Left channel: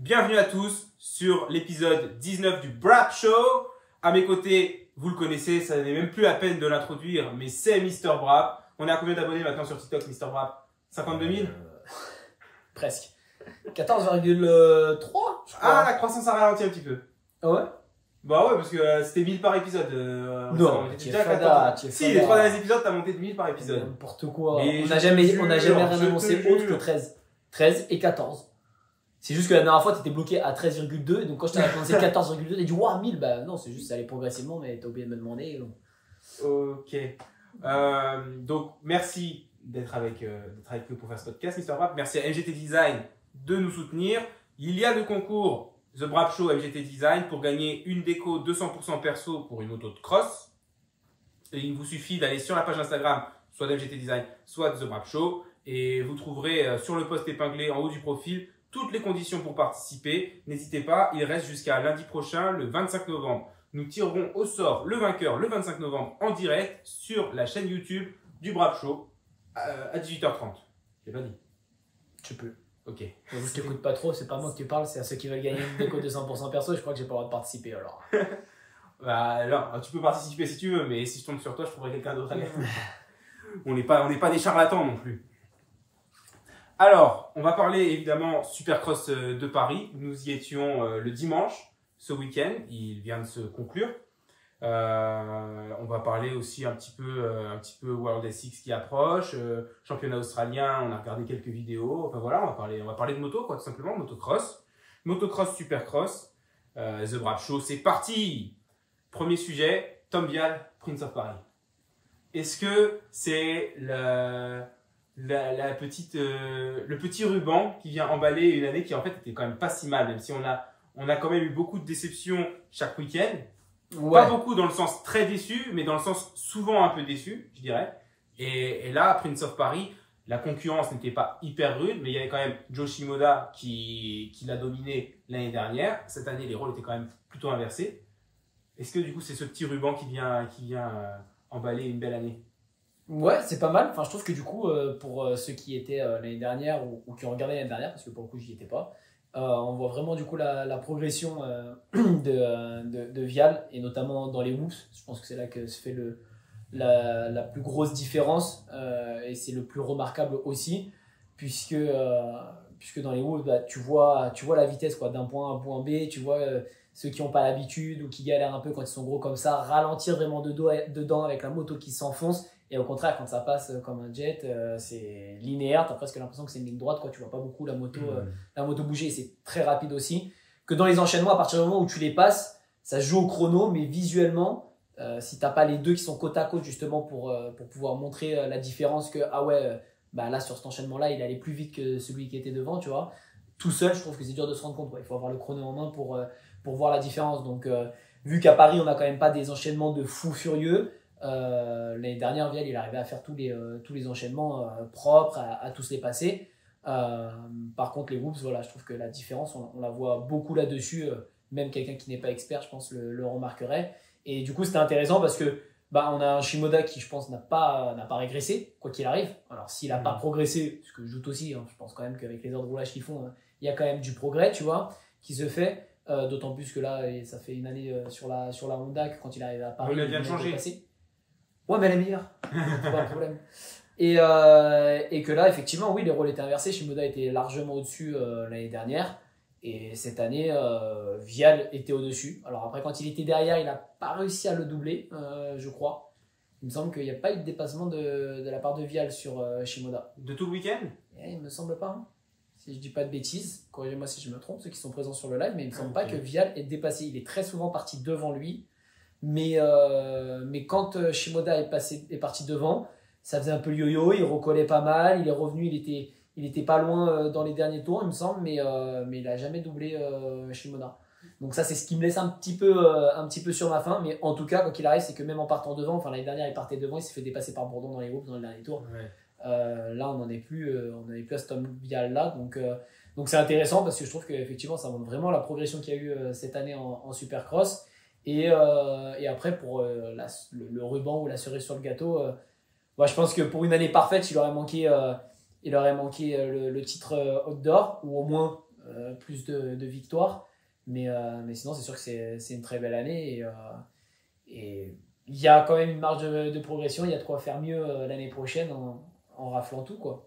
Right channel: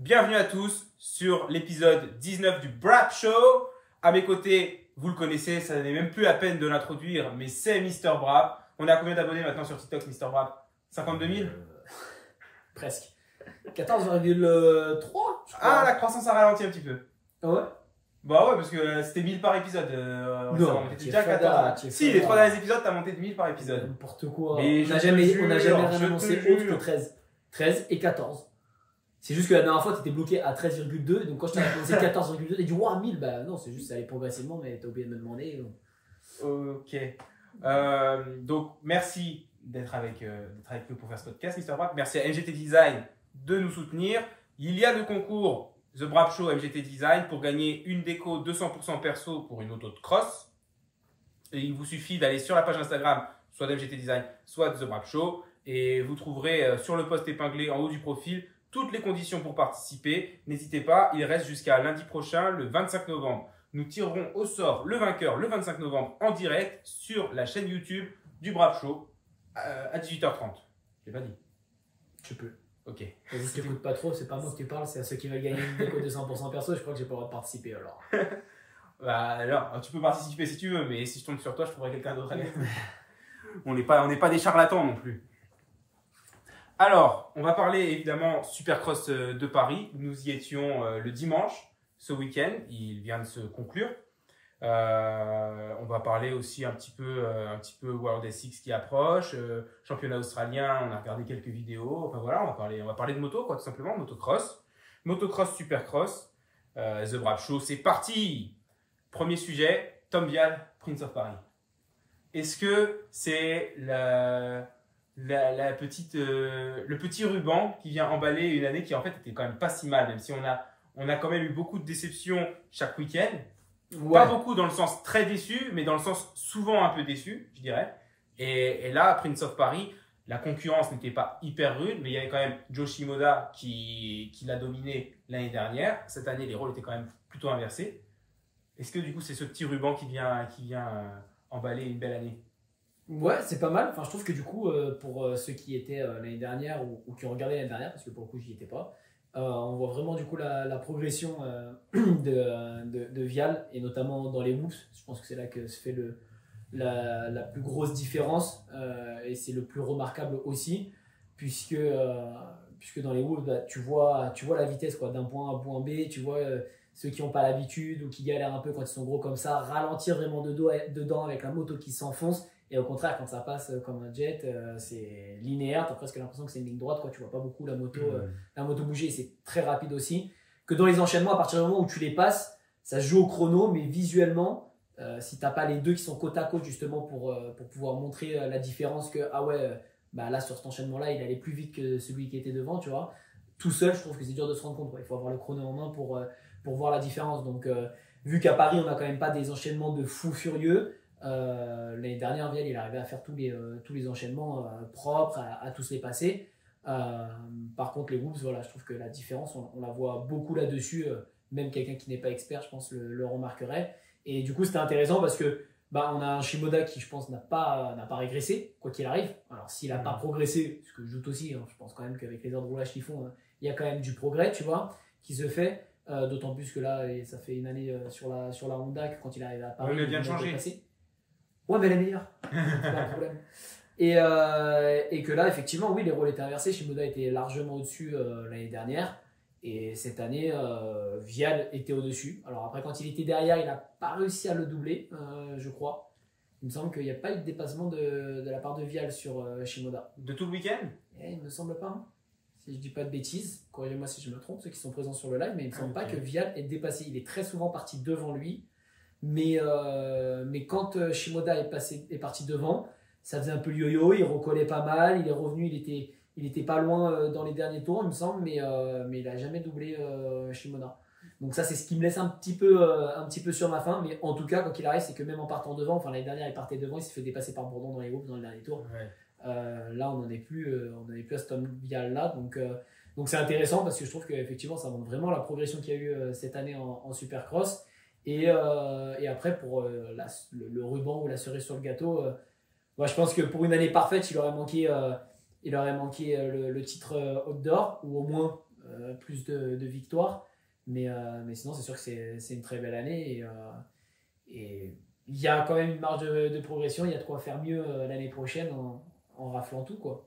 Bienvenue à tous sur l'épisode 19 du Brap Show. À mes côtés, vous le connaissez, ça n'est même plus la peine de l'introduire, mais c'est Mister Brap. On est à combien d'abonnés maintenant sur TikTok, Mister Brap? 52 000 Presque. 14,3 Ah, la croissance a ralenti un petit peu. Ah ouais? Bah ouais, parce que c'était 1000 par épisode. Non, on était tu déjà es à fada, 14. tu es Si, fada. les 3 derniers épisodes, t'as monté de 1000 par épisode. N'importe quoi. Mais On je n'a te jamais jure, rien je te annoncé autre jure. que 13. 13 et 14. C'est juste que la dernière fois, tu étais bloqué à 13,2. Donc quand je t'ai annoncé 14,2, tu as dit waouh, 1000. Bah non, c'est juste ça allait progressivement, mais t'as oublié de me demander. Donc. Ok. Donc, merci d'être avec nous pour faire ce podcast, Mister Brap. Merci à MGT Design de nous soutenir. Il y a le concours The Brap Show MGT Design pour gagner une déco 200% perso pour une auto de cross. Et il vous suffit d'aller sur la page Instagram, soit d'MGT Design, soit de The Brap Show. Et vous trouverez sur le post épinglé en haut du profil toutes les conditions pour participer. N'hésitez pas, il reste jusqu'à lundi prochain, le 25 novembre. Nous tirerons au sort le vainqueur le 25 novembre en direct sur la chaîne YouTube du Brap Show à 18h30. Je l'ai pas dit. Tu peux. Ok. Je t'écoute pas trop, c'est pas moi que tu parles, c'est à ceux qui veulent gagner une déco de 100% perso. Je crois que j'ai pas le droit de participer alors. Bah alors, tu peux participer si tu veux, mais si je tombe sur toi, je trouverai quelqu'un d'autre à gagner. On n'est pas des charlatans non plus. Alors, on va parler évidemment Supercross de Paris. Nous y étions le dimanche, ce week-end. Il vient de se conclure. On va parler aussi un petit peu World SX qui approche, championnat australien. On a regardé quelques vidéos. Enfin voilà, on va parler de moto, quoi, tout simplement, motocross, Supercross. The Brap Show, c'est parti. Premier sujet, Tom Vial, Prince of Paris. Est-ce que c'est le petit ruban qui vient emballer une année qui en fait était quand même pas si mal, même si on a quand même eu beaucoup de déceptions chaque week-end. Ouais. Pas beaucoup dans le sens très déçu, mais dans le sens souvent un peu déçu, je dirais. Et là, Prince of Paris, la concurrence n'était pas hyper rude, mais il y avait quand même Joe Shimoda qui l'a dominé l'année dernière. Cette année, les rôles étaient quand même plutôt inversés. Est-ce que du coup, c'est ce petit ruban qui vient emballer une belle année? Ouais, c'est pas mal. Enfin, je trouve que du coup, pour ceux qui étaient l'année dernière ou qui ont regardé l'année dernière, parce que pour le coup, j'y étais pas, on voit vraiment du coup la progression de Vial, et notamment dans les whoops. Je pense que c'est là que se fait la plus grosse différence, et c'est le plus remarquable aussi, puisque dans les whoops, bah, tu vois la vitesse quoi, d'un point A à un point B, tu vois ceux qui n'ont pas l'habitude ou qui galèrent un peu quand ils sont gros comme ça, ralentir vraiment dedans avec la moto qui s'enfonce. Et au contraire, quand ça passe comme un jet, c'est linéaire, tu as presque l'impression que c'est une ligne droite, quoi. Tu vois pas beaucoup la moto bouger, et c'est très rapide aussi. Que dans les enchaînements, à partir du moment où tu les passes, ça se joue au chrono, mais visuellement, si tu n'as pas les deux qui sont côte à côte justement pour pouvoir montrer la différence que, ah ouais, bah là sur cet enchaînement-là, il allait plus vite que celui qui était devant, tu vois. Tout seul, je trouve que c'est dur de se rendre compte, quoi. Il faut avoir le chrono en main pour voir la différence. Donc, vu qu'à Paris, on n'a quand même pas des enchaînements de fous furieux, l'année dernière, Vial, il arrivait à faire tous les enchaînements propres, à tous les passer. Par contre, les whoops, voilà, je trouve que la différence, on la voit beaucoup là-dessus. Même quelqu'un qui n'est pas expert, je pense, le remarquerait. Et du coup, c'était intéressant parce que on a un Shimoda qui, je pense, n'a pas régressé, quoi qu'il arrive. Alors, s'il n'a pas progressé, ce que je doute aussi, hein, je pense quand même qu'avec les heures de roulage qu'ils font, il y a quand même du progrès, tu vois, qui se fait. D'autant plus que là, ça fait une année sur la Honda que quand il arrive à Paris, Oui, mais elle vient de changer. Ouais, mais elle est meilleure. C'est pas un problème. Et que là, effectivement, oui, les rôles étaient inversés. Shimoda était largement au-dessus l'année dernière. Et cette année, Vial était au-dessus. Alors après, quand il était derrière, il n'a pas réussi à le doubler, je crois. Il me semble qu'il n'y a pas eu de dépassement de la part de Vial sur Shimoda. De tout le week-end? Il ne me semble pas. Hein. Si je dis pas de bêtises, corrigez-moi si je me trompe, ceux qui sont présents sur le live, mais il ne me semble pas que Vial ait dépassé. Il est très souvent parti devant lui. Mais quand Shimoda est parti devant, ça faisait un peu le yo-yo, il recollait pas mal, il est revenu, il était pas loin dans les derniers tours, il me semble, mais il n'a jamais doublé Shimoda. Donc ça, c'est ce qui me laisse un petit peu sur ma faim, mais en tout cas, quand il arrive, c'est que même en partant devant, enfin l'année dernière, il partait devant, il s'est fait dépasser par Bourdon dans les groupes dans le dernier tour. Ouais. Là, on n'en est plus à ce Tom Vial là, donc c'est intéressant parce que je trouve qu'effectivement, ça montre vraiment la progression qu'il y a eu cette année en Supercross. Et après, pour le ruban ou la cerise sur le gâteau, je pense que pour une année parfaite, il aurait manqué le titre outdoor, ou au moins plus de victoires. Mais sinon, c'est sûr que c'est une très belle année. Et il y a quand même une marge de progression. Il y a de quoi faire mieux l'année prochaine en raflant tout, quoi.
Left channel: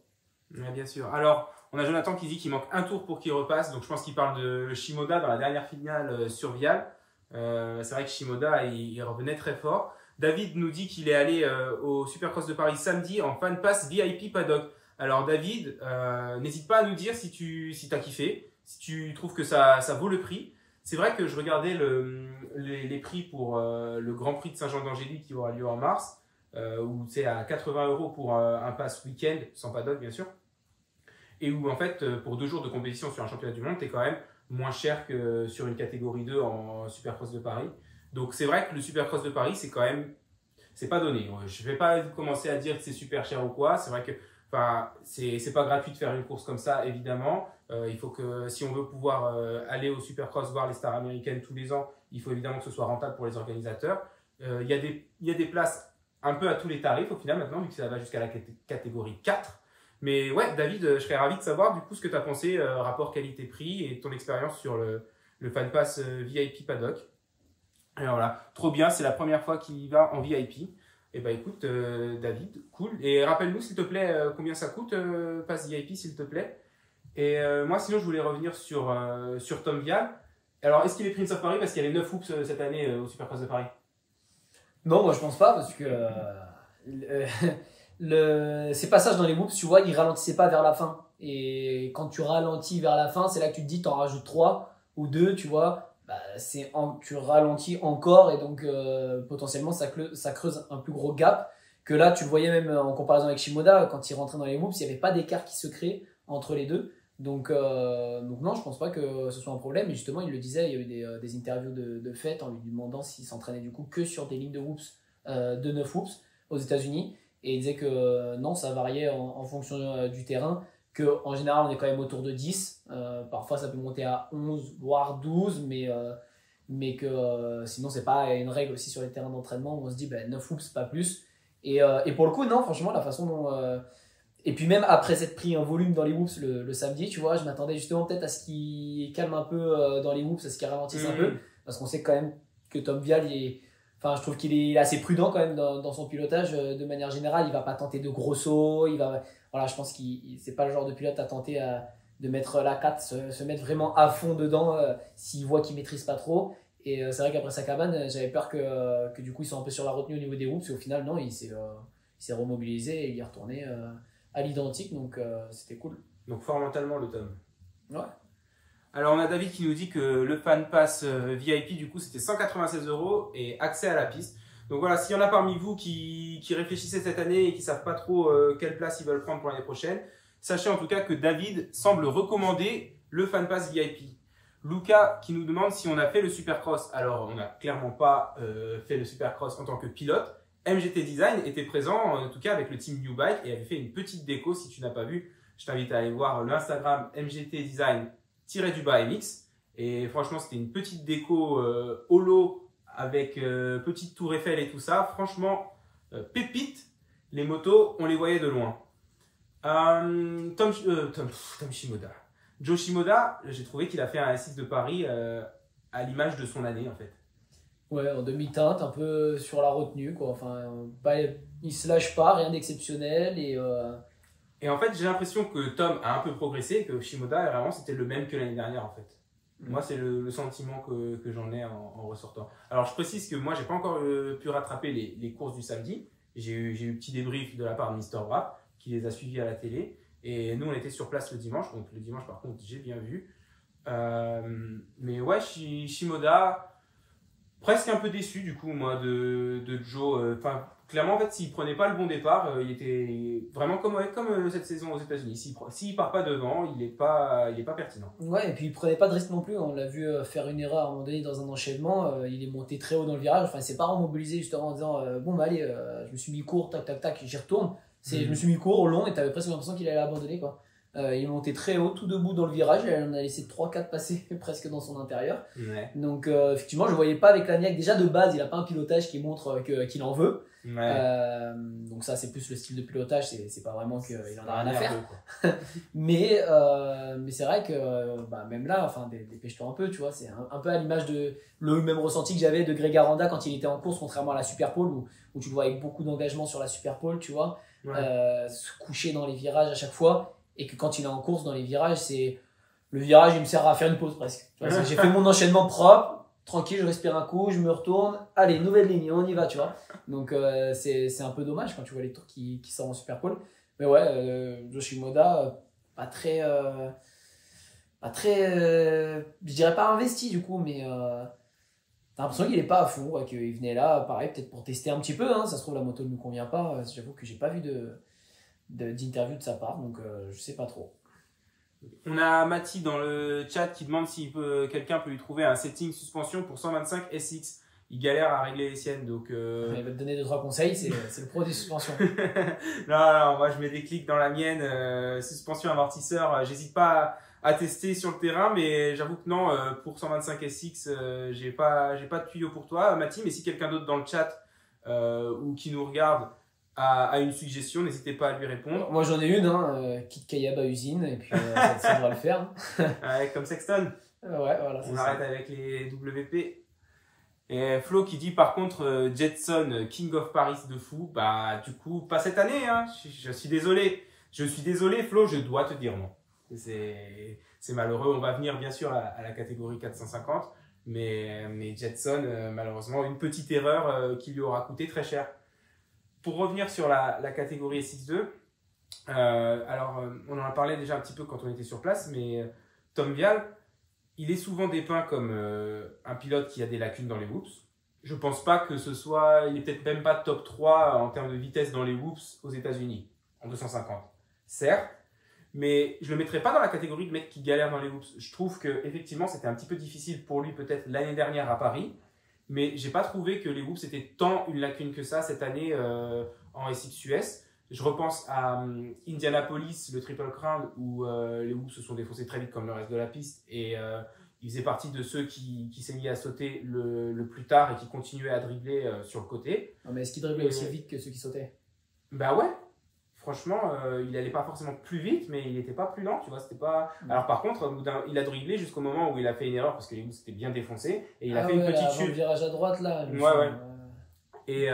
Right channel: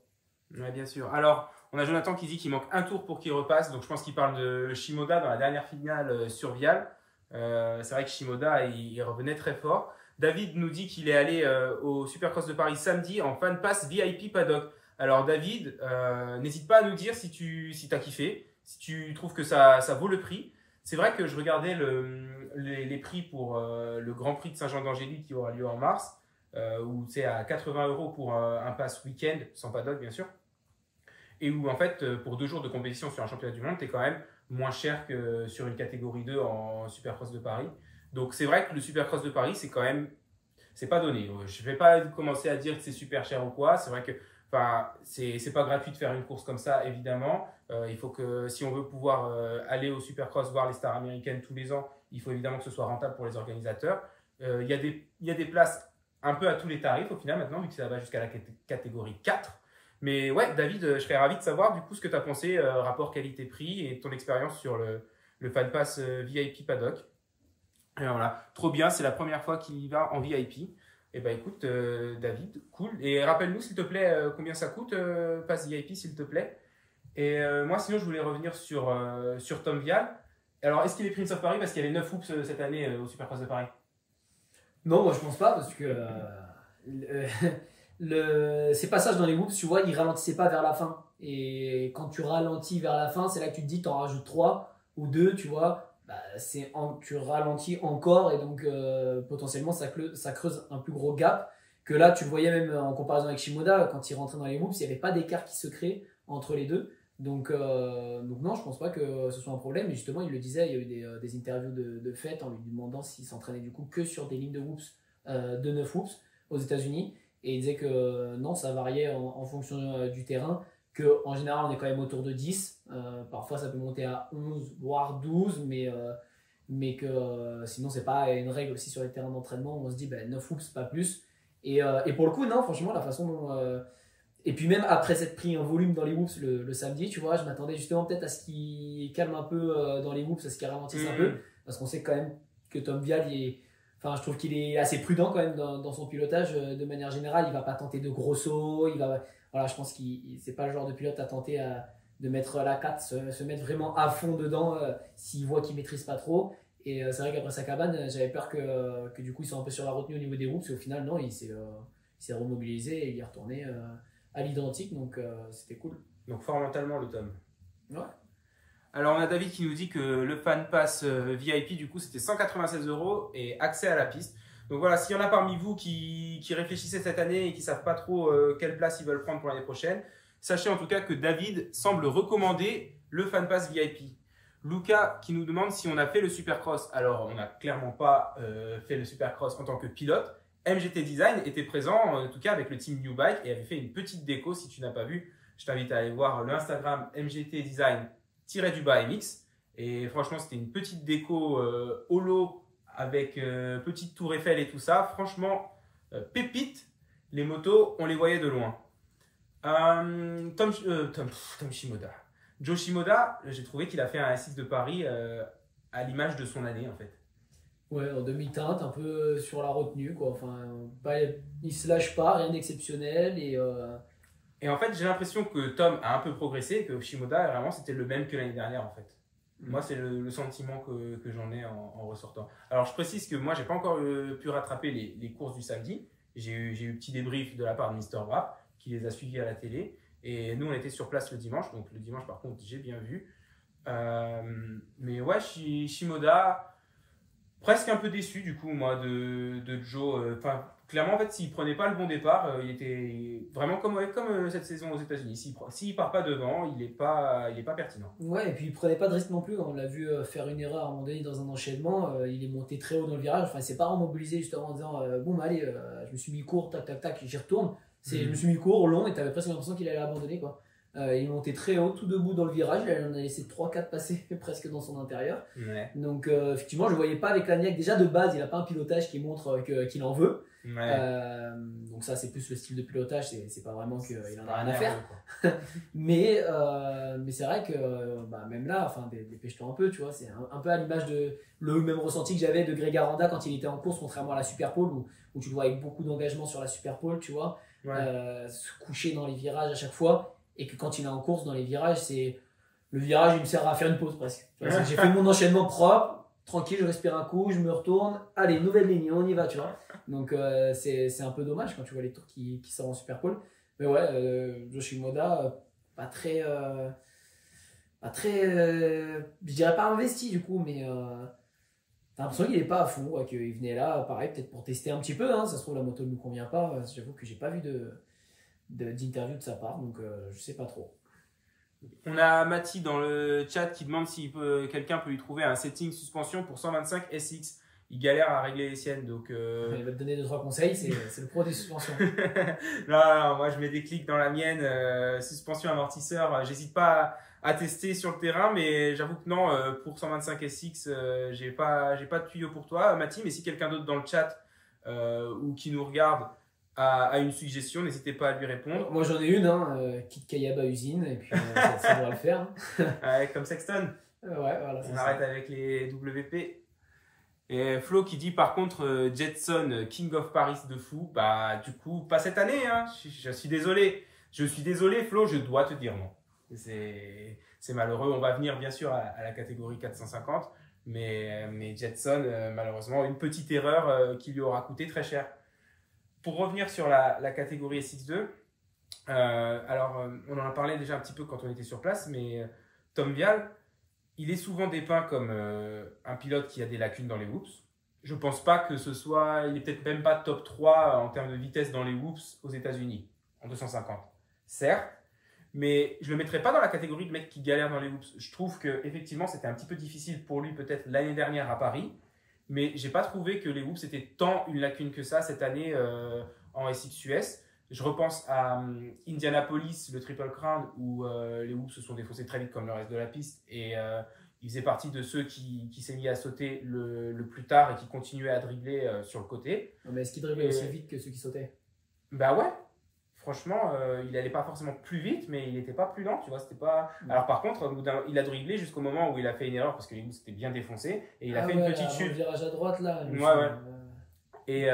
Ouais, bien sûr. Alors, on a Jonathan qui dit qu'il manque un tour pour qu'il repasse. Donc, je pense qu'il parle de Shimoda dans la dernière finale sur Vial. C'est vrai que Shimoda, il revenait très fort. David nous dit qu'il est allé au Supercross de Paris samedi en fan pass VIP paddock. Alors, David, n'hésite pas à nous dire si t'as kiffé, si tu trouves que ça vaut le prix. C'est vrai que je regardais les prix pour le Grand Prix de Saint-Jean-d'Angély qui aura lieu en mars, où c'est à 80 € pour un pass week-end, sans paddock bien sûr. Et où en fait, pour 2 jours de compétition sur un championnat du monde, tu es quand même moins cher que sur une catégorie 2 en Supercross de Paris. Donc c'est vrai que le Supercross de Paris, c'est quand même, c'est pas donné. Je vais pas commencer à dire que c'est super cher ou quoi. C'est vrai que c'est pas gratuit de faire une course comme ça, évidemment. Il faut que, si on veut pouvoir aller au Supercross, voir les stars américaines tous les ans, il faut évidemment que ce soit rentable pour les organisateurs. Il y a des places un peu à tous les tarifs au final maintenant, vu que ça va jusqu'à la catégorie 4. Mais ouais, David, je serais ravi de savoir du coup ce que tu as pensé, rapport qualité-prix et ton expérience sur le Fan Pass VIP Paddock. Et voilà, trop bien, c'est la première fois qu'il va en VIP. Et bah écoute, David, cool. Et rappelle-nous s'il te plaît combien ça coûte, Pass VIP s'il te plaît. Et moi sinon je voulais revenir sur Tom Vial. Alors est-ce qu'il est Prince of Paris parce qu'il y a les 9 hoops cette année au Supercross de Paris? Non, moi je pense pas parce que ces passages dans les whoops, tu vois, ils ralentissaient pas vers la fin. Et quand tu ralentis vers la fin, c'est là que tu te dis, t'en rajoutes 3 ou 2, tu vois, bah, tu ralentis encore et donc potentiellement ça creuse un plus gros gap. Que là, tu le voyais même en comparaison avec Shimoda, quand il rentrait dans les whoops, il n'y avait pas d'écart qui se crée entre les deux. Donc non, je pense pas que ce soit un problème. Et justement, il le disait, il y a eu des interviews de fait en lui demandant s'il s'entraînait du coup que sur des lignes de whoops, de 9 whoops aux États-Unis. Et il disait que non, ça variait en fonction du terrain, qu'en général, on est quand même autour de 10. Parfois, ça peut monter à 11, voire 12, mais que sinon, c'est pas une règle aussi sur les terrains d'entraînement où on se dit 9 whoops, pas plus. Et pour le coup, non, franchement, la façon dont. Et puis, même après s'être pris un volume dans les whoops le samedi, tu vois, je m'attendais justement peut-être à ce qu'il calme un peu dans les whoops, à ce qu'il ralentisse un peu, parce qu'on sait quand même que Tom Vial, je trouve qu'il est assez prudent quand même dans son pilotage de manière générale. Il va pas tenter de gros sauts. Voilà, je pense qu'il c'est pas le genre de pilote à tenter de mettre la 4, se mettre vraiment à fond dedans s'il voit qu'il maîtrise pas trop. Et c'est vrai qu'après sa cabane, j'avais peur que du coup ils sont un peu sur la retenue au niveau des whoops. Et au final, non, il s'est remobilisé et il est retourné à l'identique. Donc c'était cool. Donc fort mentalement le Tom. Ouais. Alors on a David qui nous dit que le Fan Pass VIP du coup c'était 196 € et accès à la piste. Donc voilà, s'il y en a parmi vous qui réfléchissaient cette année et qui ne savent pas trop quelle place ils veulent prendre pour l'année prochaine, sachez en tout cas que David semble recommander le Fan Pass VIP. Luca qui nous demande si on a fait le Supercross. Alors on n'a clairement pas fait le Supercross en tant que pilote. MGT Design était présent en tout cas avec le team New Bike et avait fait une petite déco. Si tu n'as pas vu, je t'invite à aller voir le Instagram MGT Design _MX. Et franchement, c'était une petite déco holo avec petite tour Eiffel et tout ça. Franchement, pépite. Les motos, on les voyait de loin. Tom Shimoda. Joe Shimoda, j'ai trouvé qu'il a fait un S6 de Paris à l'image de son année en fait. Ouais, en demi-teinte, un peu sur la retenue, quoi. Enfin, il se lâche pas, rien d'exceptionnel. Et en fait, j'ai l'impression que Tom a un peu progressé et que Shimoda, vraiment, c'était le même que l'année dernière en fait. Moi, c'est le sentiment que j'en ai en ressortant. Alors, je précise que moi, j'ai pas encore pu rattraper les courses du samedi. J'ai eu petit débrief de la part de Mister Wrap qui les a suivis à la télé. Et nous, on était sur place le dimanche. Donc, le dimanche, par contre, j'ai bien vu. Mais ouais, Shimoda, presque un peu déçu du coup, moi, de Joe. Clairement, en fait, s'il prenait pas le bon départ, il était vraiment comme cette saison aux États-Unis. S'il part pas devant, il est pas pertinent. Ouais, et puis il prenait pas de risque non plus. On l'a vu faire une erreur à un moment donné dans un enchaînement. Il est monté très haut dans le virage. Enfin, il s'est pas remobilisé justement en disant bon, bah allez, je me suis mis court, tac, tac, tac, j'y retourne. Je me suis mis court au long et tu avais presque l'impression qu'il allait abandonner, quoi. Il montait très haut, tout debout dans le virage. Il en a laissé 3-4 passer presque dans son intérieur. Ouais. Donc, effectivement, je ne voyais pas avec Lagnac. Déjà, de base, il n'a pas un pilotage qui montre qu'il en veut. Ouais. Donc, ça, c'est plus le style de pilotage. C'est pas vraiment qu'il en a rien à Nerveux, faire. quoi. Mais c'est vrai que même là, enfin, dépêche-toi un peu, tu vois. C'est un peu à l'image de le même ressenti que j'avais de Greg Aranda quand il était en course, contrairement à la Superpole, où tu le vois avec beaucoup d'engagement sur la Superpole, tu vois. Ouais. Se coucher dans les virages à chaque fois. Et que quand il est en course dans les virages, le virage, il me sert à faire une pause presque. Tu vois, j'ai fait mon enchaînement propre, tranquille, je respire un coup, je me retourne, allez, nouvelle ligne, on y va, tu vois. Donc c'est un peu dommage quand tu vois les tours qui sortent en Superpole. Mais ouais, Yoshimoda, pas très, je dirais pas investi du coup, mais t'as l'impression qu'il est pas à fond, ouais, qu'il venait là, pareil, peut-être pour tester un petit peu. Hein, ça se trouve, la moto ne nous convient pas. J'avoue que j'ai pas vu d'interview de sa part, donc je sais pas trop. On a Mathis dans le chat qui demande si quelqu'un peut lui trouver un setting suspension pour 125 SX. Il galère à régler les siennes, donc... Il va te donner 2-3 conseils, c'est le pro des suspensions. non, moi je mets des clics dans la mienne, suspension amortisseur, j'hésite pas à tester sur le terrain, mais j'avoue que non, pour 125 SX, j'ai pas de tuyau pour toi, Mathis, mais si quelqu'un d'autre dans le chat ou qui nous regarde a une suggestion, n'hésitez pas à lui répondre. Moi j'en ai une, Kit Kayaba usine, et puis ça devrait le faire. Ouais, comme Sexton. Ouais, voilà. On arrête avec les WP. Et Flo qui dit par contre Jetson King of Paris de fou, bah du coup pas cette année, hein. Je suis désolé Flo, je dois te dire non. C'est malheureux, on va venir bien sûr à la catégorie 450, mais Jetson malheureusement une petite erreur qui lui aura coûté très cher. Pour revenir sur la catégorie SX2, on en a parlé déjà un petit peu quand on était sur place, mais Tom Vial, il est souvent dépeint comme un pilote qui a des lacunes dans les whoops. Je pense pas que ce soit... Il est peut-être même pas top 3 en termes de vitesse dans les whoops aux États-Unis, en 250. Certes, mais je le mettrais pas dans la catégorie de mec qui galère dans les whoops. Je trouve qu'effectivement, c'était un petit peu difficile pour lui peut-être l'année dernière à Paris, mais j'ai pas trouvé que les whoops étaient tant une lacune que ça cette année en SX-US. Je repense à Indianapolis, le Triple Crown, où les whoops se sont défaussés très vite comme le reste de la piste. Et il faisait partie de ceux qui s'est mis à sauter le plus tard et qui continuaient à dribbler sur le côté. Non, mais est-ce qu'il driblait aussi vite que ceux qui sautaient? Bah ouais, franchement, il n'allait pas forcément plus vite, mais il n'était pas plus lent, tu vois. C'était pas... Alors par contre, il a dribblé jusqu'au moment où il a fait une erreur parce que les whoops étaient bien défoncés. Et il a fait une petite chute. Le virage à droite là. Ouais. Et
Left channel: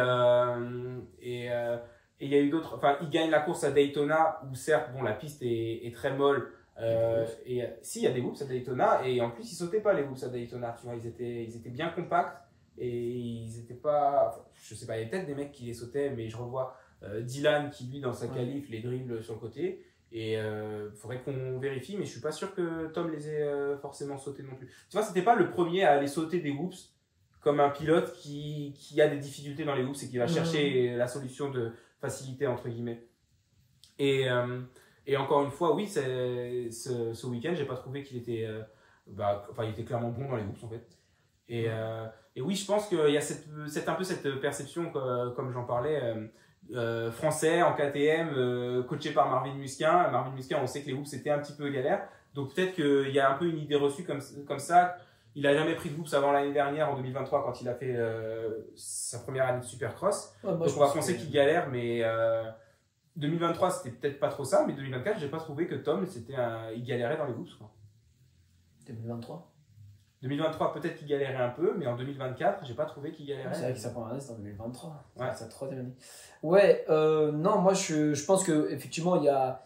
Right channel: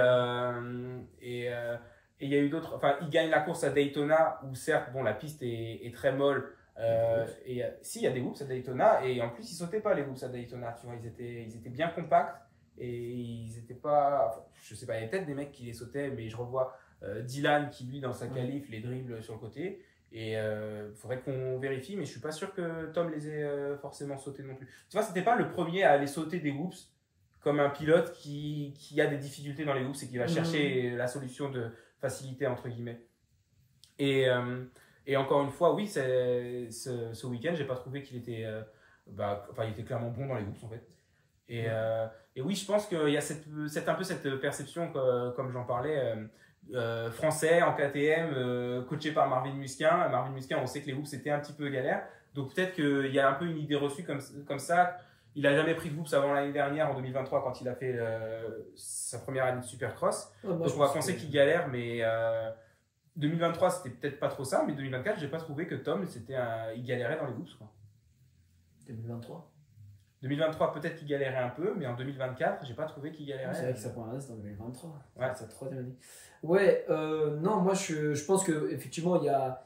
il y a eu d'autres. Enfin, il gagne la course à Daytona où certes, bon, la piste est très molle. Si, il y a des whoops à Daytona et en plus, ils sautaient pas les whoops à Daytona. Tu vois, ils étaient bien compacts et ils étaient pas. Enfin, je sais pas, il y avait peut-être des mecs qui les sautaient, mais je revois Dylan qui lui dans sa qualif les dribble sur le côté. Et faudrait qu'on vérifie, mais je suis pas sûr que Tom les ait forcément sautés non plus. Tu vois, c'était pas le premier à aller sauter des whoops comme un pilote qui a des difficultés dans les whoops et qui va chercher la solution de facilité entre guillemets. Et encore une fois, oui, ce week-end, j'ai pas trouvé qu'il était, il était clairement bon dans les whoops en fait. Et oui, je pense qu'il y a un peu cette perception comme j'en parlais. Français en KTM, coaché par Marvin Musquin. Marvin Musquin, on sait que les whoops c'était un petit peu galère, donc peut-être qu'il y a un peu une idée reçue comme ça. Il n'a jamais pris de whoops avant l'année dernière, en 2023, quand il a fait sa première année de Supercross. Ouais, donc on va penser qu'il galère, mais 2023 c'était peut-être pas trop ça, mais 2024 j'ai pas trouvé que Tom il galérait dans les whoops, quoi. 2023 peut-être qu'il galérait un peu, mais en 2024 j'ai pas trouvé qu'il galérait. C'est vrai que sa première année c'était en 2023. Ouais. Sa troisième année. Ouais, non, moi je pense que effectivement il y a,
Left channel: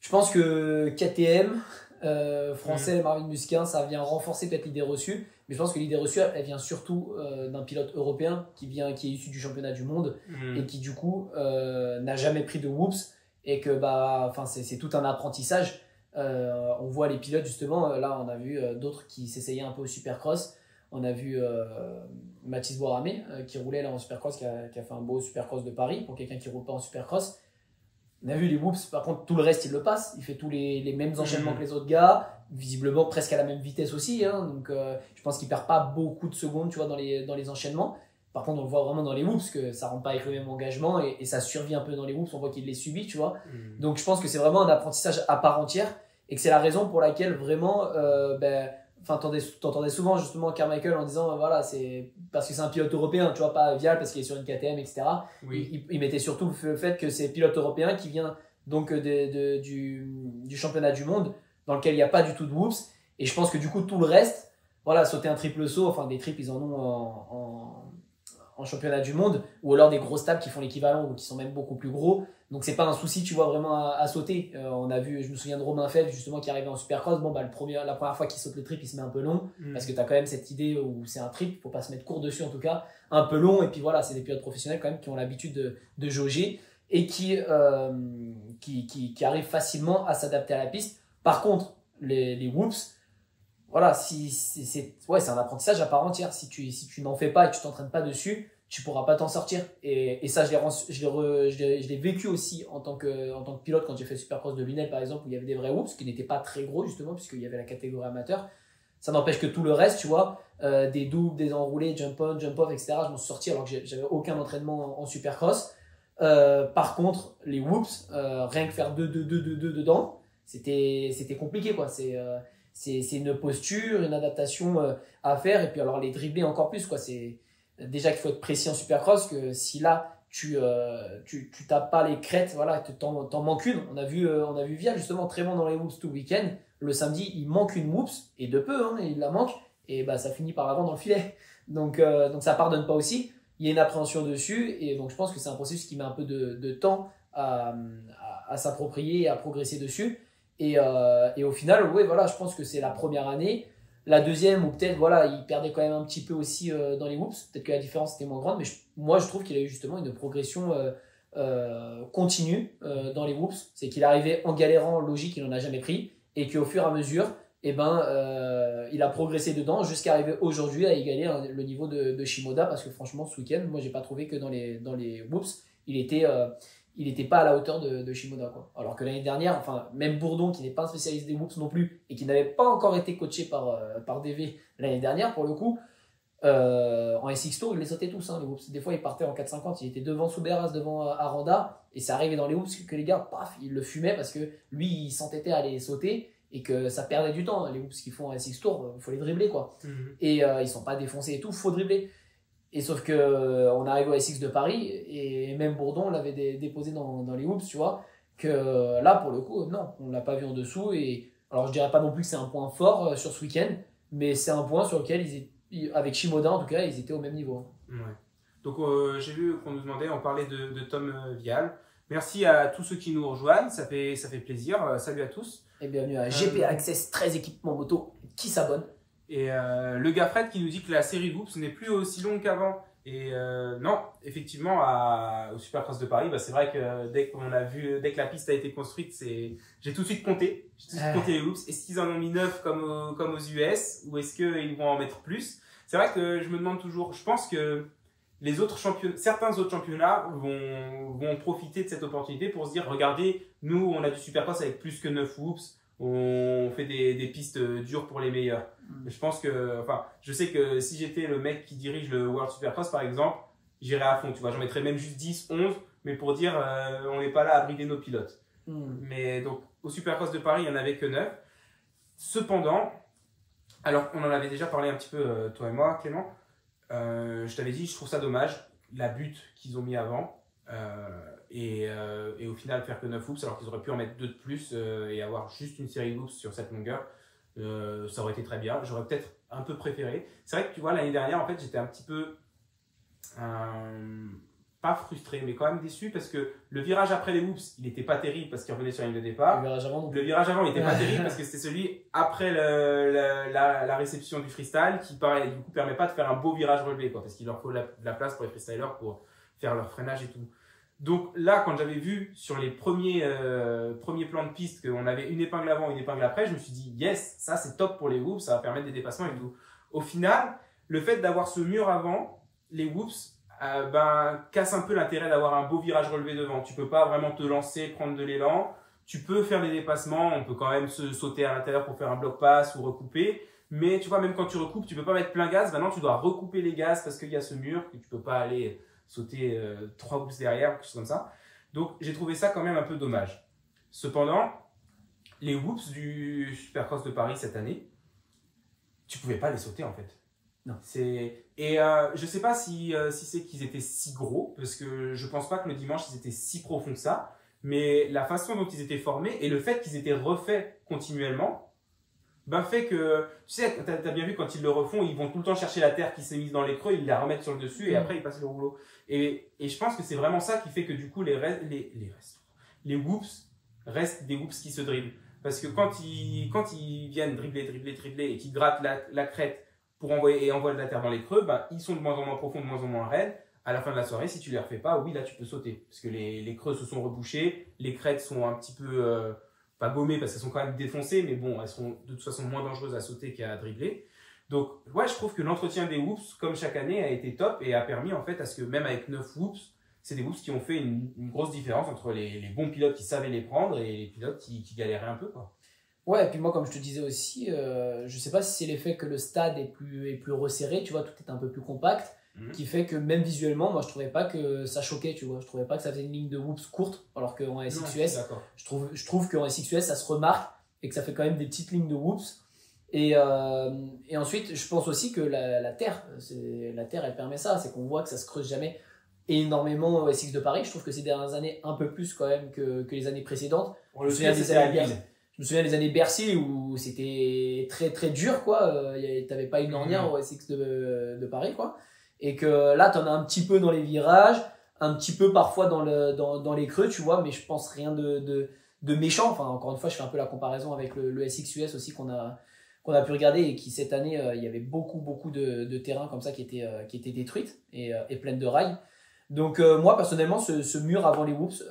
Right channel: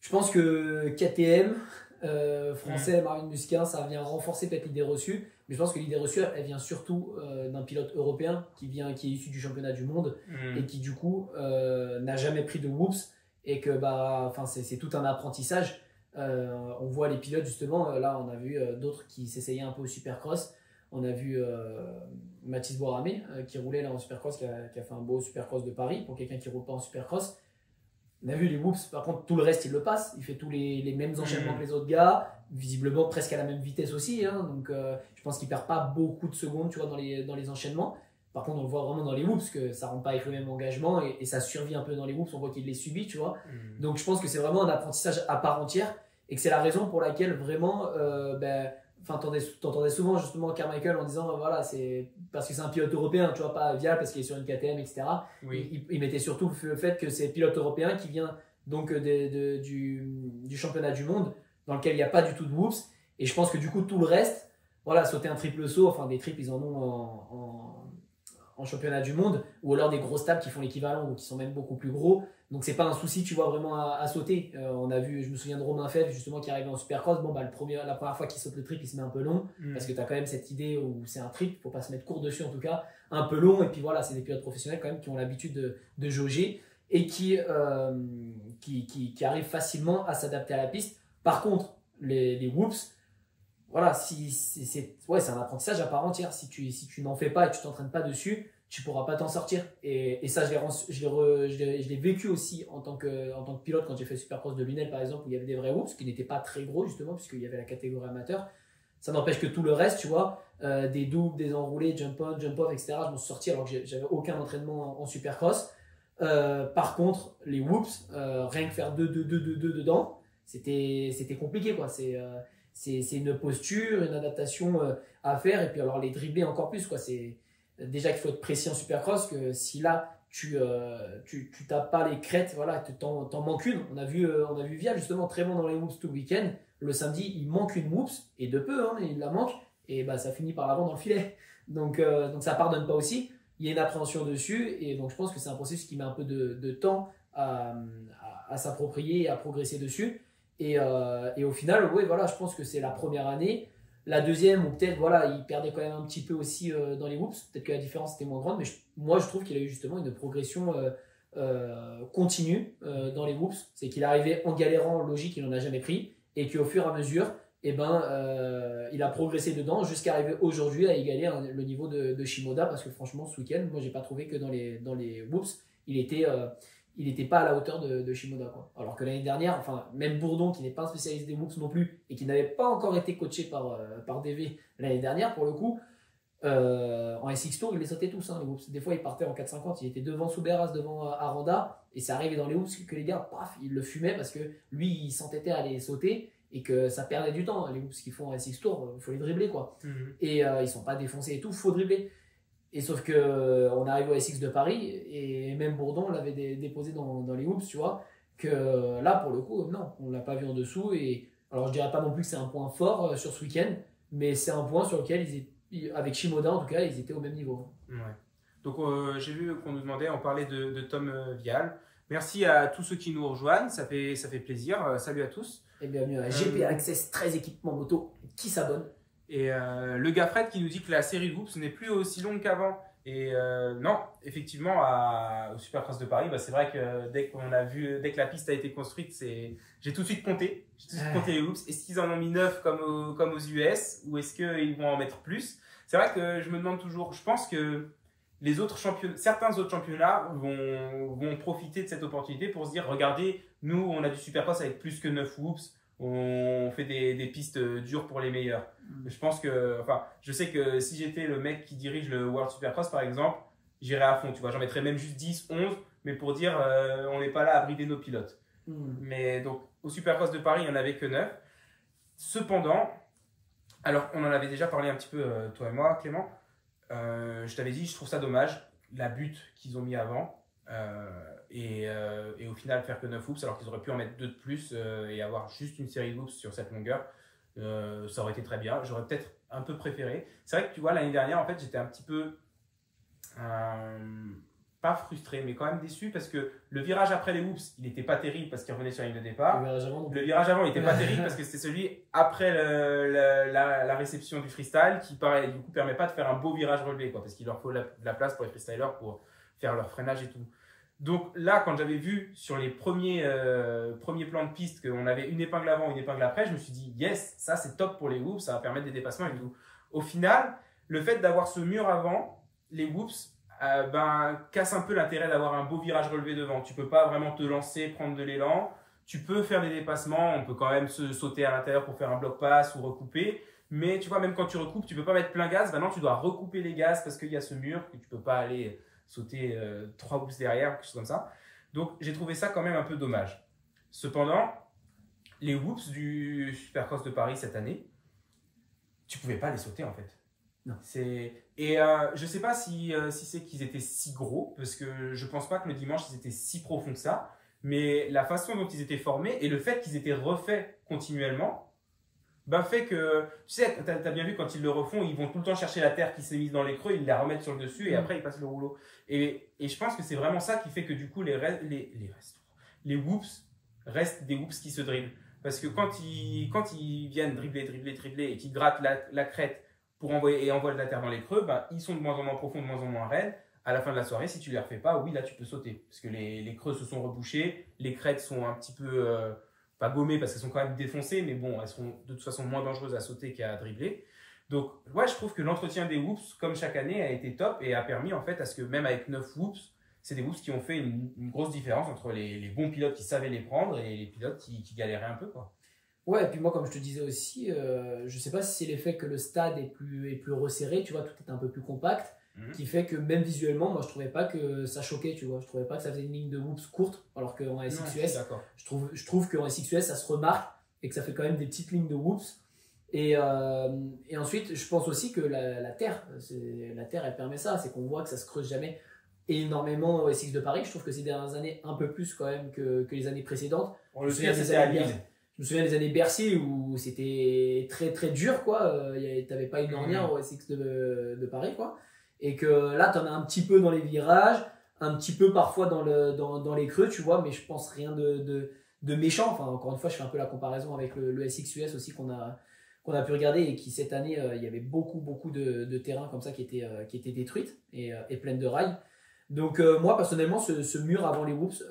je pense que KTM français, Marvin Musquin, ça vient renforcer peut-être l'idée reçue, mais je pense que l'idée reçue elle vient surtout d'un pilote européen qui est issu du championnat du monde et qui du coup n'a jamais pris de whoops et que c'est tout un apprentissage. On voit les pilotes justement, là on a vu d'autres qui s'essayaient un peu au Supercross. On a vu Mathis Boiramé qui roulait là en Supercross, qui a fait un beau Supercross de Paris pour quelqu'un qui ne roule pas en Supercross. On a vu les whoops, par contre tout le reste il le passe, il fait tous les mêmes enchaînements que les autres gars, visiblement presque à la même vitesse aussi, hein, donc je pense qu'il perd pas beaucoup de secondes, tu vois, dans les enchaînements, Par contre, on le voit vraiment dans les whoops que ça rentre pas avec le même engagement et ça survit un peu dans les whoops. On voit qu'il les subit, tu vois. Donc, je pense que c'est vraiment un apprentissage à part entière et que c'est la raison pour laquelle vraiment, t'entendais souvent justement Carmichael en disant, voilà, c'est parce que c'est un pilote européen, tu vois, pas Vial parce qu'il est sur une KTM, etc. Oui. Il mettait surtout le fait que c'est pilote européen qui vient donc du championnat du monde dans lequel il n'y a pas du tout de whoops. Et je pense que du coup, tout le reste, voilà, sauter un triple saut, enfin des triples, ils en ont en championnat du monde, ou alors des grosses tables qui font l'équivalent ou qui sont même beaucoup plus gros. Donc c'est pas un souci, tu vois, vraiment à sauter. On a vu, je me souviens de Romain Febvre justement qui arrivait en Supercross. Bon, la première fois qu'il saute le triple, il se met un peu long parce que tu as quand même cette idée où c'est un triple, faut pas se mettre court dessus en tout cas, un peu long. Et puis voilà, c'est des pilotes professionnels quand même qui ont l'habitude de jauger et qui arrivent facilement à s'adapter à la piste. Par contre, les whoops, voilà, c'est un apprentissage à part entière. Si tu n'en fais pas et que tu t'entraînes pas dessus, tu pourras pas t'en sortir. Et ça, je l'ai vécu aussi en tant que pilote quand j'ai fait le Supercross de Lunel, par exemple, où il y avait des vrais whoops qui n'étaient pas très gros, justement, puisqu'il y avait la catégorie amateur. Ça n'empêche que tout le reste, tu vois, des doubles, des enroulés, jump on, jump off, etc., je m'en suis sorti alors que j'avais aucun entraînement en Supercross. Par contre, les whoops, rien que faire 2 dedans, c'était compliqué, quoi. C'est une posture, une adaptation à faire. Et puis alors les dribbler encore plus, quoi. C'est déjà qu'il faut être précis en Supercross, que si là tu tapes pas les crêtes, voilà, t'en manques une. On a vu Vial justement très bon dans les whoops tout le week-end. Le samedi, il manque une whoops et de peu, hein, il la manque et bah ça finit par l'avant dans le filet. Donc ça pardonne pas aussi. Il y a une appréhension dessus et donc je pense que c'est un processus qui met un peu de temps à s'approprier et à progresser dessus. Et au final, ouais, voilà, je pense que c'est la première année. La deuxième, ou peut-être, voilà, il perdait quand même un petit peu aussi dans les whoops. Peut-être que la différence était moins grande, mais moi, je trouve qu'il a eu justement une progression continue dans les whoops. C'est qu'il arrivait en galérant, logique, il n'en a jamais pris. Et qu'au fur et à mesure, il a progressé dedans jusqu'à arriver aujourd'hui à égaler le niveau de Shimoda. Parce que franchement, ce week-end, moi, j'ai pas trouvé que dans les whoops, il n'était pas à la hauteur de Shimoda, quoi. Alors que l'année dernière, enfin, même Bourdon, qui n'est pas un spécialiste des whoops non plus, et qui n'avait pas encore été coaché par DV l'année dernière, pour le coup, en SX Tour, il les sautait tous, hein, les whoops. Des fois, il partait en 4,50, il était devant Souberas, devant Aranda, et c'est arrivé dans les whoops que les gars, paf, ils le fumaient parce que lui, il s'entêtait à les sauter, et que ça perdait du temps. Les whoops qu'ils font en SX Tour, il faut les dribbler, quoi. Et ils sont pas défoncés et tout, faut dribbler. Et sauf que on arrive au SX de Paris et même Bourdon l'avait déposé dans les whoops, tu vois, que là pour le coup non, on l'a pas vu en dessous. Et alors je dirais pas non plus que c'est un point fort sur ce week-end, mais c'est un point sur lequel avec Shimoda en tout cas ils étaient au même niveau. Ouais. Donc j'ai vu qu'on nous demandait, on parlait de Tom Vial. Merci à tous ceux qui nous rejoignent, ça fait plaisir. Salut à tous. Et bienvenue à GP Access 13 équipements moto qui s'abonne. Et le gars Fred qui nous dit que la série Whoops n'est plus aussi longue qu'avant. Et non, effectivement, au Supercross de Paris, bah, c'est vrai que dès que la piste a été construite, j'ai tout de suite compté. J'ai tout de suite compté les Whoops. Est-ce qu'ils en ont mis 9 comme aux US ou est-ce qu'ils vont en mettre plus? C'est vrai que je me demande toujours, je pense que certains autres championnats vont profiter de cette opportunité pour se dire, regardez, nous, on a du Supercross avec plus que 9 Whoops. On fait des pistes dures pour les meilleurs. Je pense que, enfin, je sais que si j'étais le mec qui dirige le World Supercross par exemple, j'irais à fond, tu vois, j'en mettrais même juste 10, 11, mais pour dire on n'est pas là à brider nos pilotes. Mais donc au Supercross de Paris, il n'y en avait que 9. Cependant, alors on en avait déjà parlé un petit peu toi et moi, Clément, je t'avais dit, je trouve ça dommage, la butte qu'ils ont mis avant. Et au final faire que 9 whoops alors qu'ils auraient pu en mettre 2 de plus et avoir juste une série de whoops sur cette longueur, ça aurait été très bien. J'aurais peut-être un peu préféré. C'est vrai que tu vois, l'année dernière en fait j'étais un petit peu pas frustré mais quand même déçu parce que le virage après les whoops il n'était pas terrible parce qu'il revenait sur la ligne de départ. Le virage avant il n'était pas terrible parce que c'était celui après la réception du freestyle qui du coup permet pas de faire un beau virage relevé, quoi, parce qu'il leur faut la place pour les freestylers pour faire leur freinage et tout. Donc là, quand j'avais vu sur les premiers plans de piste qu'on avait une épingle avant, une épingle après, je me suis dit, yes, ça c'est top pour les whoops, ça va permettre des dépassements et tout. Au final, le fait d'avoir ce mur avant, les whoops, casse un peu l'intérêt d'avoir un beau virage relevé devant. Tu peux pas vraiment te lancer, prendre de l'élan. Tu peux faire des dépassements, on peut quand même se sauter à l'intérieur pour faire un bloc pass ou recouper, Mais tu vois, même quand tu recoupes, tu peux pas mettre plein gaz. Maintenant, tu dois recouper les gaz parce qu'il y a ce mur que tu peux pas aller sauter 3 whoops derrière, quelque chose comme ça. Donc, j'ai trouvé ça quand même un peu dommage. Cependant, les whoops du Supercross de Paris cette année, tu pouvais pas les sauter en fait. Non. Et je sais pas si c'est qu'ils étaient si gros, parce que je pense pas que le dimanche ils étaient si profonds que ça, mais la façon dont ils étaient formés et le fait qu'ils étaient refaits continuellement, ben fait que, tu sais, tu as bien vu quand ils le refont, ils vont tout le temps chercher la terre qui s'est mise dans les creux, ils la remettent sur le dessus et après ils passent le rouleau. Et je pense que c'est vraiment ça qui fait que du coup les whoops restent des whoops qui se dribblent. Parce que quand ils viennent dribbler et qu'ils grattent la crête pour envoient de la terre dans les creux, ben, ils sont de moins en moins profonds, de moins en moins raides. À la fin de la soirée, si tu ne les refais pas, oui, là tu peux sauter. Parce que les creux se sont rebouchés, les crêtes sont un petit peu, pas gommées parce qu'elles sont quand même défoncées, mais bon, elles seront de toute façon moins dangereuses à sauter qu'à dribbler. Donc, ouais, je trouve que l'entretien des whoops, comme chaque année, a été top et a permis en fait à ce que même avec 9 whoops, c'est des whoops qui ont fait une grosse différence entre les bons pilotes qui savaient les prendre et les pilotes qui galéraient un peu, quoi. Ouais, et puis moi, comme je te disais aussi, je sais pas si c'est l'effet que le stade est plus resserré, tu vois, tout est un peu plus compact, qui fait que même visuellement, moi, je trouvais pas que ça choquait, tu vois. Je trouvais pas que ça faisait une ligne de whoops courte, alors qu'en SXUS, je trouve qu'en SXUS, ça se remarque et que ça fait quand même des petites lignes de whoops. Et ensuite, je pense aussi que la terre, elle permet ça, c'est qu'on voit que ça se creuse jamais énormément au SX de Paris. Je trouve que ces dernières années, un peu plus quand même que les années précédentes. On le sait, c'était à Lille. Je me souviens des années Bercy où c'était très très dur, quoi. T'avais pas une ornière au SX de Paris, quoi. Et que là, t'en as un petit peu dans les virages, un petit peu parfois dans les creux, tu vois, mais je pense rien de méchant. Enfin, encore une fois, je fais un peu la comparaison avec le SX US aussi qu'on a pu regarder et qui cette année, il y avait beaucoup de terrains comme ça qui étaient détruites et pleines de rails. Donc moi personnellement ce mur avant les whoops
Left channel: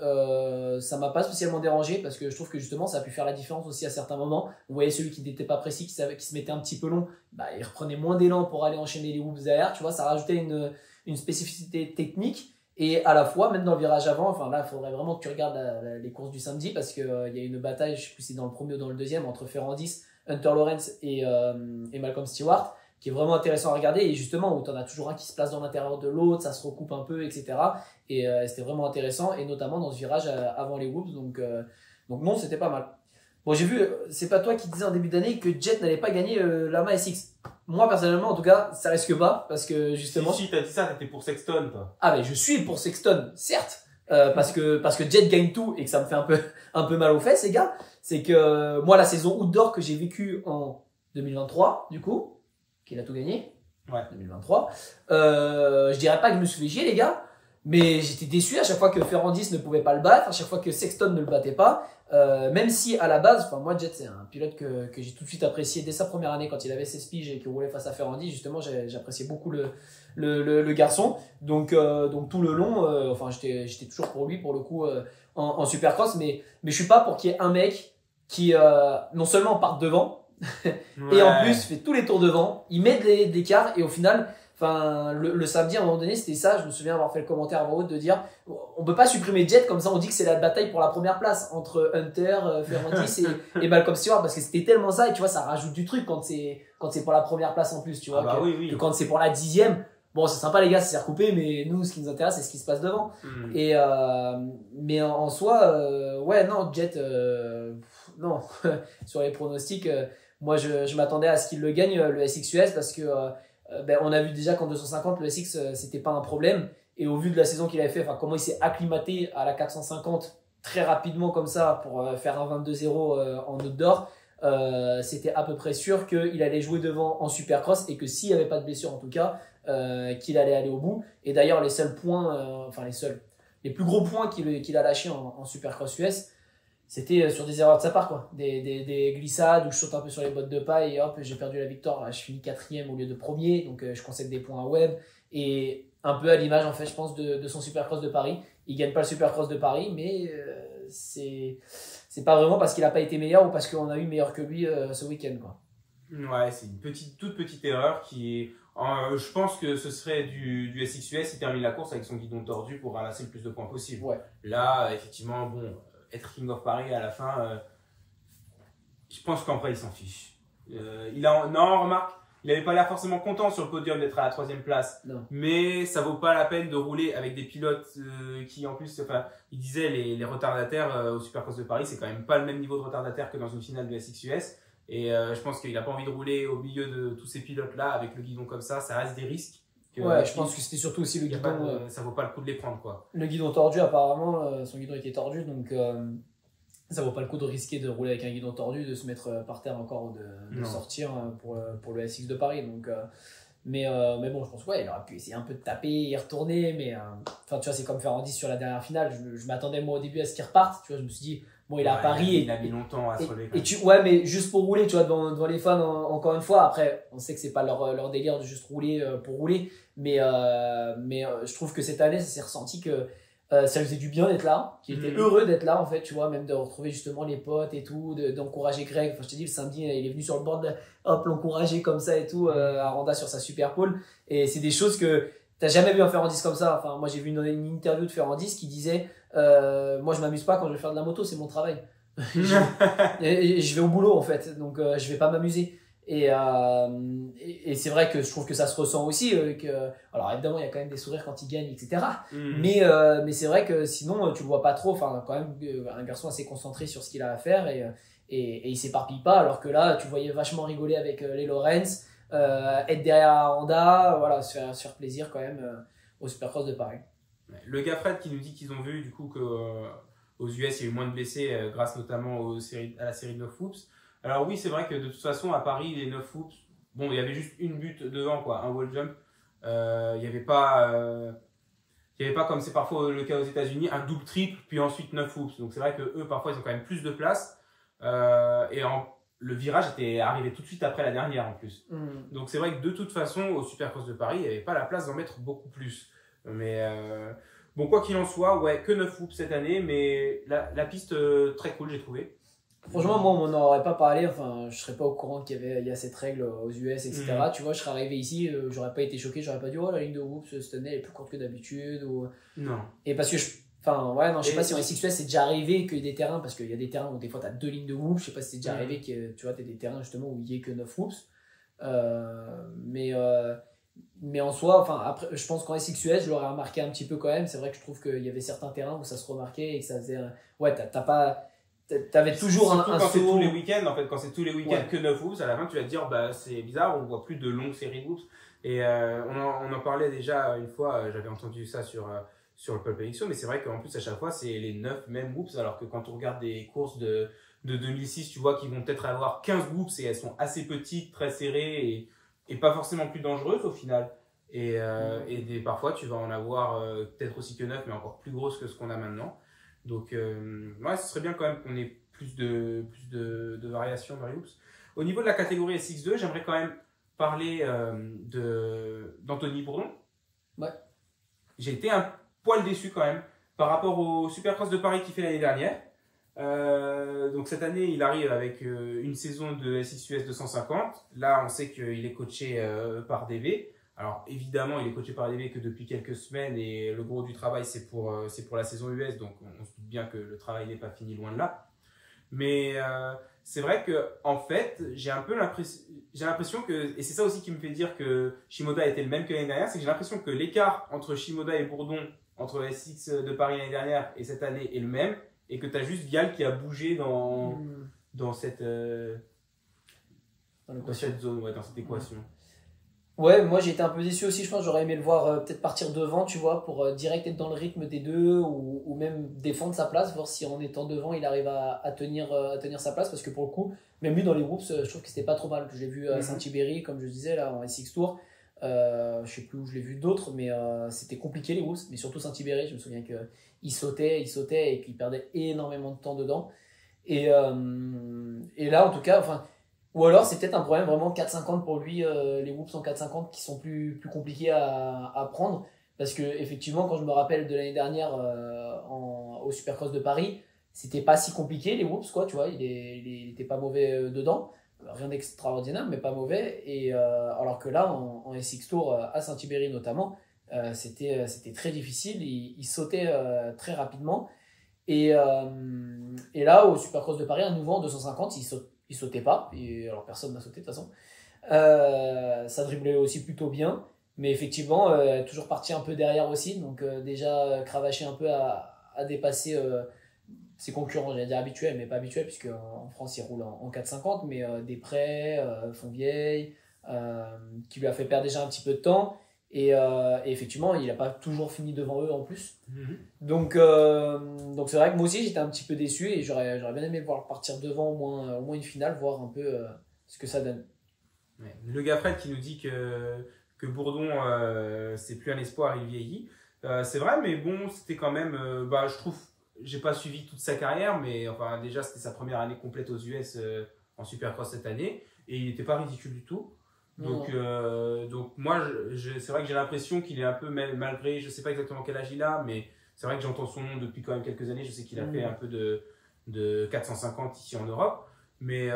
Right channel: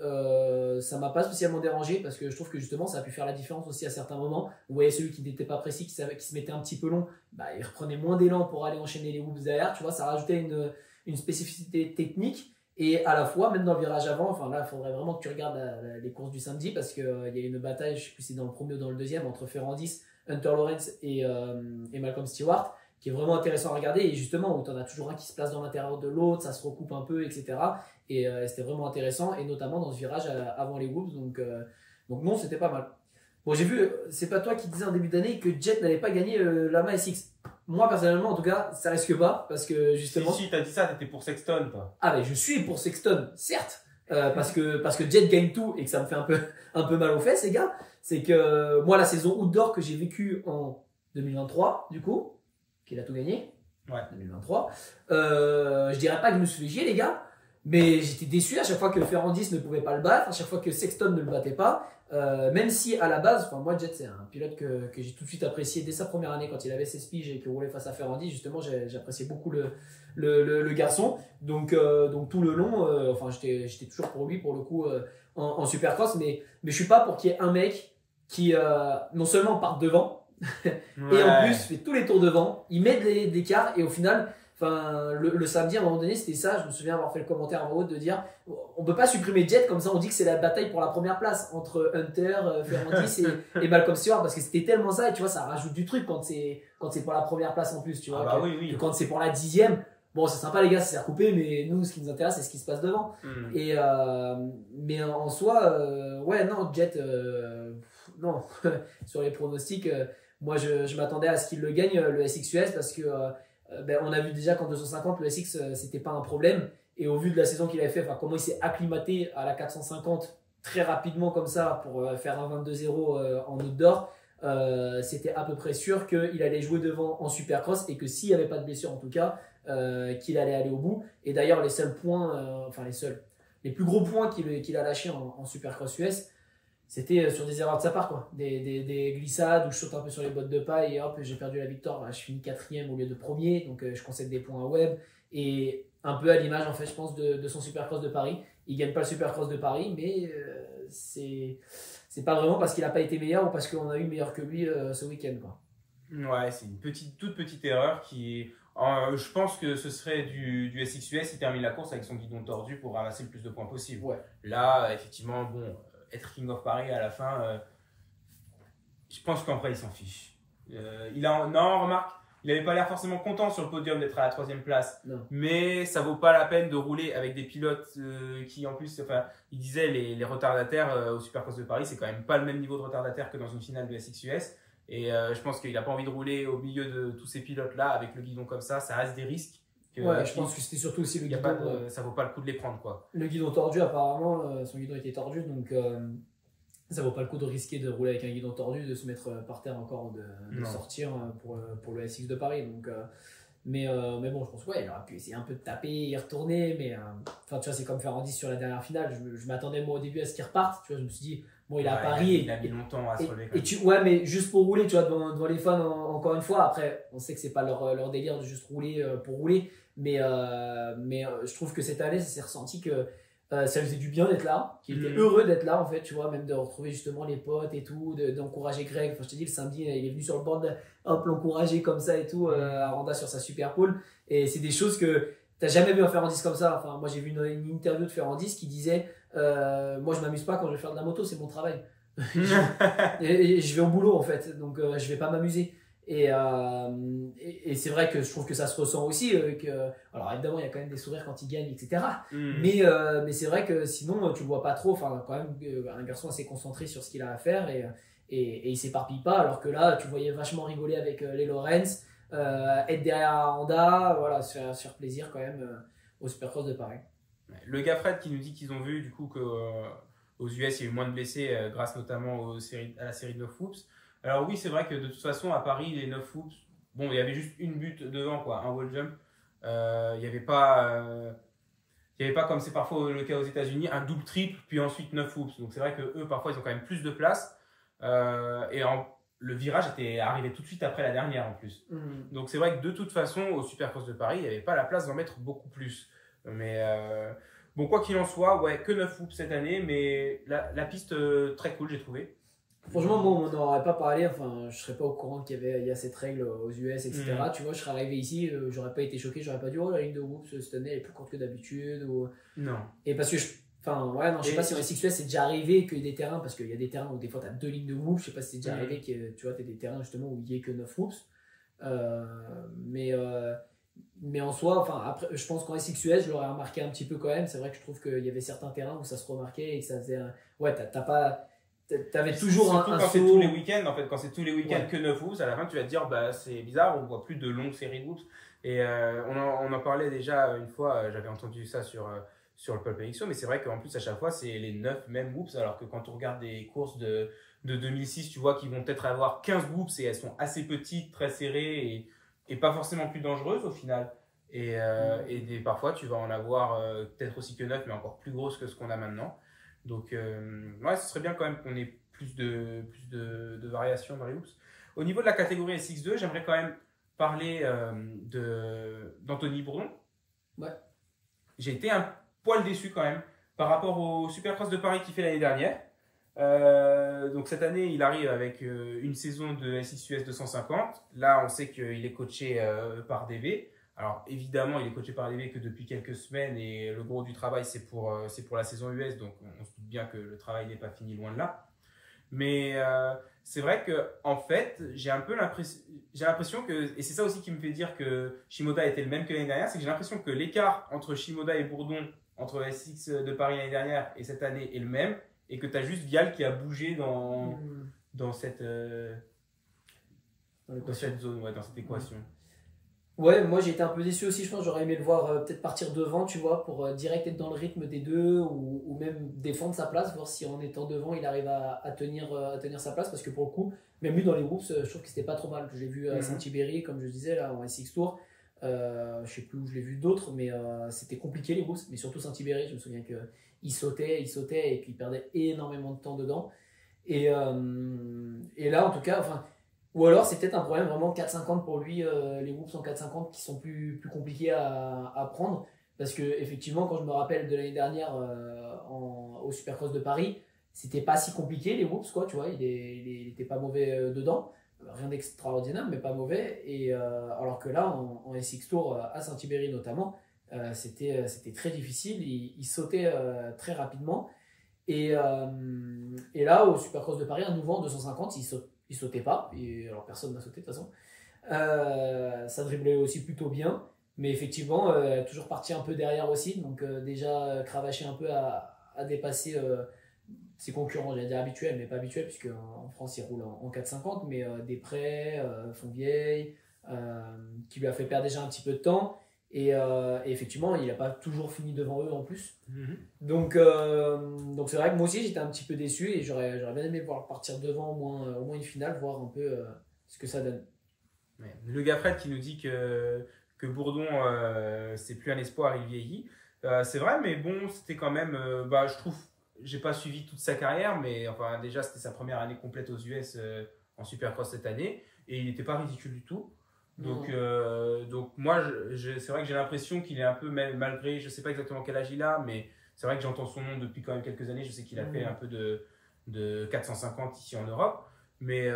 ça m'a pas spécialement dérangé parce que je trouve que justement ça a pu faire la différence aussi à certains moments. Vous voyez celui qui n'était pas précis, qui se mettait un petit peu long, bah, il reprenait moins d'élan pour aller enchaîner les whoops derrière, tu vois, ça rajoutait une spécificité technique et à la fois même dans le virage avant, enfin là il faudrait vraiment que tu regardes les courses du samedi parce qu'il y a une bataille, je sais plus si c'est dans le premier ou dans le deuxième, entre Ferrandis, Hunter Lawrence et Malcolm Stewart, qui est vraiment intéressant à regarder et justement où tu en as toujours un qui se place dans l'intérieur de l'autre, ça se recoupe un peu, etc. Et c'était vraiment intéressant et notamment dans ce virage avant les whoops, donc non, c'était pas mal. Bon, j'ai vu, c'est pas toi qui disais en début d'année que Jet n'allait pas gagner l'AMA SX. Moi personnellement en tout cas ça risque pas parce que justement si t'as dit ça, t'étais pour Sexton toi. Ah mais je suis pour Sexton certes, parce que Jet gagne tout et que ça me fait un peu mal aux fesses les gars. C'est que moi la saison outdoor que j'ai vécue en 2023 du coup, qu'il a tout gagné, ouais. 2023. Je dirais pas que je me suis fait chier les gars, mais j'étais déçu à chaque fois que Ferrandis ne pouvait pas le battre, à chaque fois que Sexton ne le battait pas. Même si à la base, enfin moi Jet c'est un pilote que j'ai tout de suite apprécié dès sa première année quand il avait 16 piges et qu'il roulait face à Ferrandis, justement j'appréciais beaucoup le garçon. Donc tout le long, enfin j'étais toujours pour lui pour le coup en Supercross, mais je suis pas pour qu'il y ait un mec qui non seulement parte devant et en plus fait tous les tours devant, il met de l'écart et au final, enfin le samedi à un moment donné c'était ça, je me souviens avoir fait le commentaire en haut de dire on peut pas supprimer Jet comme ça, on dit que c'est la bataille pour la première place entre Hunter, Ferrandis et Malcolm Stewart parce que c'était tellement ça et tu vois ça rajoute du truc quand c'est pour la première place en plus, tu vois, que quand c'est pour la 10e. Bon, c'est sympa les gars, c'est recoupé, mais nous, ce qui nous intéresse, c'est ce qui se passe devant. Et mais en soi, ouais, non, Jet, non, sur les pronostics, moi, je m'attendais à ce qu'il le gagne, le SXUS, parce que on a vu déjà qu'en 250, le SX, c'était pas un problème. Et au vu de la saison qu'il avait fait, enfin, comment il s'est acclimaté à la 450 très rapidement comme ça pour faire un 22-0 en outdoor, c'était à peu près sûr qu'il allait jouer devant en Supercross et que s'il n'y avait pas de blessure en tout cas, qu'il allait aller au bout. Et d'ailleurs, les seuls points, les plus gros points qu'il a lâchés en Supercross US, c'était sur des erreurs de sa part, quoi. Des glissades où je saute un peu sur les bottes de paille et hop, j'ai perdu la victoire. Je finis 4e au lieu de 1er, donc je concède des points à Webb. Et un peu à l'image, en fait, je pense, de son Supercross de Paris. Il gagne pas le Supercross de Paris, mais c'est pas vraiment parce qu'il a pas été meilleur ou parce qu'on a eu meilleur que lui ce week-end, quoi. Ouais, c'est une toute petite erreur qui est. Je pense que ce serait du SXUS, il termine la course avec son guidon tordu pour ramasser le plus de points possible. Ouais. Là, effectivement, bon, être King of Paris à la fin, je pense qu'en vrai, il s'en fiche. Non, remarque, il n'avait pas l'air forcément content sur le podium d'être à la 3e place. Non. Mais ça vaut pas la peine de rouler avec des pilotes qui, en plus, enfin, il disait les retardataires au Supercross de Paris, c'est quand même pas le même niveau de retardataire que dans une finale de SXUS. Et je pense qu'il n'a pas envie de rouler au milieu de tous ces pilotes-là avec le guidon comme ça reste des risques. Ouais, je pense que c'était surtout aussi le guidon. Ça vaut pas le coup de les prendre, quoi. Le guidon tordu, apparemment, son guidon était tordu, donc ça vaut pas le coup de risquer de rouler avec un guidon tordu, de se mettre par terre encore, de sortir pour le SX de Paris. Donc, mais bon, je pense qu'il aurait pu essayer un peu de taper et retourner, mais tu vois, c'est comme Ferrandis sur la dernière finale. Je m'attendais moi au début à ce qu'il reparte, tu vois, je me suis dit, bon, il est à Paris. Il a mis longtemps à se relever. Ouais, mais juste pour rouler, tu vois, devant les fans, encore une fois. Après, on sait que c'est pas leur délire de juste rouler pour rouler, mais je trouve que cette année, ça s'est ressenti que ça lui faisait du bien d'être là, qu'il était heureux d'être là, en fait, tu vois, même de retrouver justement les potes et tout, d'encourager Greg. Enfin, je t'ai dit, le samedi, il est venu sur le board, hop, l'encourager comme ça et tout, à Randa sur sa super pole. Et c'est des choses que t'as jamais vu un Ferrandis comme ça. Enfin, moi, j'ai vu une interview de Ferrandis qui disait moi, je m'amuse pas quand je vais faire de la moto, c'est mon travail. Je vais au boulot, en fait, donc je vais pas m'amuser. Et c'est vrai que je trouve que ça se ressent aussi. Alors évidemment, il y a quand même des sourires quand il gagne, etc. Mais c'est vrai que sinon, tu le vois pas trop. Enfin, quand même, un garçon assez concentré sur ce qu'il a à faire et il s'éparpille pas. Alors que là, tu le voyais vachement rigoler avec les Lorenz, être derrière Honda, voilà, se faire plaisir quand même au Supercross de Paris. Le gars Fred qui nous dit qu'ils ont vu du coup qu'aux US, il y a eu moins de blessés grâce notamment à la série de 9 whoops. Alors oui, c'est vrai que de toute façon, à Paris, les 9 whoops, bon, il y avait juste une butte devant, quoi, un wall jump. Il n'y avait pas comme c'est parfois le cas aux États-Unis, un double triple, puis ensuite 9 whoops. Donc c'est vrai que eux, parfois, ils ont quand même plus de place. Le virage était arrivé tout de suite après la dernière en plus. Donc c'est vrai que de toute façon, au Supercross de Paris, il n'y avait pas la place d'en mettre beaucoup plus. Mais bon, quoi qu'il en soit, ouais, que 9 whoops cette année, mais la piste très cool, j'ai trouvé. Franchement, moi, on n'en aurait pas parlé. Enfin, je serais pas au courant qu'il y a cette règle aux US, etc. Tu vois, je serais arrivé ici, j'aurais pas été choqué, j'aurais pas dit, oh, la ligne de whoops cette année elle est plus courte que d'habitude. Non. Et parce que je sais pas si en SXUS c'est déjà arrivé qu'il y ait des terrains, parce qu'il y a des terrains où des fois tu as 2 lignes de whoops. Je sais pas si c'est déjà arrivé que tu vois, tu as des terrains justement où il y ait que 9 whoops. Mais en soi, enfin, après, je pense qu'en SXUS, je l'aurais remarqué un petit peu quand même. C'est vrai que je trouve qu'il y avait certains terrains où ça se remarquait et que ça faisait. Ouais, t'avais toujours un quand saut. c'est tous les week-ends, en fait, quand c'est tous les week-ends que 9 whoops, à la fin tu vas te dire bah c'est bizarre, on voit plus de longues séries de whoops. Et on en parlait déjà une fois, j'avais entendu ça sur le Pole Prediction, mais c'est vrai qu'en plus à chaque fois c'est les 9 mêmes whoops, alors que quand on regarde des courses de 2006, tu vois qu'ils vont peut-être avoir 15 whoops et elles sont assez petites, très serrées et pas forcément plus dangereuses au final. Et parfois tu vas en avoir peut-être aussi que 9, mais encore plus grosses que ce qu'on a maintenant. Donc, ouais, ce serait bien quand même qu'on ait plus de variations dans les whoops. Au niveau de la catégorie SX2, j'aimerais quand même parler d'Anthony Bourdon. Ouais. J'ai été un poil déçu quand même par rapport au Supercross de Paris qu'il fait l'année dernière. Donc cette année, il arrive avec une saison de SXUS 250. Là, on sait qu'il est coaché par DV. Alors évidemment, il est coaché par DV que depuis quelques semaines et le gros du travail, c'est pour la saison US. Donc on se doute bien que le travail n'est pas fini, loin de là. Mais c'est vrai que en fait, j'ai l'impression que, et c'est ça aussi qui me fait dire que Shimoda était le même que l'année dernière, c'est que j'ai l'impression que l'écart entre Shimoda et Bourdon, entre SX de Paris l'année dernière et cette année, est le même, et que tu as juste Vial qui a bougé dans cette zone, ouais, dans cette équation. Ouais, moi j'ai été un peu déçu aussi. Je pense que j'aurais aimé le voir peut-être partir devant, tu vois, pour direct être dans le rythme des deux ou même défendre sa place, voir si en étant devant il arrive à tenir sa place. Parce que pour le coup, même lui dans les whoops, je trouve que c'était pas trop mal. Je l'ai vu à Saint-Ibéry, comme je disais, là en SX Tour. Je sais plus où je l'ai vu d'autres, mais c'était compliqué les whoops. Mais surtout Saint-Ibéry, je me souviens qu'il sautait et puis il perdait énormément de temps dedans. Et là, en tout cas, enfin. Ou alors c'est peut-être un problème vraiment 4,50 pour lui, les whoops en 4,50 qui sont plus compliqués à prendre. Parce que effectivement, quand je me rappelle de l'année dernière au Supercross de Paris, c'était pas si compliqué les whoops, quoi, tu vois, il était pas mauvais dedans. Rien d'extraordinaire, mais pas mauvais. Et alors que là, en SX Tour, à Saint-Ibéry notamment, c'était très difficile. Il sautait très rapidement. Et là, au Supercross de Paris, à nouveau en 250, il il sautait pas, et alors personne n'a sauté de toute façon. Ça driblait aussi plutôt bien, mais effectivement, toujours parti un peu derrière aussi, donc déjà cravaché un peu à dépasser ses concurrents, j'allais dire habituels, mais pas habituels, puisque en France il roule en 4,50, mais Després, Fonvieille, qui lui a fait perdre déjà un petit peu de temps. Et effectivement, il n'a pas toujours fini devant eux en plus. Donc c'est vrai que moi aussi j'étais un petit peu déçu et j'aurais bien aimé le voir partir devant au moins une finale, voir un peu ce que ça donne. Ouais. Le gars Fred qui nous dit que Bourdon, c'est plus un espoir, il vieillit. C'est vrai, mais bon, c'était quand même. Je trouve, j'ai pas suivi toute sa carrière, mais enfin, déjà, c'était sa première année complète aux US en Supercross cette année et il n'était pas ridicule du tout. Donc moi, c'est vrai que j'ai l'impression qu'il est un peu, malgré, je sais pas exactement quel âge il a, mais c'est vrai que j'entends son nom depuis quand même quelques années. Je sais qu'il a fait un peu de 450 ici en Europe, mais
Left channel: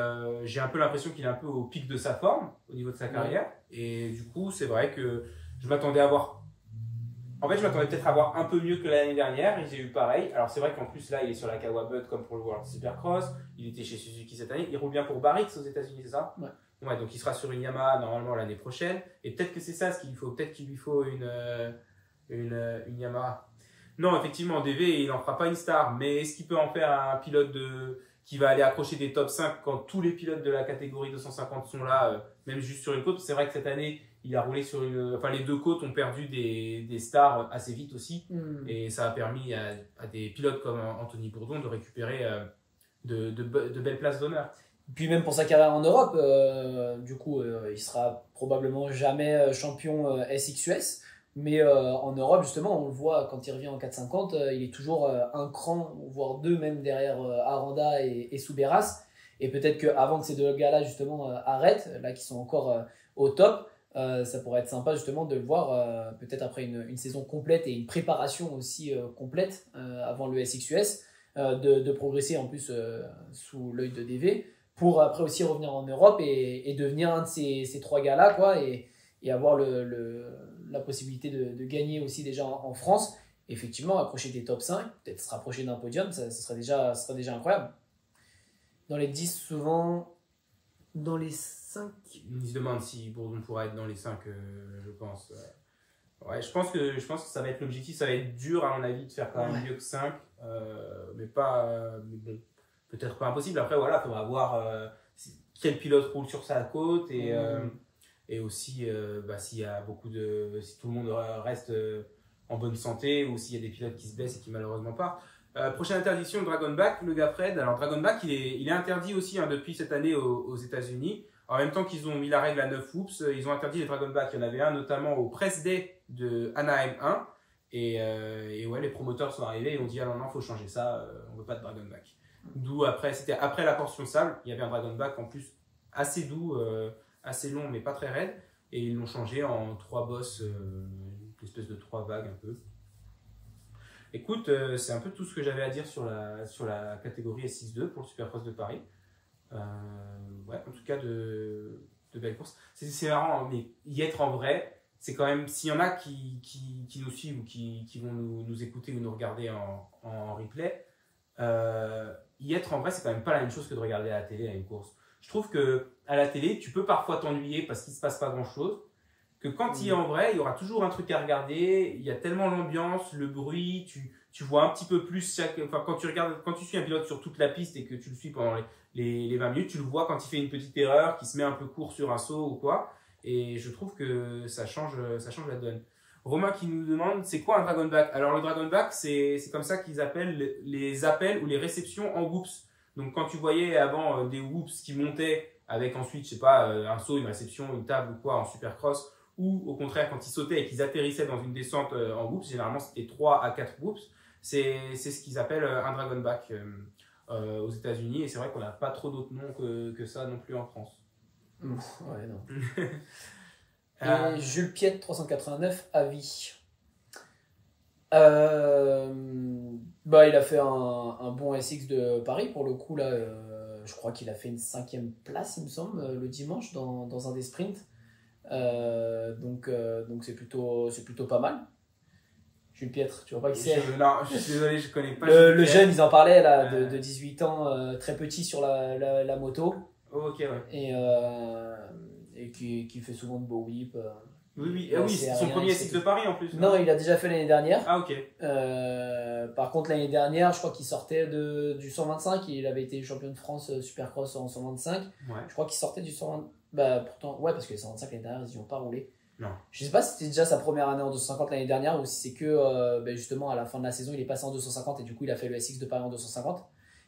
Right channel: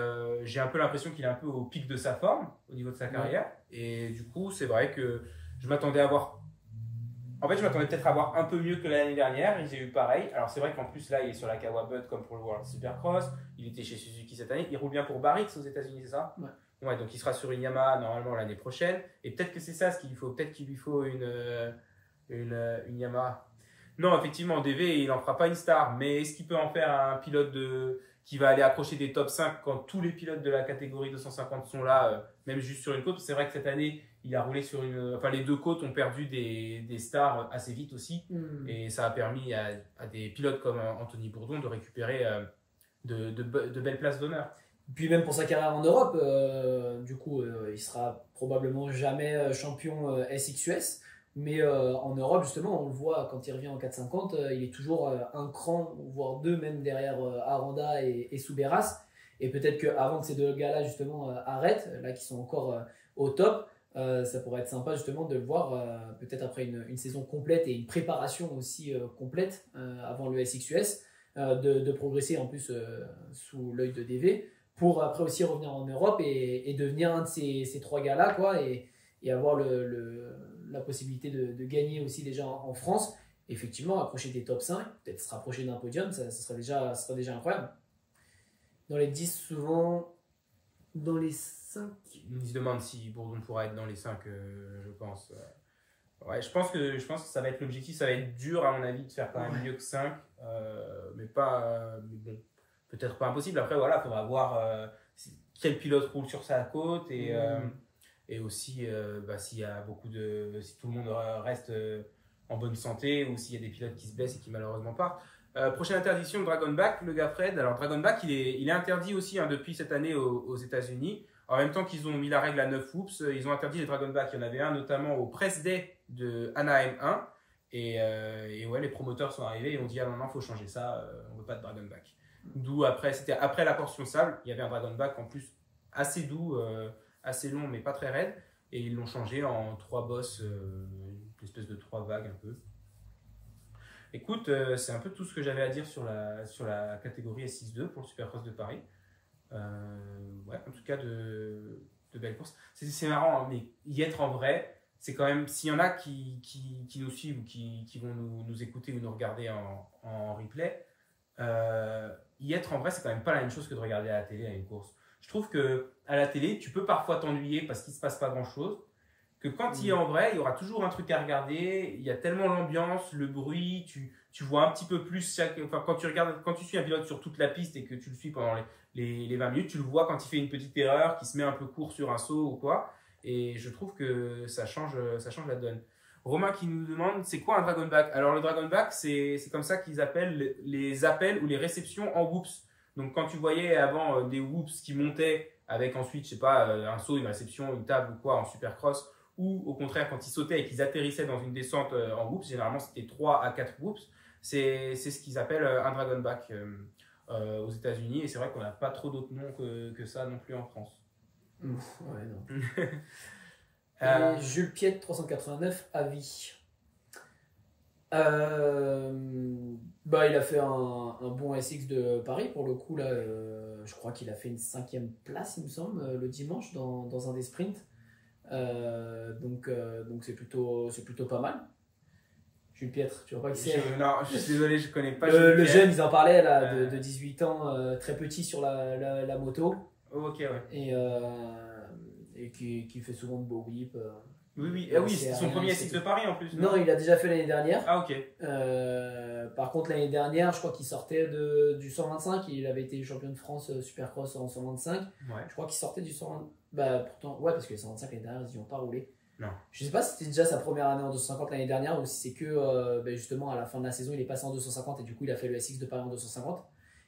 j'ai un peu l'impression qu'il est un peu au pic de sa forme au niveau de sa carrière. Et du coup, c'est vrai que je m'attendais à voir. En fait, je m'attendais peut-être à voir un peu mieux que l'année dernière et j'ai eu pareil. Alors, c'est vrai qu'en plus, là, il est sur la Kawabut comme pour le World Supercross. Il était chez Suzuki cette année. Il roule bien pour Barrix aux États-Unis, c'est ça? Ouais, donc il sera sur une Yamaha normalement l'année prochaine. Et peut-être que c'est ça ce qu'il lui faut. Peut-être qu'il lui faut une Yamaha. Non, effectivement, en DV, il n'en fera pas une star. Mais est-ce qu'il peut en faire un pilote qui va aller accrocher des top 5 quand tous les pilotes de la catégorie 250 sont là, même juste sur une côte? C'est vrai que cette année, il a roulé sur enfin, les deux côtes ont perdu des stars assez vite aussi. Et ça a permis à des pilotes comme Anthony Bourdon de récupérer de belles places d'honneur. Puis même pour sa carrière en Europe, du coup, il sera probablement jamais champion SXUS. Mais en Europe, justement, on le voit quand il revient en 450, il est toujours un cran, voire deux même derrière Aranda et Souberas. Et peut-être qu'avant que ces deux gars-là, justement, arrêtent, là qui sont encore au top, ça pourrait être sympa justement de le voir peut-être après une saison complète et une préparation aussi complète avant le SXUS, de progresser en plus sous l'œil de DV, pour après aussi revenir en Europe et devenir un de ces trois gars-là, quoi, et avoir la possibilité de gagner aussi déjà en France. Effectivement, approcher des top 5, peut-être se rapprocher d'un podium, ça serait déjà incroyable. Dans les 10, souvent, dans les 5... Il se demande si Bourdon pourra être dans les 5, je pense. Ouais, je pense que ça va être l'objectif. Ça va être dur, à mon avis, de faire quand même mieux que 5. Mais bon, peut-être pas impossible. Après, voilà, il faudra voir quel pilote roule sur sa côte et aussi s'il y a si tout le monde reste en bonne santé ou s'il y a des pilotes qui se blessent et qui malheureusement partent. Prochaine interdiction, le Dragonback, le gars Fred. Alors, Dragonback, il est interdit aussi depuis cette année aux États-Unis. En même temps qu'ils ont mis la règle à 9 whoops, ils ont interdit les Dragonback. Il y en avait un notamment au Press Day de Anaheim 1. Et ouais, les promoteurs sont arrivés et ont dit: ah non, il faut changer ça, on veut pas de Dragonback. D'où c'était après la portion sable, il y avait un Dragonback en plus assez doux, assez long mais pas très raide. Et ils l'ont changé en 3 bosses, une espèce de 3 vagues un peu. Écoute, c'est un peu tout ce que j'avais à dire sur la catégorie S6-2 pour le Supercross de Paris. Ouais, en tout cas, de belles courses. C'est marrant, hein, mais y être en vrai, c'est quand même, s'il y en a qui nous suivent ou qui vont nous écouter ou nous regarder en replay, y être en vrai, c'est quand même pas la même chose que de regarder à la télé à une course. Je trouve qu'à la télé, tu peux parfois t'ennuyer parce qu'il ne se passe pas grand-chose. Que quand il est en vrai, il y aura toujours un truc à regarder. Il y a tellement l'ambiance, le bruit, tu vois un petit peu plus quand tu suis un pilote sur toute la piste et que tu le suis pendant les 20 minutes, tu le vois quand il fait une petite erreur, qu'il se met un peu court sur un saut ou quoi. Et je trouve que ça change la donne. Romain qui nous demande, c'est quoi un Dragonback? Alors le Dragonback, c'est comme ça qu'ils appellent les appels ou les réceptions en whoops. Donc quand tu voyais avant des whoops qui montaient avec ensuite, je sais pas, un saut, une réception, une table ou quoi en supercross, ou au contraire quand ils sautaient et qu'ils atterrissaient dans une descente en whoops, généralement c'était 3 à 4 whoops, c'est ce qu'ils appellent un Dragonback aux États-Unis, et c'est vrai qu'on n'a pas trop d'autres noms que ça non plus en France. Ouais, non. Jules Piette 389 à vie. Il a fait un bon SX de Paris pour le coup là. Je crois qu'il a fait une 5e place, il me semble, le dimanche dans un des sprints. Donc c'est plutôt pas mal. Jules Piètre, tu vois pas qui c'est? Non, je suis désolé, je connais pas. Le jeune, ils en parlaient là, de 18 ans, très petit sur la moto. Ok, ouais. Et qui fait souvent de beaux whips. Oui, c'est son premier SX de Paris en plus. Non, il a déjà fait l'année dernière. Ah, ok. Par contre, l'année dernière, je crois qu'il sortait du 125. Il avait été champion de France Supercross en 125. Ouais. Je crois qu'il sortait du 125. Bah, pourtant, ouais, parce que les 125 l'année dernière, ils n'y ont pas roulé. Non. Je sais pas si c'était déjà sa première année en 250 l'année dernière ou si c'est que justement à la fin de la saison, il est passé en 250 et du coup, il a fait le SX de Paris en 250.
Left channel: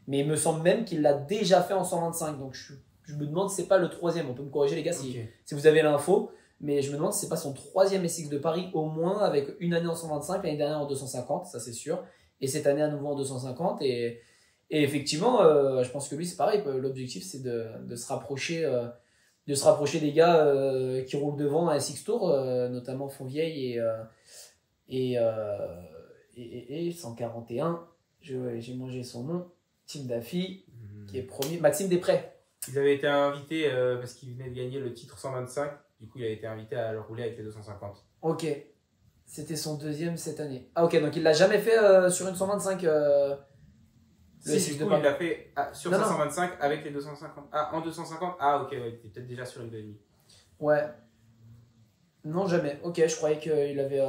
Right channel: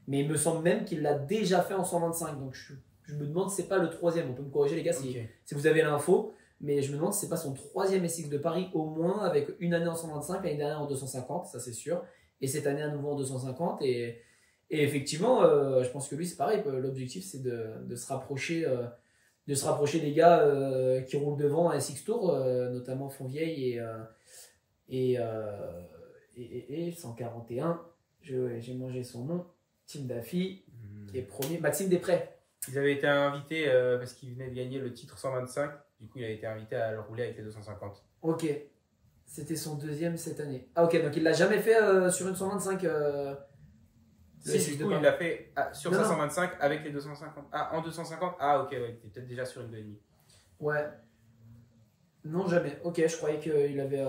Mais il me semble même qu'il l'a déjà fait en 125. Donc, je me demande si c'est pas le troisième. On peut me corriger, les gars, si vous avez l'info. Mais je me demande si c'est pas son troisième SX de Paris au moins, avec une année en 125, l'année dernière en 250, ça c'est sûr, et cette année à nouveau en 250. Et effectivement, je pense que lui c'est pareil. L'objectif c'est de se rapprocher des gars qui roulent devant à SX Tour, notamment Fontvieille et 141. J'ai mangé son nom, Tim Daffy, qui est premier, Maxime Després. Ils avaient été invités parce qu'ils venaient de gagner le titre 125. Du coup, il a été invité à le rouler avec les 250. Ok. C'était son deuxième cette année. Ah ok, donc il l'a jamais fait sur une 125 Si, du coup, il l'a fait sur sa 125 avec les 250. Ah, en 250. Ah ok, ouais, il était peut-être déjà sur une 2,5. Ouais. Non, jamais. Ok, je croyais qu'il avait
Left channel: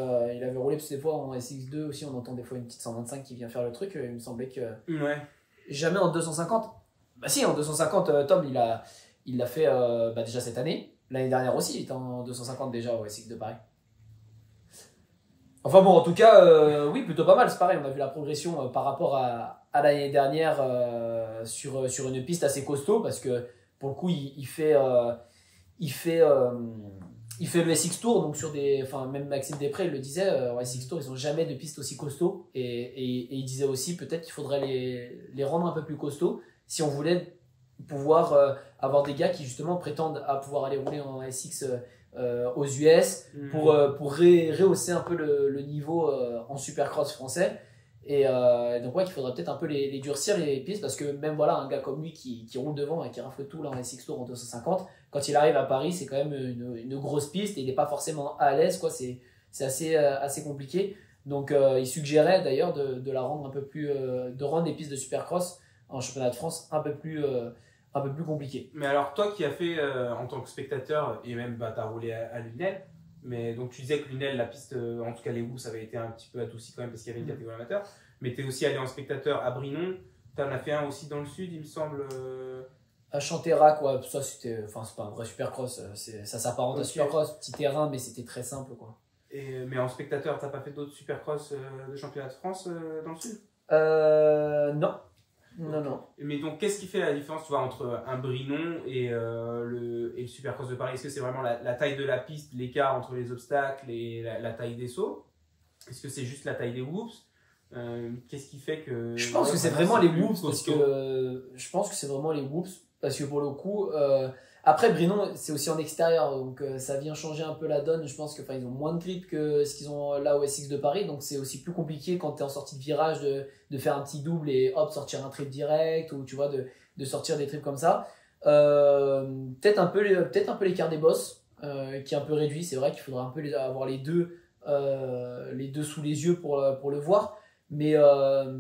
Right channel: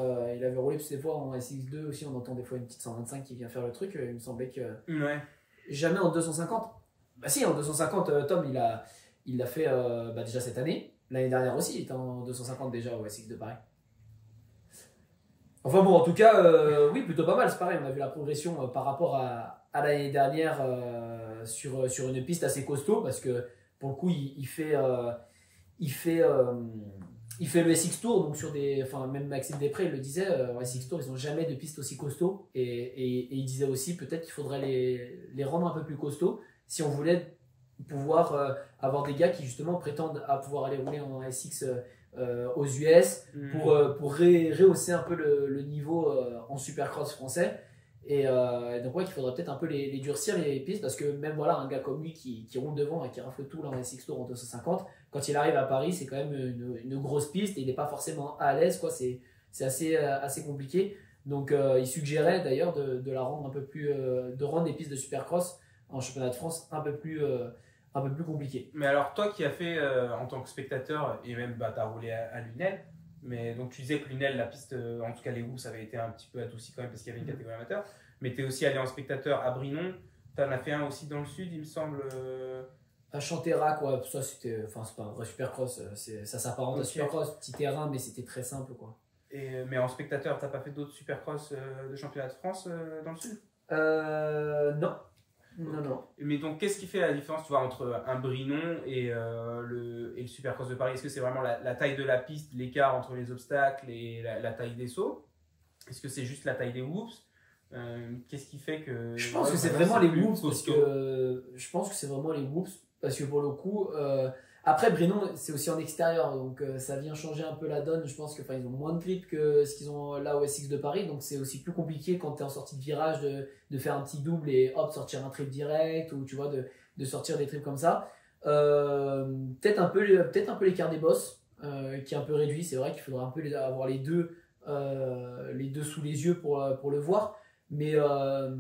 roulé, parce que des fois en SX2 aussi, on entend des fois une petite 125 qui vient faire le truc. Il me semblait que... Ouais. Jamais en 250. Bah si, en 250, Tom, il l'a fait déjà cette année. L'année dernière aussi, il était en 250 déjà au SX de Paris. Enfin bon, en tout cas, oui, plutôt pas mal. C'est pareil, on a vu la progression par rapport à l'année dernière sur une piste assez costaud, parce que pour le coup, il fait le SX Tour, donc même Maxime Després il le disait, en SX Tour, ils n'ont jamais de piste aussi costaud. Et il disait aussi peut-être qu'il faudrait les rendre un peu plus costauds si on voulait pouvoir avoir des gars qui justement prétendent à pouvoir aller rouler en SX aux US pour rehausser un peu le niveau en supercross français. Et donc ouais, qu'il faudrait peut-être un peu les durcir les pistes, parce que même voilà, un gars comme lui qui roule devant et qui rafle tout là en SX Tour en 250, quand il arrive à Paris, c'est quand même une grosse piste et il n'est pas forcément à l'aise, quoi. C'est assez compliqué. Donc il suggérait d'ailleurs de la rendre un peu plus de rendre les pistes de supercross en championnat de France un peu plus compliqué. Mais alors, toi qui as fait en tant que spectateur, et même tu as roulé à Lunel, mais donc tu disais que Lunel, la piste, en tout cas les Woops, avait été un petit peu adoucie quand même parce qu'il y avait une catégorie amateur, mais tu es aussi allé en spectateur à Brinon, tu en as fait un aussi dans le sud, il me semble. À Chanterac, quoi. Ça c'est pas un vrai supercross, ça s'apparente à supercross, petit terrain, mais c'était très simple, quoi. Mais en spectateur, t'as pas fait d'autres supercross de championnat de France dans le sud? Non. Non. Mais donc, qu'est-ce qui fait la différence, tu vois, entre un Brinon et le Supercross de Paris? Est-ce que c'est vraiment la taille de la piste, l'écart entre les obstacles et la taille des sauts? Est-ce que c'est juste la taille des whoops? Qu'est-ce qui fait que... Je pense que c'est vraiment les whoops, parce que pour le coup... Après, Brinon, c'est aussi en extérieur, donc ça vient changer un peu la donne. Je pense qu'ils ont moins de grip que ce qu'ils ont là au SX de Paris, donc c'est aussi plus compliqué quand tu es en sortie de virage de faire un petit double et hop, sortir un trip direct, ou tu vois, de sortir des trips comme ça. Peut-être un peu l'écart des bosses, qui est un peu réduit. C'est vrai qu'il faudra un peu avoir les deux sous les yeux pour le voir. Mais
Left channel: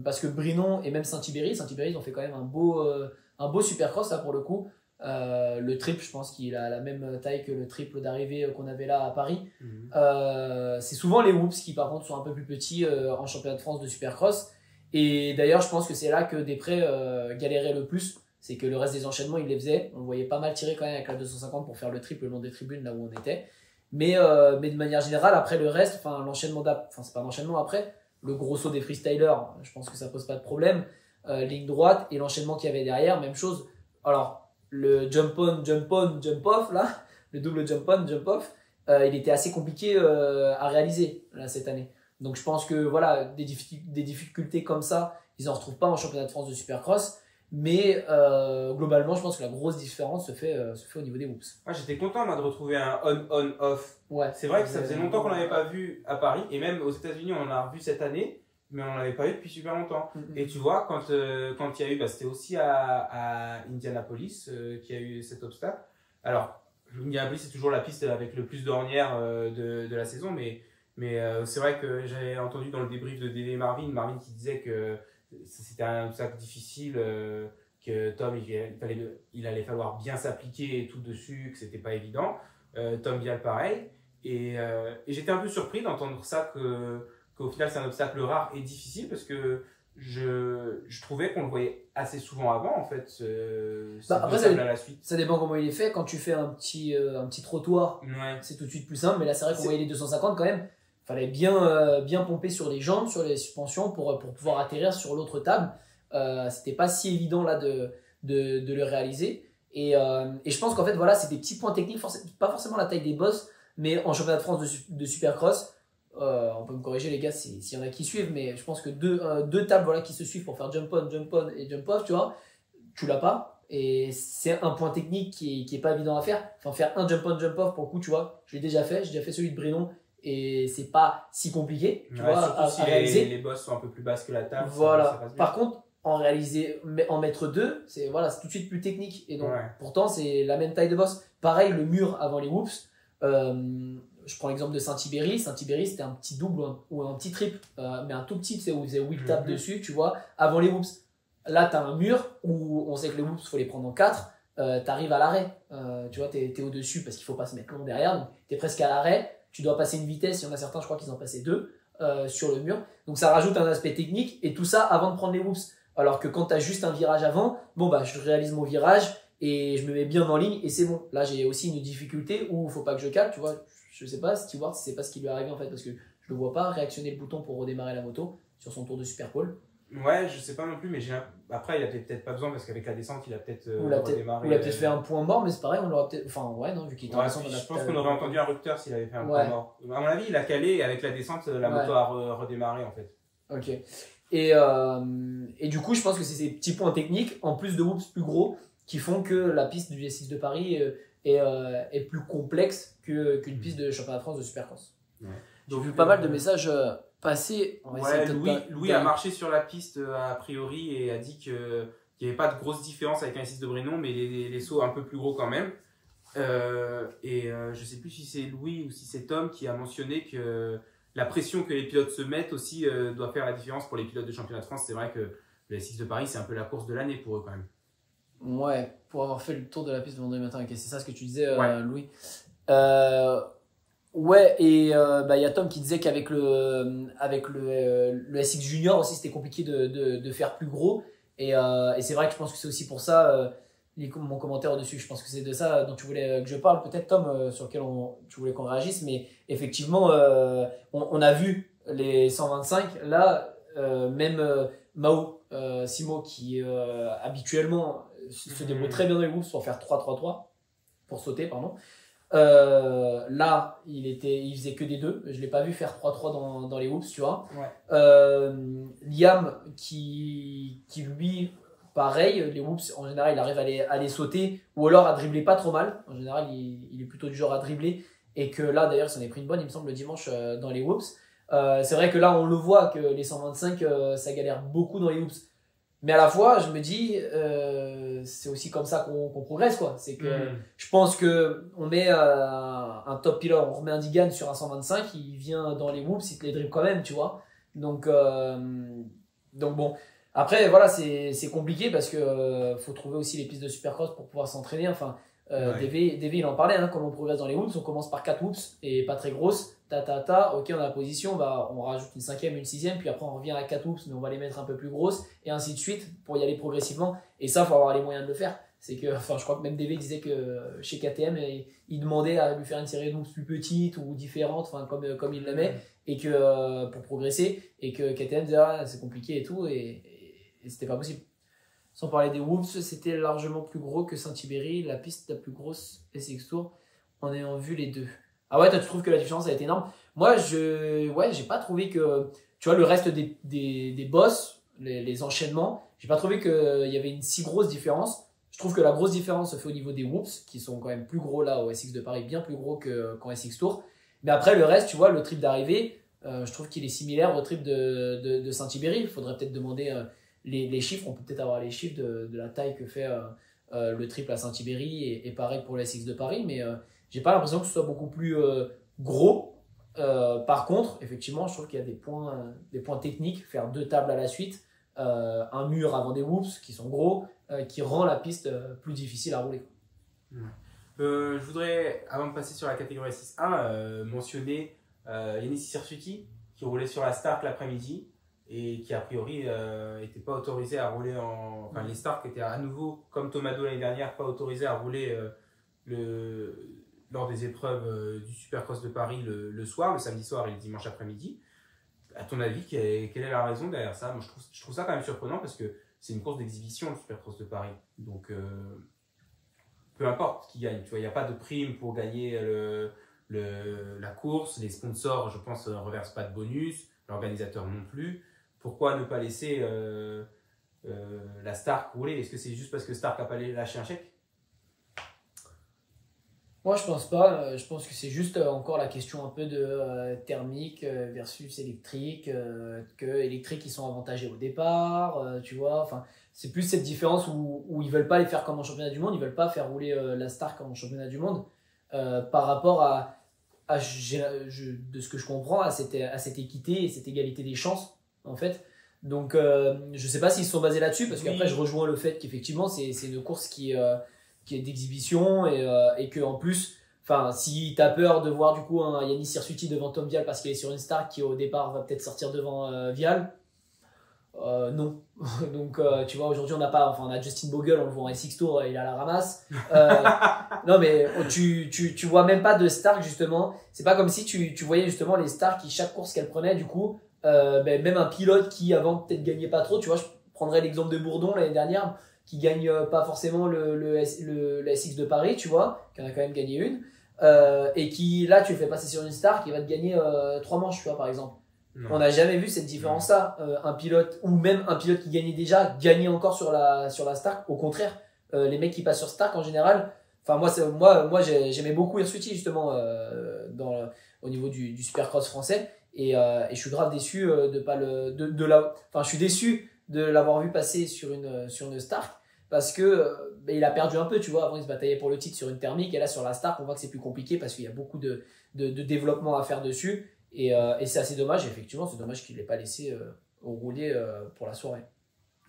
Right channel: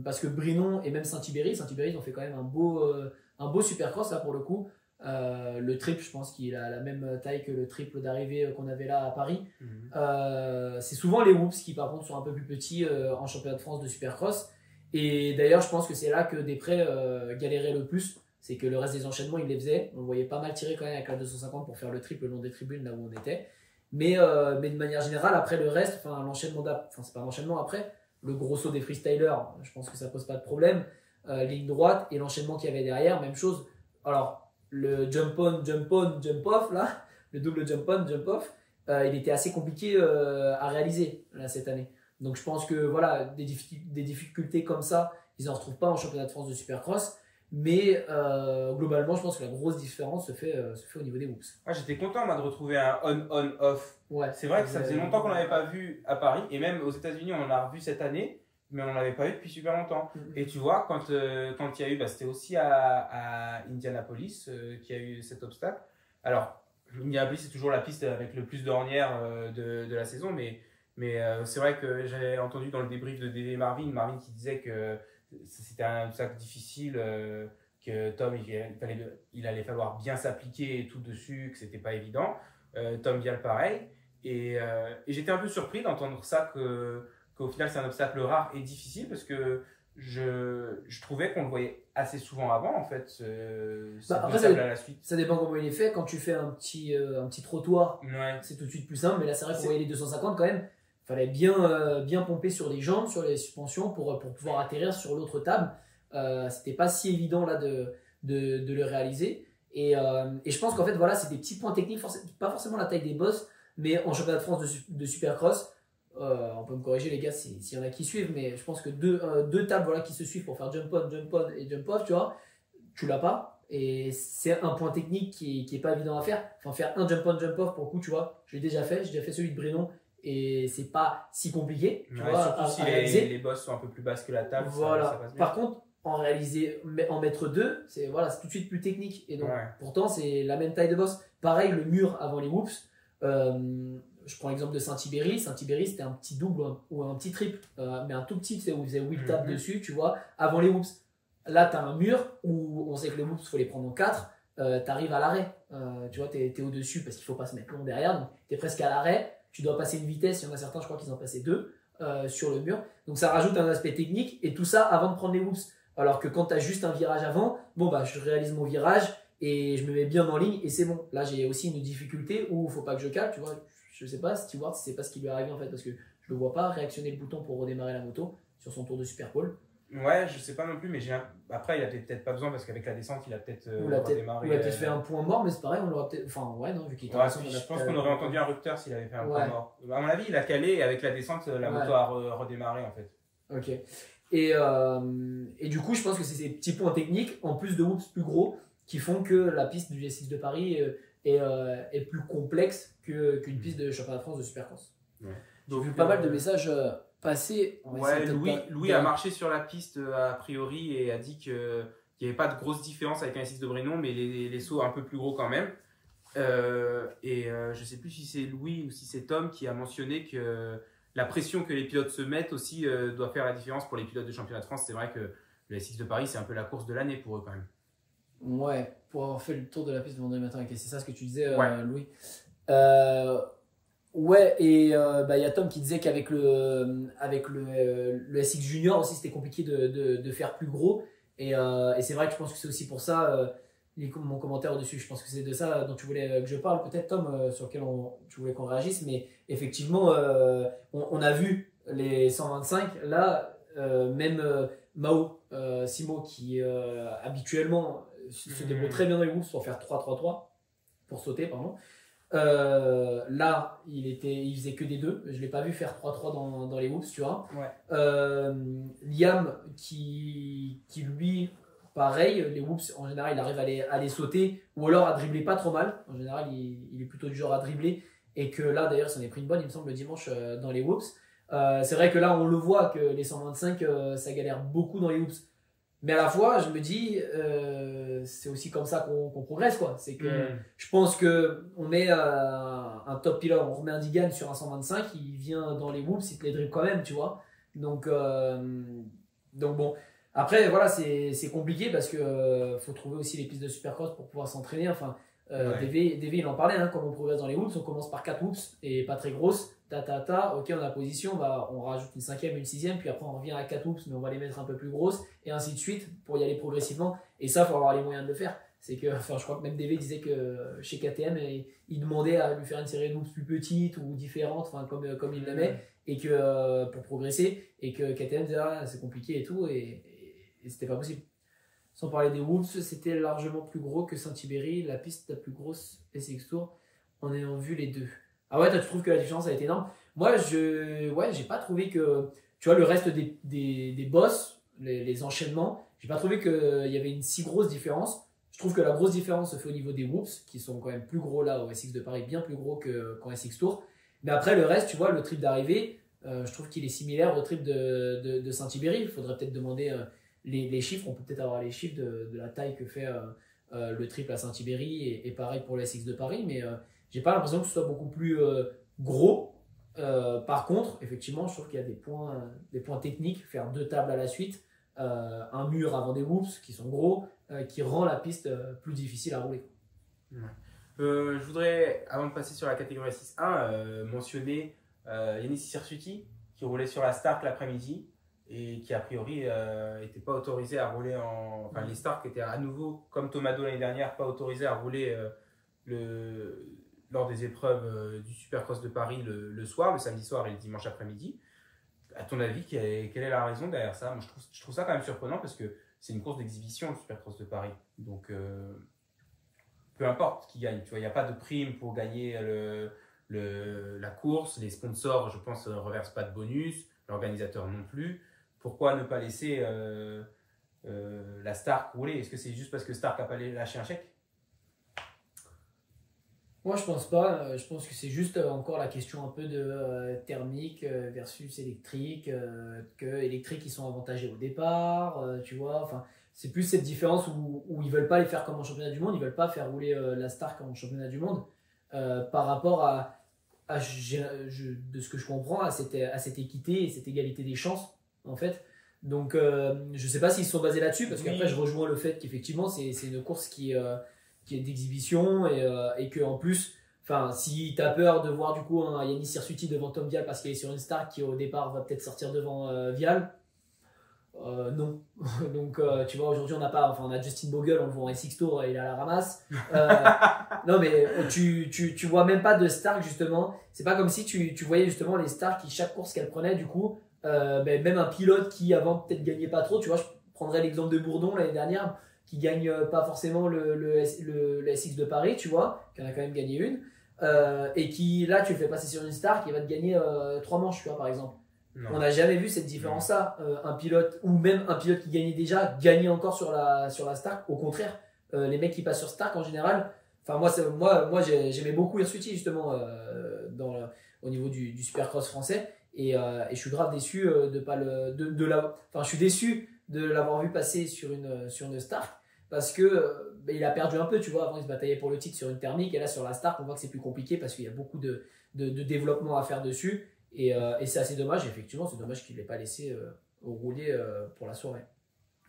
parce que Brinon et même Saint-Thibéry, ils ont fait quand même un beau supercross là pour le coup. Le triple, je pense qu'il a la même taille que le triple d'arrivée qu'on avait là à Paris. C'est souvent les whoops qui par contre sont un peu plus petits en championnat de France de supercross. Et d'ailleurs, je pense que c'est là que Després galérait le plus. C'est que le reste des enchaînements, il les faisait. On le voyait pas mal tirer quand même avec la 250 pour faire le triple le long des tribunes là où on était. Mais de manière générale, après le reste, l'enchaînement c'est pas l'enchaînement après, le gros saut des freestylers, je pense que ça pose pas de problème. Ligne droite et l'enchaînement qu'il y avait derrière, même chose. Alors, le jump on, jump off, là, le double jump on, jump off, il était assez compliqué à réaliser là, cette année. Donc je pense que voilà, des difficultés comme ça, ils n'en retrouvent pas en championnat de France de supercross. Mais globalement, je pense que la grosse différence se fait au niveau des whoops. Ah, j'étais content moi, de retrouver un on-on-off. Ouais, c'est vrai que ça faisait longtemps qu'on n'avait pas vu à Paris, et même aux États-Unis, on en a revu cette année, mais on n'en avait pas eu depuis super longtemps. Et tu vois, quand il y a eu, c'était aussi à Indianapolis qu'il y a eu cet obstacle. Alors, Indianapolis, c'est toujours la piste avec le plus d'ornières de la saison, mais c'est vrai que j'avais entendu dans le débrief de DV Marvin qui disait que c'était un obstacle difficile, que Tom, il allait falloir bien s'appliquer et tout dessus, que c'était pas évident. Tom Vial, pareil. Et j'étais un peu surpris d'entendre ça, qu'au final, c'est un obstacle rare et difficile, parce que je trouvais qu'on le voyait assez souvent avant, en fait, Après, à la suite. ça dépend comment il est fait. Quand tu fais un petit trottoir, Ouais. c'est tout de suite plus simple. Mais là, c'est vrai qu'on voyait les 250 quand même. Il fallait bien pomper sur les jambes, sur les suspensions pour pouvoir atterrir sur l'autre table. C'était pas si évident là de le réaliser. Et je pense qu'en fait, voilà, c'est des petits points techniques, pas forcément la taille des bosses, mais en championnat de France de Supercross, on peut me corriger les gars s'il y en a qui suivent, mais je pense que deux tables voilà, qui se suivent pour faire jump on et jump off, tu vois, tu l'as pas. Et c'est un point technique qui est pas évident à faire. Enfin, faire un jump on, jump off, pour le coup, tu vois, j'ai déjà fait celui de Brinon, et c'est pas si compliqué, tu vois, surtout si les bosses sont un peu plus basses que la table. Voilà. Ça passe bien. Par contre, en mettre deux, c'est tout de suite plus technique. Et donc, pourtant, c'est la même taille de boss. Pareil, le mur avant les whoops. Je prends l'exemple de Saint-Ibéry. Saint-Ibéry, c'était un petit double ou un petit triple, mais un tout petit, c'est où ils faisaient 8 tables dessus, tu vois, avant les whoops. Là, tu as un mur où on sait que les whoops, il faut les prendre en 4. Tu arrives à l'arrêt. Tu vois, tu es au-dessus parce qu'il ne faut pas se mettre long derrière. Donc, tu es presque à l'arrêt. Tu dois passer une vitesse. Il y en a certains, je crois qu'ils en passaient 2 sur le mur. Donc, ça rajoute un aspect technique. Et tout ça avant de prendre les whoops. Alors que quand tu as juste un virage avant, bon, bah, je réalise mon virage et je me mets bien en ligne et c'est bon. Là, j'ai aussi une difficulté où il ne faut pas que je cale. Tu vois, je ne sais pas, Stewart, c'est pas ce qui lui est arrivé en fait parce que je ne le vois pas réactionner le bouton pour redémarrer la moto sur son tour de Super Pole. Ouais, je sais pas non plus, mais après, il a peut-être pas besoin parce qu'avec la descente, il a peut-être redémarré. Ou il a peut-être fait un point mort, mais c'est pareil, on l'aurait peut-être. Enfin, ouais, non, vu qu'il était en descente, je pense qu'on aurait entendu un rupteur s'il avait fait un point mort. À mon avis, il a calé et avec la descente, la moto a redémarré en fait. Ok. Et du coup, je pense que c'est ces petits points techniques, en plus de whoops plus gros, qui font que la piste du S6 de Paris est plus complexe qu'une piste de championnat de France de Supercross. Ouais. J'ai vu pas mal de messages passer. Ouais, Louis a marché sur la piste a priori et a dit qu'il n'y avait pas de grosse différence avec un S6 de Brinon, mais les sauts un peu plus gros quand même. Je sais plus si c'est Louis ou si c'est Tom qui a mentionné que la pression que les pilotes se mettent aussi doit faire la différence pour les pilotes de championnat de France. C'est vrai que le S6 de Paris, c'est un peu la course de l'année pour eux quand même. Ouais, pour avoir fait le tour de la piste le vendredi matin, c'est ça ce que tu disais, Louis. Ouais, et y a Tom qui disait qu'avec le SX Junior aussi, c'était compliqué de faire plus gros. Et c'est vrai que je pense que c'est aussi pour ça, mon commentaire au-dessus, je pense que c'est de ça dont tu voulais que je parle, peut-être Tom, sur lequel tu voulais qu'on réagisse. Mais effectivement, on a vu les 125. Là, même Simo, qui habituellement se débrouille très bien dans les whoops pour faire 3-3-3, pour sauter, pardon. Là, il faisait que des 2. Je l'ai pas vu faire 3-3 dans les whoops, tu vois. Ouais. Liam, qui lui, pareil, les whoops, en général, il arrive à les sauter ou alors à dribbler pas trop mal. En général, il est plutôt du genre à dribbler. Et que là, d'ailleurs, ça en est pris une bonne, il me semble, le dimanche dans les whoops. C'est vrai que là, on le voit que les 125, ça galère beaucoup dans les whoops. Mais à la fois, je me dis, c'est aussi comme ça qu'on progresse, quoi. C'est que je pense qu'on met un top pilote, on remet un Digan sur un 125, il vient dans les whoops, il te les dribble quand même, tu vois. Donc bon. Après, voilà, c'est compliqué parce que faut trouver aussi les pistes de Supercross pour pouvoir s'entraîner. Enfin, DV, il en parlait, hein, comment on progresse dans les whoops. On commence par 4 whoops et pas très grosses. Ok, on a la position, on rajoute une 5e, une 6e, puis après on revient à 4 whoops, mais on va les mettre un peu plus grosses, et ainsi de suite, pour y aller progressivement. Et ça, il faut avoir les moyens de le faire. C'est que, je crois que même DV disait que chez KTM, il demandait à lui faire une série de whoops plus petite ou différente, comme il l'aimait, et que pour progresser, et que KTM disait c'est compliqué et tout, et c'était pas possible. Sans parler des whoops, c'était largement plus gros que Saint-Ibéry, la piste la plus grosse SX Tour, en ayant vu les deux. Ah ouais, toi tu trouves que la différence a été énorme? Moi, j'ai pas trouvé que, tu vois, le reste des boss, les enchaînements, j'ai pas trouvé qu'il y avait une si grosse différence. Je trouve que la grosse différence se fait au niveau des whoops, qui sont quand même plus gros là au SX de Paris, bien plus gros qu'en SX Tour. Mais après, le reste, tu vois, le trip d'arrivée, je trouve qu'il est similaire au trip de Saint-Ibéry. Il faudrait peut-être demander les chiffres. On peut peut-être avoir les chiffres de la taille que fait le triple à Saint-Ibéry et pareil pour le SX de Paris. Mais j'ai pas l'impression que ce soit beaucoup plus gros. Par contre, effectivement, je trouve qu'il y a des points techniques. Faire 2 tables à la suite, un mur avant des whoops qui sont gros, qui rend la piste plus difficile à rouler. Ouais. Je voudrais, avant de passer sur la catégorie 6.1, mentionner Yanis Sirsuti qui roulait sur la Stark l'après-midi et qui a priori n'était pas autorisé à rouler enfin les Stark étaient à nouveau, comme Tomado l'année dernière, pas autorisés à rouler lors des épreuves du Supercross de Paris le soir, le samedi soir et le dimanche après-midi. À ton avis, quelle est la raison derrière ça? Moi, je trouve ça quand même surprenant parce que c'est une course d'exhibition, le Supercross de Paris. Donc, peu importe qui gagne. Tu vois, il n'y a pas de prime pour gagner la course. Les sponsors, je pense, ne reversent pas de bonus. L'organisateur non plus. Pourquoi ne pas laisser la Stark rouler? Est-ce que c'est juste parce que Stark n'a pas lâché un chèque? Moi, je pense pas. Je pense que c'est juste encore la question un peu de thermique versus électrique. Que électrique, ils sont avantagés au départ. Tu vois, enfin, c'est plus cette différence où ils veulent pas les faire comme en championnat du monde. Ils veulent pas faire rouler la Stark en championnat du monde par rapport de ce que je comprends, à cette équité et cette égalité des chances, en fait. Donc, je sais pas s'ils se sont basés là-dessus, parce qu'après, je rejoins le fait qu'effectivement, c'est une course qui est d'exhibition et que en plus, enfin, si tu as peur de voir du coup un Yanis Sirsuti devant Tom Vial parce qu'il est sur une Stark qui au départ va peut-être sortir devant Vial, non. Donc tu vois, aujourd'hui on a Justin Bogle, on le voit en SX Tour, il a la ramasse. Non mais tu vois même pas de Stark justement. C'est pas comme si tu voyais justement les Stark qui chaque course qu'elle prenait du coup, même un pilote qui avant peut-être gagnait pas trop. Tu vois, je prendrais l'exemple de Bourdon l'année dernière, qui gagne pas forcément le SX de Paris, tu vois, qui en a quand même gagné une, et qui là tu le fais passer sur une Stark qui va te gagner 3 manches, tu vois, par exemple. Non. On n'a jamais vu cette différence-là. Un pilote, ou même un pilote qui gagnait déjà, gagner encore sur la Stark. Au contraire, les mecs qui passent sur Stark en général, enfin moi j'aimais beaucoup Hirsuti justement au niveau du Supercross français, et je suis grave déçu je suis déçu de l'avoir vu passer sur une Stark, parce que il a perdu un peu, tu vois. Avant il se bataillait pour le titre sur une thermique, et là sur la Stark on voit que c'est plus compliqué parce qu'il y a beaucoup de développement à faire dessus, et c'est assez dommage. Effectivement, c'est dommage qu'il ne l'ait pas laissé rouler pour la soirée.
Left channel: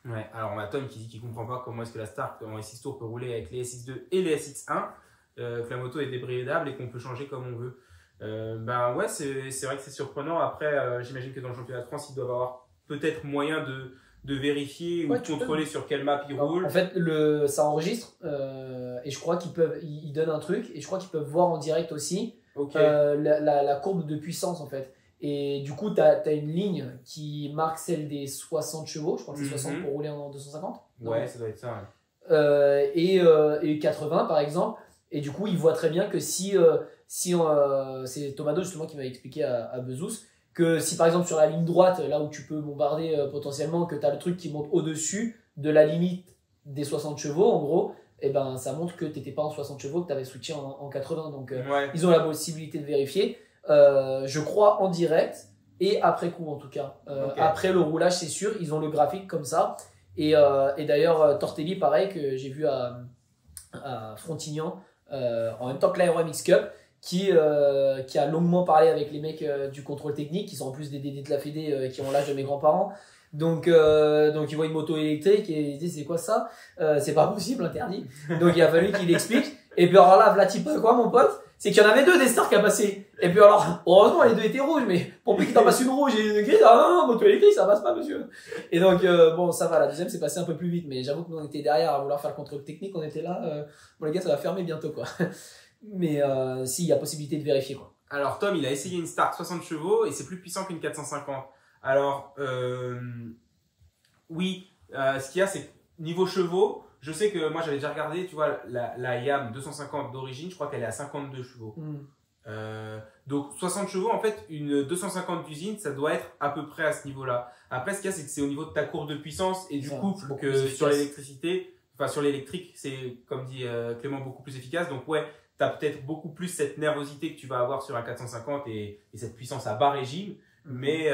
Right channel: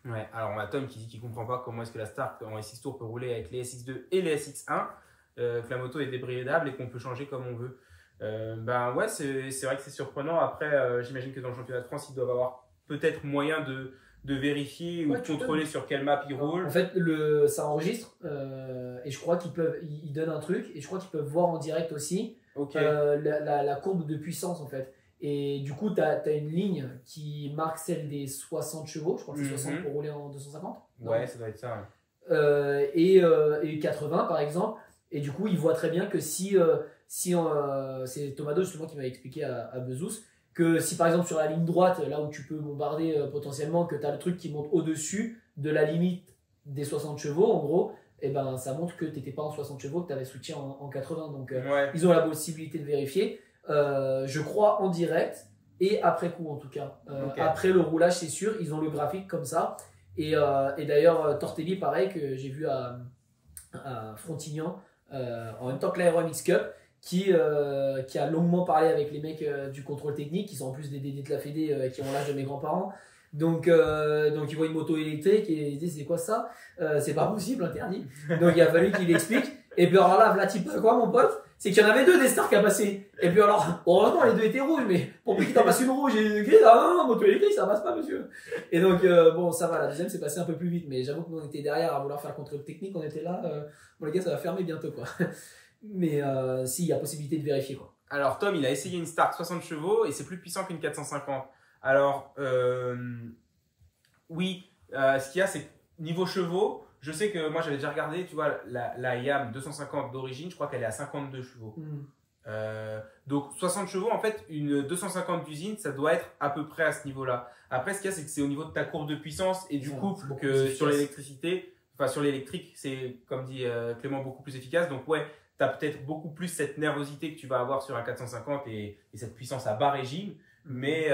Ouais, alors on a Tom qui dit qu'il ne comprend pas comment est-ce que la Stark en SX Tour peut rouler avec les SX2 et les SX1, que la moto est débridable et qu'on peut changer comme on veut. Ben ouais, c'est vrai que c'est surprenant. Après, j'imagine que dans le championnat de France, ils doivent avoir peut-être moyen de vérifier ou de contrôler sur quelle map ils roulent. En fait, ça enregistre, et je crois ils donnent un truc, et je crois qu'ils peuvent voir en direct aussi la courbe de puissance, en fait. Et du coup, tu as une ligne qui marque celle des 60 chevaux, je crois que c'est 60 pour rouler en 250. Ouais, ça doit être ça. Ouais. Et 80 par exemple. Et du coup, ils voient très bien que c'est Tomado justement qui m'a expliqué à Bezos, que si par exemple sur la ligne droite, là où tu peux bombarder potentiellement, que tu as le truc qui monte au-dessus de la limite des 60 chevaux, en gros, et ben, ça montre que tu n'étais pas en 60 chevaux, que tu avais switché en 80. Donc, ils ont la possibilité de vérifier. Je crois en direct et après coup, en tout cas. Après le roulage, c'est sûr, ils ont le graphique comme ça. Et d'ailleurs, Tortelli, pareil, que j'ai vu à Frontignan, en même temps que l'Aero MX Cup, qui a longuement parlé avec les mecs du contrôle technique, qui sont en plus des DD de la Fédé, qui ont l'âge de mes grands-parents. Donc ils voient une moto électrique et ils disent c'est quoi ça, c'est pas possible, interdit. Donc il a fallu qu'il explique. Et puis alors là, Vlati, quoi mon pote, c'est qu'il y en avait 2 des Stark à passer. Et puis alors, heureusement les 2 étaient rouges, mais pour plus qu'il t'en passe une rouge et une grise, ah non, moto électrique ça passe pas monsieur. Et donc bon, ça va, la deuxième c'est passé un peu plus vite, mais j'avoue que nous on était derrière à vouloir faire le contrôle technique, on était là, bon les gars ça va fermer bientôt quoi. Mais si, il y a possibilité de vérifier quoi. Alors Tom, il a essayé une Stark 60 chevaux et c'est plus puissant qu'une 450. Alors oui, ce qu'il y a, c'est niveau chevaux, je sais que moi j'avais déjà regardé, tu vois, la YAM 250 d'origine, je crois qu'elle est à 52 chevaux. Donc 60 chevaux, en fait, une 250 d'usine, ça doit être à peu près à ce niveau-là. Après, ce qu'il y a, c'est que c'est au niveau de ta courbe de puissance et du coup, que sur l'électricité, enfin sur l'électrique, c'est comme dit Clément, beaucoup plus efficace. Donc ouais, tu as peut-être beaucoup plus cette nervosité que tu vas avoir sur un 450 et cette puissance à bas régime. Mais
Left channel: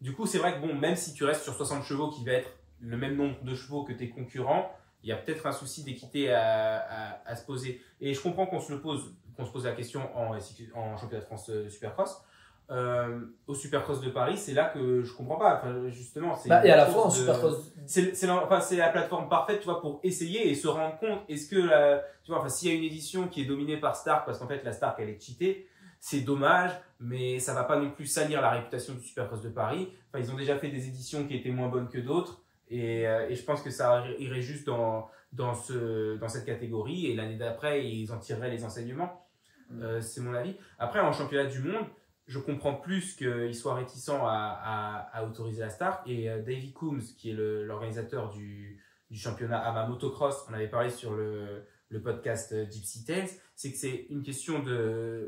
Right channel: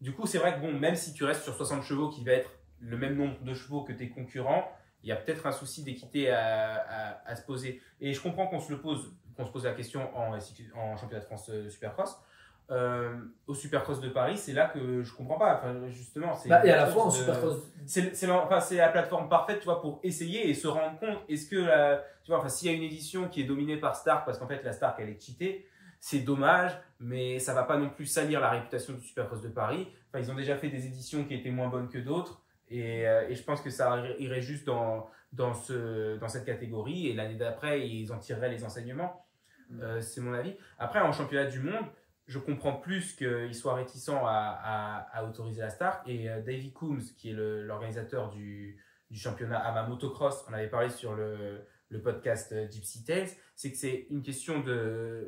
du coup, c'est vrai que bon, même si tu restes sur 60 chevaux qui va être le même nombre de chevaux que tes concurrents, il y a peut-être un souci d'équité à se poser. Et je comprends qu'on se pose la question en championnat de France Supercross. au Supercross de Paris, c'est là que je comprends pas. Enfin, justement, c'est et à la fois en Supercross. C'est la plateforme parfaite, tu vois, pour essayer et se rendre compte. Est-ce que tu vois, enfin, s'il y a une édition qui est dominée par Stark, parce qu'en fait la Stark elle est cheatée, c'est dommage, mais ça va pas non plus salir la réputation du Supercross de Paris. Enfin, ils ont déjà fait des éditions qui étaient moins bonnes que d'autres, et je pense que ça irait juste dans cette catégorie. Et l'année d'après, ils en tireraient les enseignements. C'est mon avis. Après, en championnat du monde, je comprends plus qu'ils soient réticents à autoriser la Stark. Et Davy Coombs, qui est l'organisateur du championnat AMA Motocross, on avait parlé sur le podcast Gypsy Tales, c'est que c'est une question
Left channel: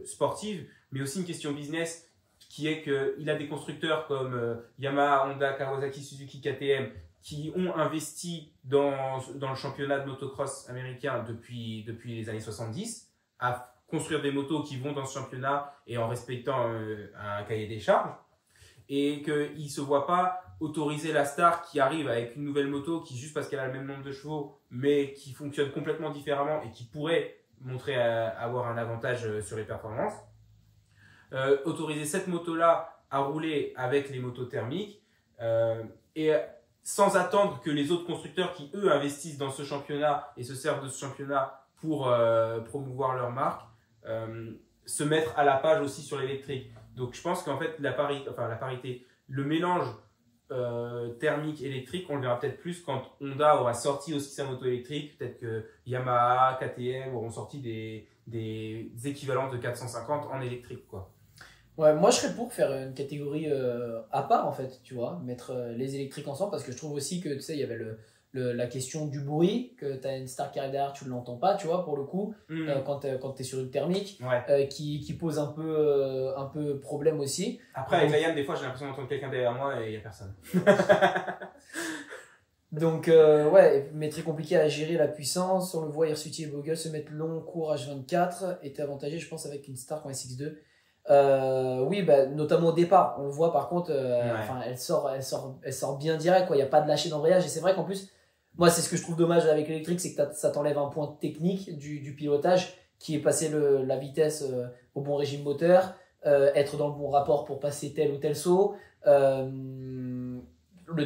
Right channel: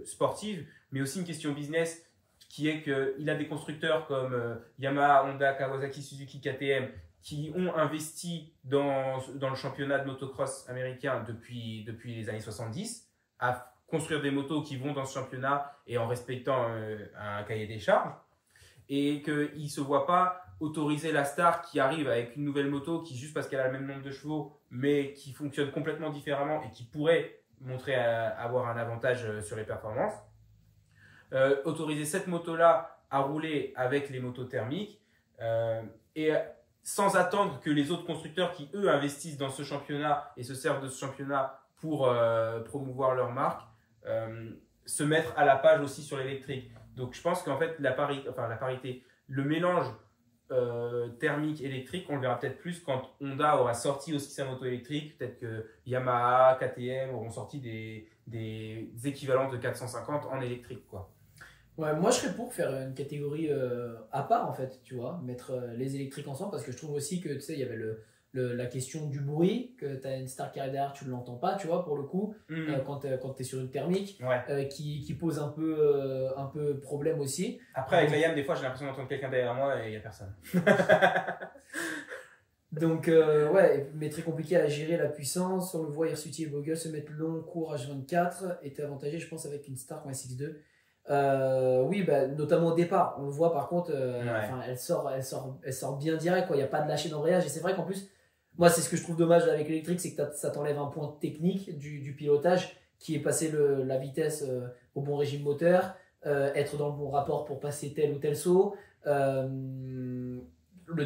sportive, mais aussi une question business, qui est qu'il a des constructeurs comme Yamaha, Honda, Kawasaki, Suzuki, KTM, qui ont investi dans le championnat de motocross américain depuis les années 70, à construire des motos qui vont dans ce championnat et en respectant un cahier des charges, et qu'ils ne se voient pas autoriser la Star qui arrive avec une nouvelle moto qui, juste parce qu'elle a le même nombre de chevaux, mais qui fonctionne complètement différemment et qui pourrait montrer avoir un avantage sur les performances, autoriser cette moto-là à rouler avec les motos thermiques et sans attendre que les autres constructeurs qui, eux, investissent dans ce championnat et se servent de ce championnat pour promouvoir leur marque, se mettre à la page aussi sur l'électrique. Donc je pense qu'en fait la parité, le mélange thermique électrique, on le verra peut-être plus quand Honda aura sorti aussi sa moto électrique. Peut-être que Yamaha, KTM auront sorti des équivalents de 450 en électrique, quoi. Ouais, moi je serais pour faire une catégorie à part en fait, tu vois, mettre les électriques ensemble, parce que je trouve aussi que tu sais, il y avait la question du bruit, que tu as une Star qui arrive derrière, tu ne l'entends pas, tu vois, pour le coup, quand tu es sur une thermique, qui pose un peu problème aussi. Après, avec la Yann, des fois, j'ai l'impression d'entendre quelqu'un derrière moi et il n'y a personne. Donc, ouais, mais très compliqué à gérer la puissance. On le voit, Hirsuti et Bogle se mettent long, court, H24, était avantagé, je pense, avec une Star en SX2. Oui, bah, notamment au départ, on le voit par contre, elle sort bien direct, quoi. Il n'y a pas de lâcher d'embrayage, et c'est vrai qu'en plus, moi c'est ce que je trouve dommage avec l'électrique, c'est que ça t'enlève un point technique du pilotage, qui est passer la vitesse au bon régime moteur, être dans le bon rapport pour passer tel ou tel saut, le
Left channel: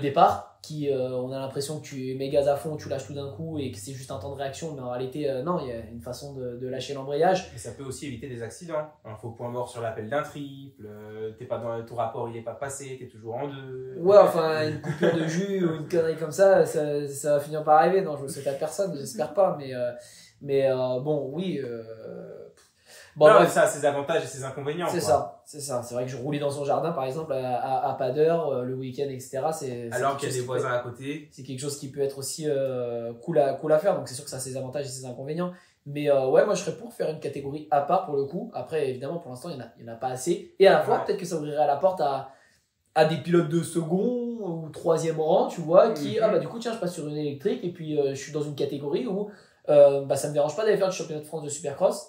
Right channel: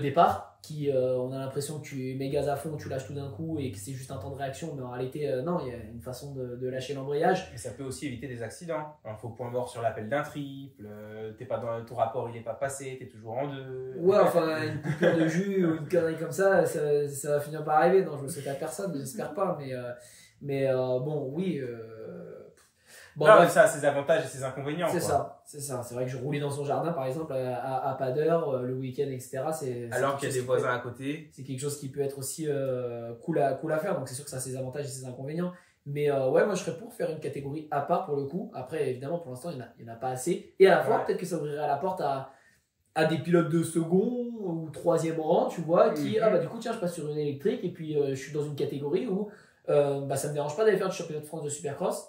départ qui on a l'impression que tu mets gaz à fond, tu lâches tout d'un coup et que c'est juste un temps de réaction, mais en réalité non, il y a une façon de lâcher l'embrayage. Et ça peut aussi éviter des accidents. Il faut point mort sur l'appel d'un triple, t'es pas dans ton rapport, il n'est pas passé, t'es toujours en deux. Ouais, enfin une coupure de jus ou une connerie comme ça va finir par arriver. Non, je le souhaite à personne, j'espère pas, mais bon, oui. Bon, non, ça a ses avantages et ses inconvénients. C'est ça. C'est vrai que je roulais dans son jardin, par exemple, à pas d'heure, le week-end, etc. Alors qu'il y a des voisins à côté. C'est quelque chose qui peut être aussi cool à faire. Donc c'est sûr que ça a ses avantages et ses inconvénients. Mais ouais, moi je serais pour faire une catégorie à part pour le coup. Après, évidemment, pour l'instant, il n'y en a pas assez. Et à la fois, peut-être que ça ouvrirait la porte à des pilotes de second ou troisième rang, tu vois, qui, bah du coup, tiens, je passe sur une électrique et puis je suis dans une catégorie où bah, ça me dérange pas d'aller faire du championnat de France de Supercross.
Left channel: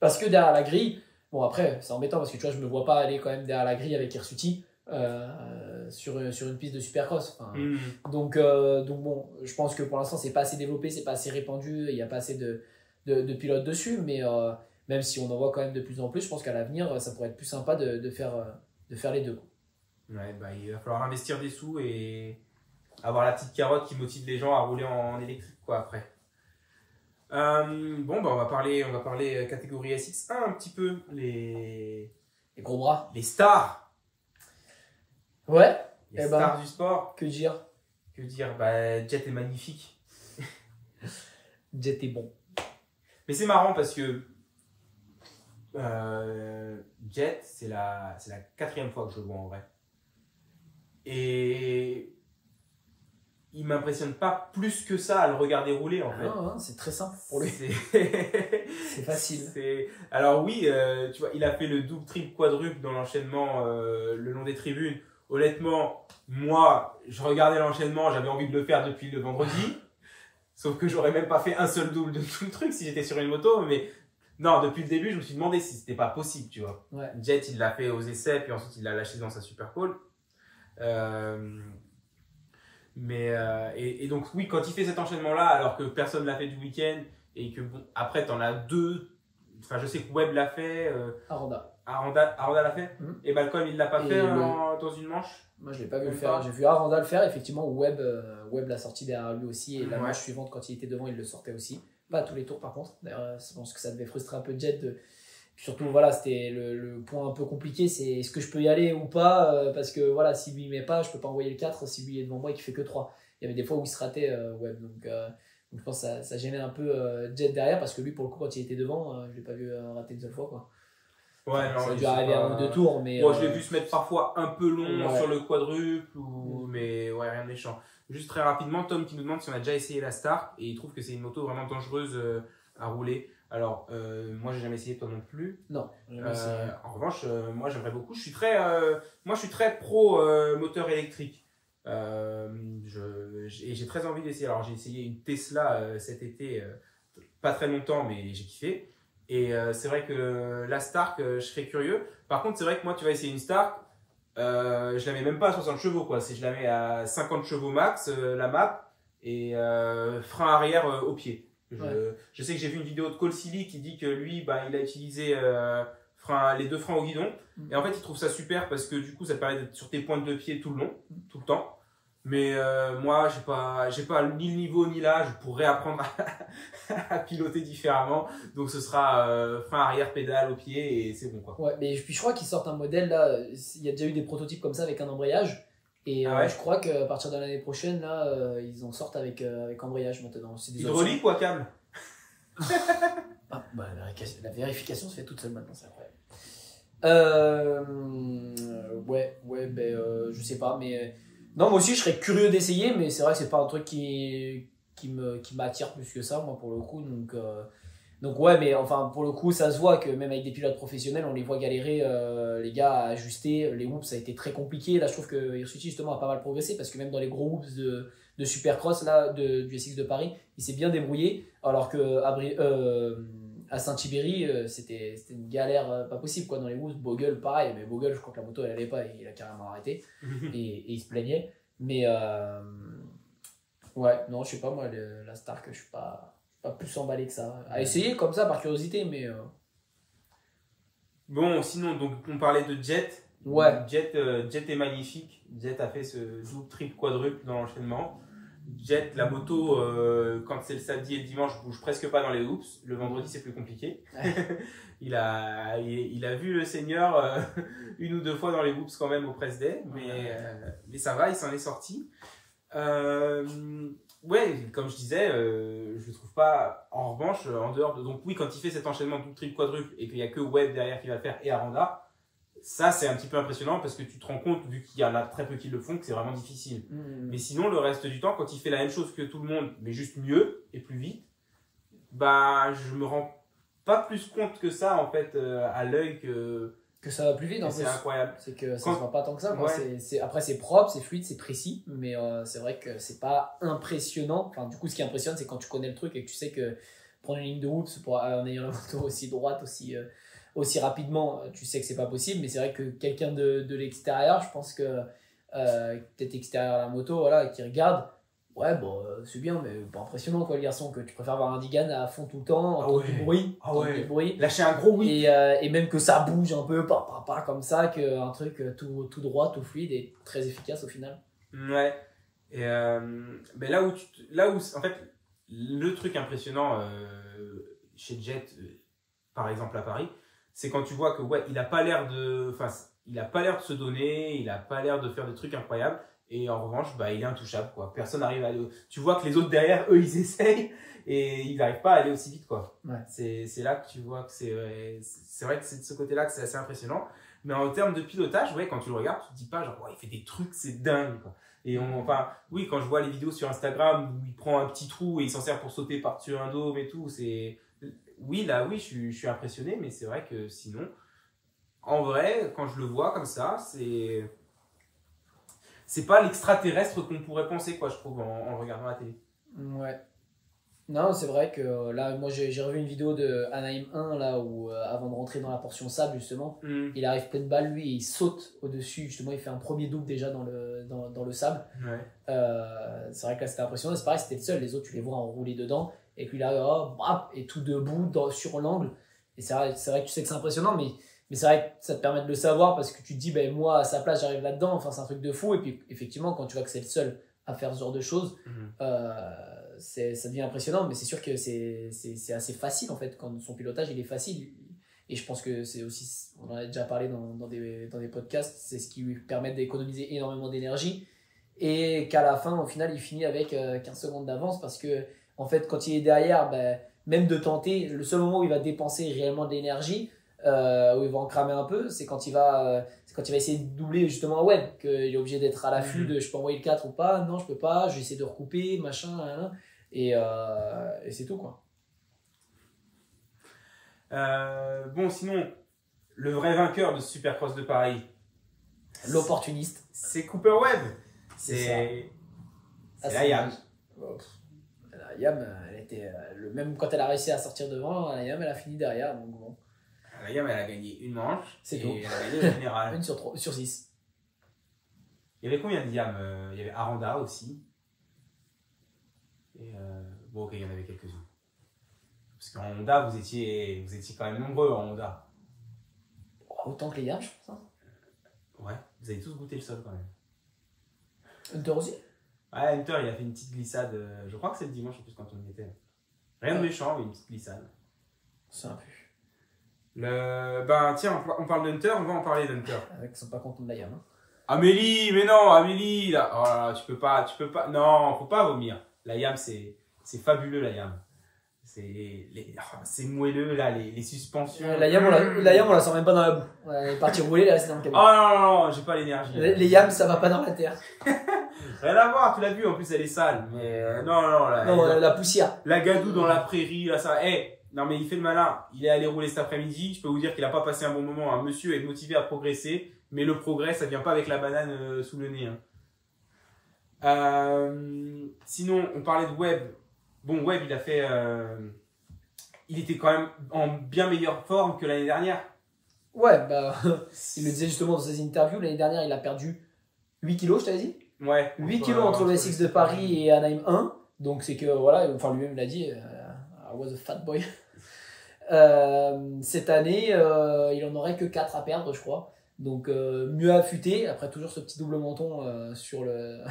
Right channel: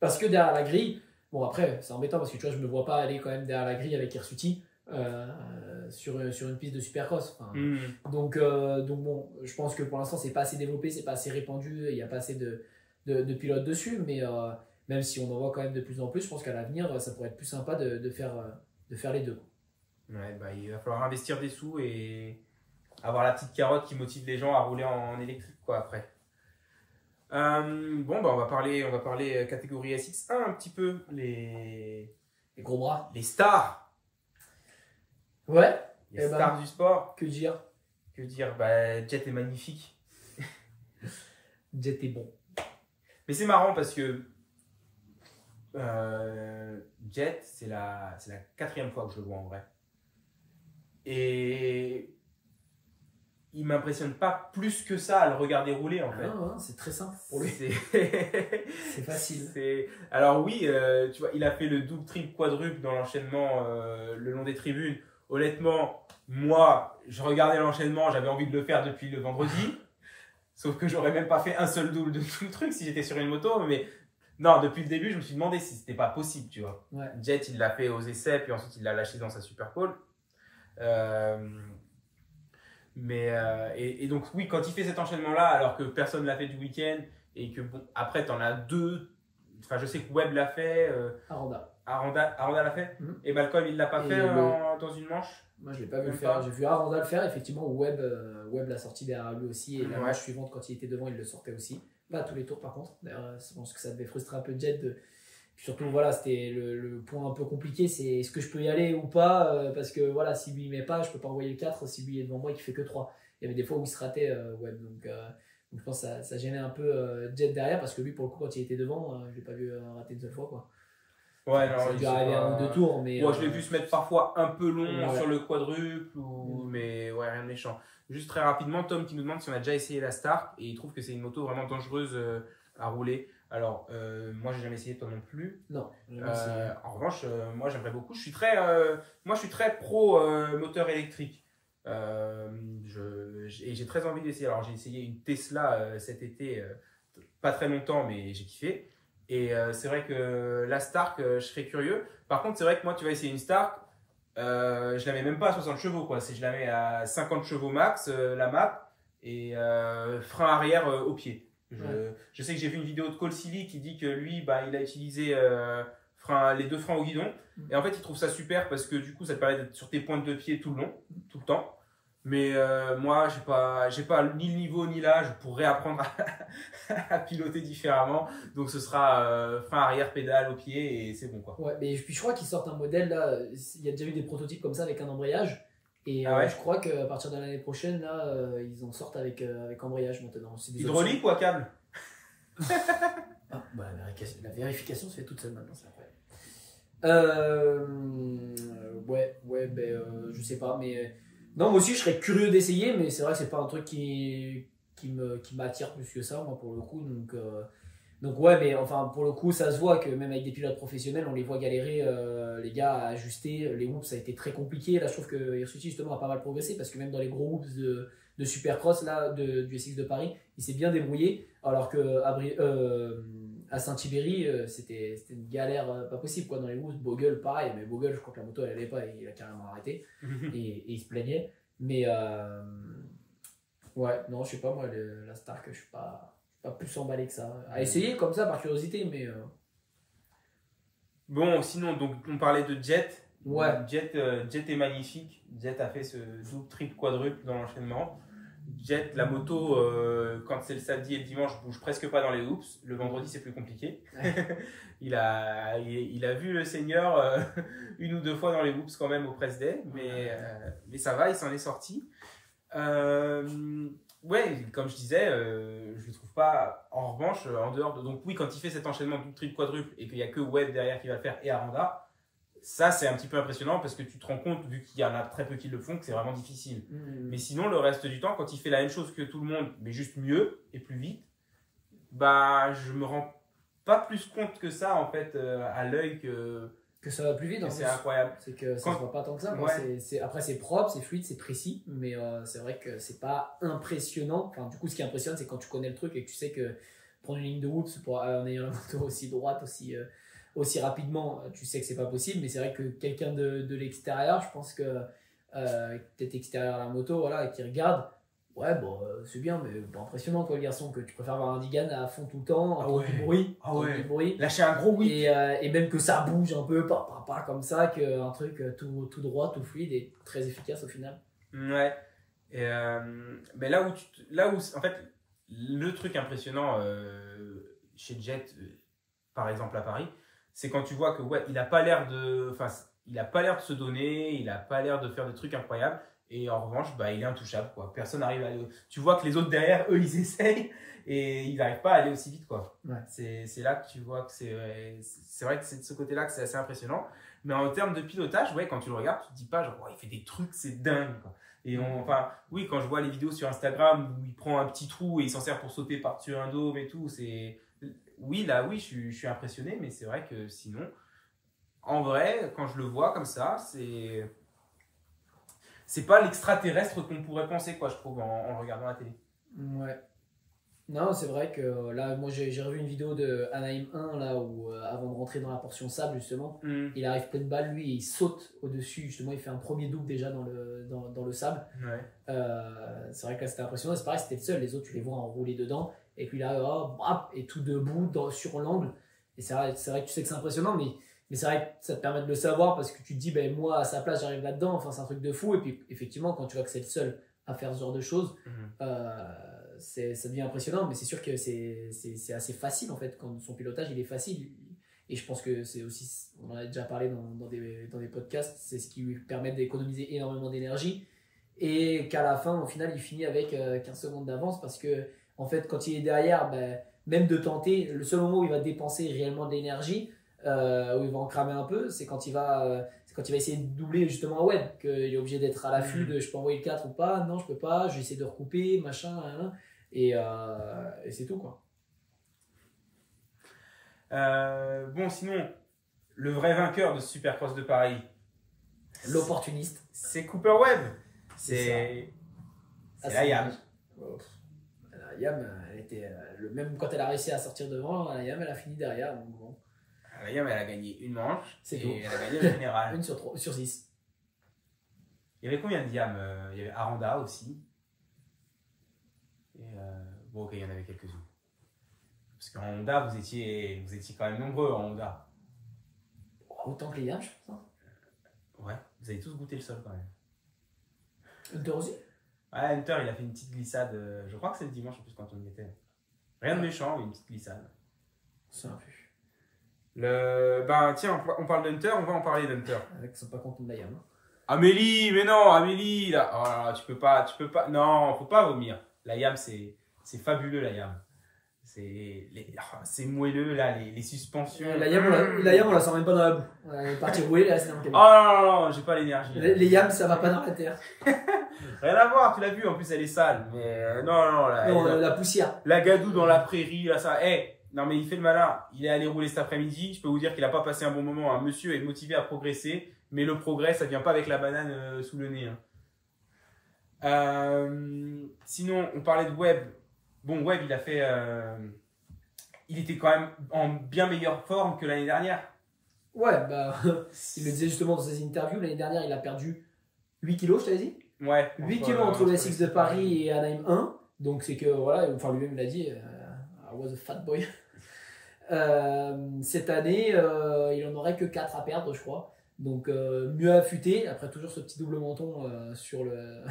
Parce que derrière la grille, bon après c'est embêtant parce que tu vois, je me vois pas aller quand même derrière la grille avec Hirsuti sur une piste de Supercross. Enfin, donc bon, je pense que pour l'instant c'est pas assez développé, c'est pas assez répandu, il y a pas assez de pilotes dessus, mais même si on en voit quand même de plus en plus, je pense qu'à l'avenir ça pourrait être plus sympa de faire les deux. Ouais, bah, il va falloir investir des sous et avoir la petite carotte qui motive les gens à rouler en électrique, quoi, après. Bon, bah on va parler catégorie SX1 un petit peu, les gros bras, les stars. Ouais. Les stars du sport. Que dire? Bah, Jet est magnifique. Jet est bon. Mais c'est marrant parce que Jet, c'est la 4e fois que je le vois en vrai. Et il m'impressionne pas plus que ça à le regarder rouler en fait. Non, c'est très simple pour lui. C'est facile. Alors oui, tu vois, il a fait le double, triple, quadruple dans l'enchaînement le long des tribunes. Honnêtement, moi, je regardais l'enchaînement, j'avais envie de le faire depuis le vendredi. Sauf que j'aurais même pas fait un seul double de tout le truc si j'étais sur une moto. Mais non, depuis le début, je me suis demandé si c'était pas possible, tu vois. Ouais. Jet, il l'a fait aux essais, puis ensuite il l'a lâché dans sa Super Pole. Et donc oui, quand il fait cet enchaînement là alors que personne l'a fait du week-end et que bon, après t'en as deux enfin, je sais que Webb l'a fait, Aranda l'a fait, et Malcolm il l'a pas fait dans une manche. Moi je l'ai pas vu le faire, j'ai vu Aranda le faire, effectivement Webb l'a sorti derrière lui aussi, et la manche suivante quand il était devant il le sortait aussi, pas à tous les tours par contre, d'ailleurs je pense que ça devait frustrer un peu Jet surtout voilà, c'était le point un peu compliqué, c'est est-ce que je peux y aller ou pas, parce que voilà, si lui il met pas je peux pas envoyer le 4 si lui est devant moi et qu'il fait que 3. Il y avait des fois où il se ratait Webb, donc je pense que ça gênait un peu Jet derrière, parce que lui pour le coup quand il était devant je l'ai pas vu rater une seule fois quoi. Ouais, non, ça a dû arriver à un ou deux tours, mais je l'ai vu se mettre parfois un peu long sur le quadruple, mais ouais, rien de méchant. Juste très rapidement, Tom qui nous demande si on a déjà essayé la Stark, et il trouve que c'est une moto vraiment dangereuse à rouler. Alors, moi j'ai jamais essayé, toi non plus. Non. En revanche, moi j'aimerais beaucoup. Je suis très pro moteur électrique. Et j'ai très envie d'essayer. Alors j'ai essayé une Tesla cet été, pas très longtemps, mais j'ai kiffé. Et c'est vrai que la Stark, je serais curieux. Par contre, c'est vrai que moi, tu vas essayer une Stark, je la mets même pas à 60 chevaux, quoi. Je la mais à 50 chevaux max, la map, et frein arrière au pied. Je sais que j'ai vu une vidéo de Cole Silly qui dit que lui, bah, il a utilisé les deux freins au guidon. Et en fait, il trouve ça super parce que du coup, ça te permet d'être sur tes pointes de pied tout le long, tout le temps. Mais moi, j'ai pas ni le niveau ni l'âge pour réapprendre à piloter différemment. Donc, ce sera frein arrière, pédale au pied et c'est bon, quoi. Ouais, mais puis je crois qu'ils sortent un modèle là. Il y a déjà eu des prototypes comme ça avec un embrayage. Et je crois qu'à partir de l'année prochaine, là, ils en sortent avec embrayage maintenant. C'est hydraulique ou à câble? La vérification se fait toute seule maintenant, c'est incroyable. Je sais pas, mais non, moi aussi je serais curieux d'essayer, mais c'est vrai que c'est pas un truc qui m'attire plus que ça, moi pour le coup. Donc ouais, mais enfin pour le coup, ça se voit que même avec des pilotes professionnels, on les voit galérer, les gars, à ajuster. Les whoops, ça a été très compliqué. Là, je trouve que Hirsuti justement a pas mal progressé parce que même dans les gros whoops de Supercross là, du SX de Paris, il s'est bien débrouillé. Alors que à Saint-Thibéry, c'était une galère pas possible quoi dans les whoops. Bogle, pareil, mais Bogle, je crois que la moto elle allait pas et il a carrément arrêté et il se plaignait. Mais ouais, non, je sais pas moi, la Stark, je suis pas plus emballé que ça. À essayer comme ça par curiosité, mais. Bon, sinon, donc on parlait de Jet. Ouais. Jet est magnifique. Jet a fait ce double, triple, quadruple dans l'enchaînement. Jet, la moto, quand c'est le samedi et le dimanche, bouge presque pas dans les hoops. Le vendredi, c'est plus compliqué. il a vu le Seigneur une ou deux fois dans les hoops quand même au press day, mais ça va, il s'en est sorti. Ouais, comme je disais, je le trouve pas. En revanche, en dehors de. Donc, oui, quand il fait cet enchaînement double, triple, quadruple et qu'il n'y a que Webb derrière qui va le faire et Aranda, ça c'est un petit peu impressionnant parce que tu te rends compte, vu qu'il y en a très peu qui le font, que c'est vraiment difficile. Mais sinon, le reste du temps, quand il fait la même chose que tout le monde, mais juste mieux et plus vite, bah, je me rends pas plus compte que ça en fait à l'œil que ça va plus vite. C'est incroyable. C'est que ça se voit pas tant que ça. Ouais. Après, c'est propre, c'est fluide, c'est précis, mais c'est vrai que c'est pas impressionnant. Enfin, du coup, ce qui impressionne, c'est quand tu connais le truc et que tu sais que prendre une ligne de whoops en ayant la moto aussi droite, aussi rapidement, tu sais que c'est pas possible. Mais c'est vrai que quelqu'un de l'extérieur, je pense que peut-être extérieur à la moto, voilà, qui regarde. Ouais, bon, c'est bien, mais pas impressionnant, quoi, le garçon, que tu préfères avoir un Digan à fond tout le temps, entendre du bruit. Lâcher un gros oui. Et même que ça bouge un peu, pas comme ça, qu'un truc tout droit, tout fluide et très efficace au final. Ouais. Et ben là où, en fait, le truc impressionnant chez Jet, par exemple à Paris, c'est quand tu vois que, ouais, il a pas l'air de se donner, il a pas l'air de faire des trucs incroyables. Et en revanche, bah, il est intouchable, quoi. Personne n'arrive à aller. Tu vois que les autres derrière, eux, ils essayent et ils n'arrivent pas à aller aussi vite, quoi. Ouais. C'est là que tu vois que c'est vrai que c'est de ce côté-là que c'est assez impressionnant. Mais en termes de pilotage, ouais, quand tu le regardes, tu te dis pas, genre, ouais, il fait des trucs, c'est dingue, quoi. Et oui, quand je vois les vidéos sur Instagram où il prend un petit trou et il s'en sert pour sauter par-dessus un dôme et tout, oui, je suis impressionné, mais c'est vrai que sinon, en vrai, quand je le vois comme ça, c'est pas l'extraterrestre qu'on pourrait penser, quoi, je trouve, en regardant la télé. Ouais. Non, c'est vrai que là, moi j'ai revu une vidéo de Anaheim 1, là, où avant de rentrer dans la portion sable, justement, il arrive pleine balle, lui, et il saute au-dessus, justement, il fait un premier double déjà dans le sable. Ouais. C'est vrai que là, c'était impressionnant, c'est pareil, c'était le seul, les autres, tu les vois enrouler dedans, et puis là, et tout debout sur l'angle. Et c'est vrai que tu sais que c'est impressionnant, mais c'est vrai que ça te permet de le savoir parce que tu te dis, ben, moi, à sa place, j'arrive là-dedans. Enfin, c'est un truc de fou. Et puis, effectivement, quand tu vois que c'est le seul à faire ce genre de choses, ça devient impressionnant. Mais c'est sûr que c'est assez facile, en fait. Quand son pilotage, il est facile. Et je pense que c'est aussi, on en a déjà parlé dans des podcasts, c'est ce qui lui permet d'économiser énormément d'énergie. Et qu'à la fin, au final, il finit avec 15 secondes d'avance parce que, en fait, quand il est derrière, ben, même de tenter, le seul moment où il va dépenser réellement de l'énergie, où il va en cramer un peu, c'est quand il va essayer de doubler justement un web, qu'il est obligé d'être à l'affût de je peux envoyer le 4 ou pas, non je peux pas, je vais essayer de recouper, machin, et c'est tout quoi. Bon, sinon, le vrai vainqueur de ce Supercross de Paris, L'opportuniste, c'est Cooper Webb. C'est la YAM. La YAM, elle était même quand elle a réussi à sortir devant, la YAM elle a fini derrière, donc bon. La YAM, elle a gagné une manche. C'est et tout. Elle a gagné le général. 1 sur 6. Il y avait combien de YAM? Il y avait Aranda aussi. Et bon, ok, il y en avait quelques-unes. Parce qu'en Honda, vous étiez quand même nombreux en Honda. Autant que les YAM, je pense. Hein. Ouais, vous avez tous goûté le sol quand même. Hunter aussi? Ouais, Hunter, il a fait une petite glissade. Je crois que c'est le dimanche en plus quand on y était. Rien de méchant, mais une petite glissade. C'est un peu. Ben tiens, on parle d'Hunter, on va en parler d'Hunter. Ils sont pas contents de la YAM. Hein. Amélie, mais non, Amélie, là, oh là là, tu peux pas, non, faut pas vomir. La YAM, c'est fabuleux, la YAM. C'est moelleux, là, les suspensions. La YAM, on la sent même pas dans la boue. Elle est partie rouler, là, c'est dans le cabine. Oh non, j'ai pas l'énergie. Les YAM, ça va pas dans la terre. Rien à voir, tu l'as vu, en plus, elle est sale. Mais non, la poussière. La gadoue dans la prairie, là, ça, non, mais il fait le malin. Il est allé rouler cet après-midi. Je peux vous dire qu'il n'a pas passé un bon moment. Un monsieur est motivé à progresser. Mais le progrès, ça ne vient pas avec la banane sous le nez. Hein. Sinon, on parlait de Webb. Bon, Webb, il a fait. Il était quand même en bien meilleure forme que l'année dernière. Ouais, bah, il le disait justement dans ses interviews. L'année dernière, il a perdu 8 kilos, je t'avais dit. Ouais. 8 kilos entre le SX de Paris et Anaheim 1. Donc, c'est que, voilà, enfin, lui-même l'a dit. I was a fat boy. Cette année, il en aurait que 4 à perdre, je crois. Donc, mieux affûté. Après, toujours ce petit double menton sur le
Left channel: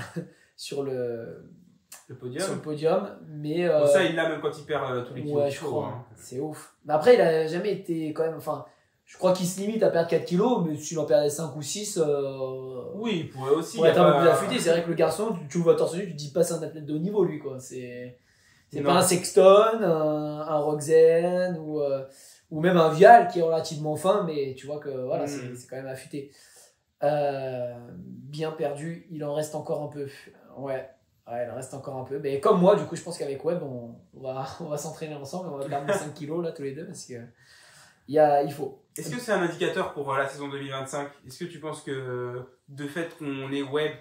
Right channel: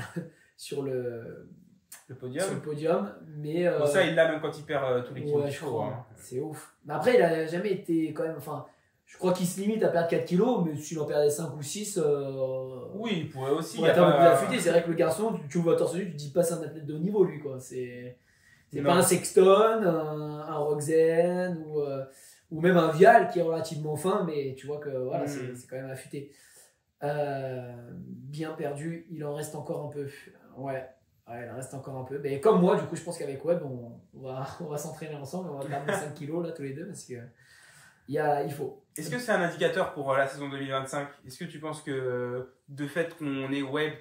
podium. Sur le podium. Mais, bon, ça, il l'a même quand il perd tous les kilos. Ouais, je crois. Hein. C'est ouf. Mais après, il a jamais été quand même. Enfin, je crois qu'il se limite à perdre 4 kilos, mais s'il en perdait 5 ou 6. Oui, il pourrait aussi. Il être un peu plus affûté. C'est vrai que le garçon, tu le vois torse nu, tu te dis pas c'est un athlète de haut niveau, lui, quoi. C'est pas un Sexton, un Roxen ou même un Vial qui est relativement fin, mais tu vois que voilà, c'est quand même affûté. Bien perdu, il en reste encore un peu. Ouais, il en reste encore un peu. Mais comme moi, du coup, je pense qu'avec Webb, on va s'entraîner ensemble, on va perdre 5 kilos là tous les deux parce que il faut. Est-ce que c'est un indicateur pour la saison 2025? Est-ce que tu penses que de fait qu'on ait Webb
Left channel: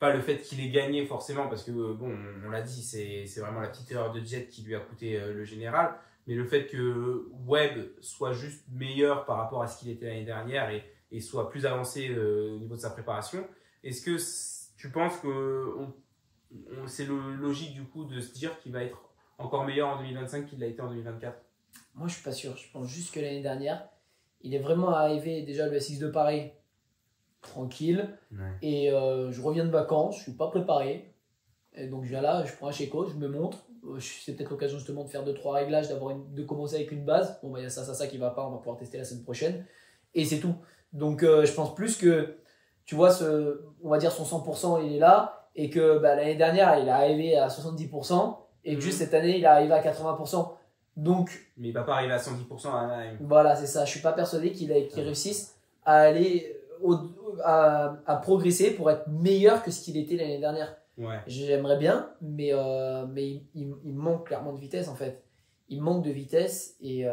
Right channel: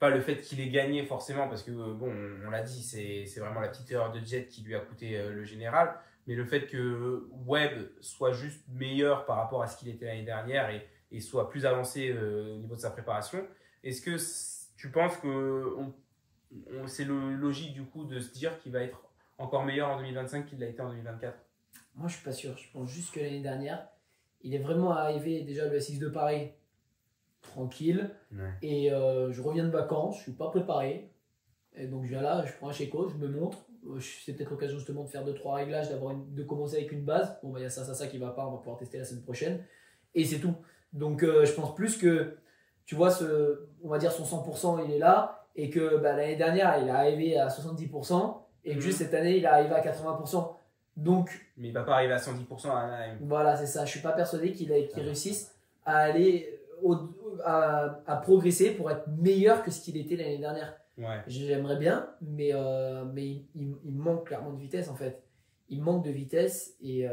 pas le fait qu'il ait gagné forcément, parce que bon, on l'a dit, c'est vraiment la petite erreur de Jet qui lui a coûté le général, mais le fait que Webb soit juste meilleur par rapport à ce qu'il était l'année dernière et soit plus avancé au niveau de sa préparation, est-ce que tu penses que c'est logique du coup de se dire qu'il va être encore meilleur en 2025 qu'il l'a été en 2024? Moi, je suis pas sûr. Je pense juste que l'année dernière, il est vraiment arrivé déjà le SX de Paris tranquille. Ouais. Et je reviens de vacances, je suis pas préparé. Et donc je viens là, je prends un chéco, je me montre. C'est peut-être l'occasion justement de faire 2-3 réglages, de commencer avec une base. Bon, bah, il y a ça qui va pas, on va pouvoir tester la semaine prochaine. Et c'est tout. Donc je pense plus que, tu vois, on va dire son 100%, il est là. Et que l'année dernière, il est arrivé à 70%. Et que juste cette année, il est arrivé à 80%. Donc, mais il va pas arriver à 110% à Anaheim. Voilà, c'est ça. Je suis pas persuadé qu'il réussisse à aller à progresser pour être meilleur que ce qu'il était l'année dernière. Ouais. J'aimerais bien, mais il manque clairement de vitesse en fait. Il manque de vitesse et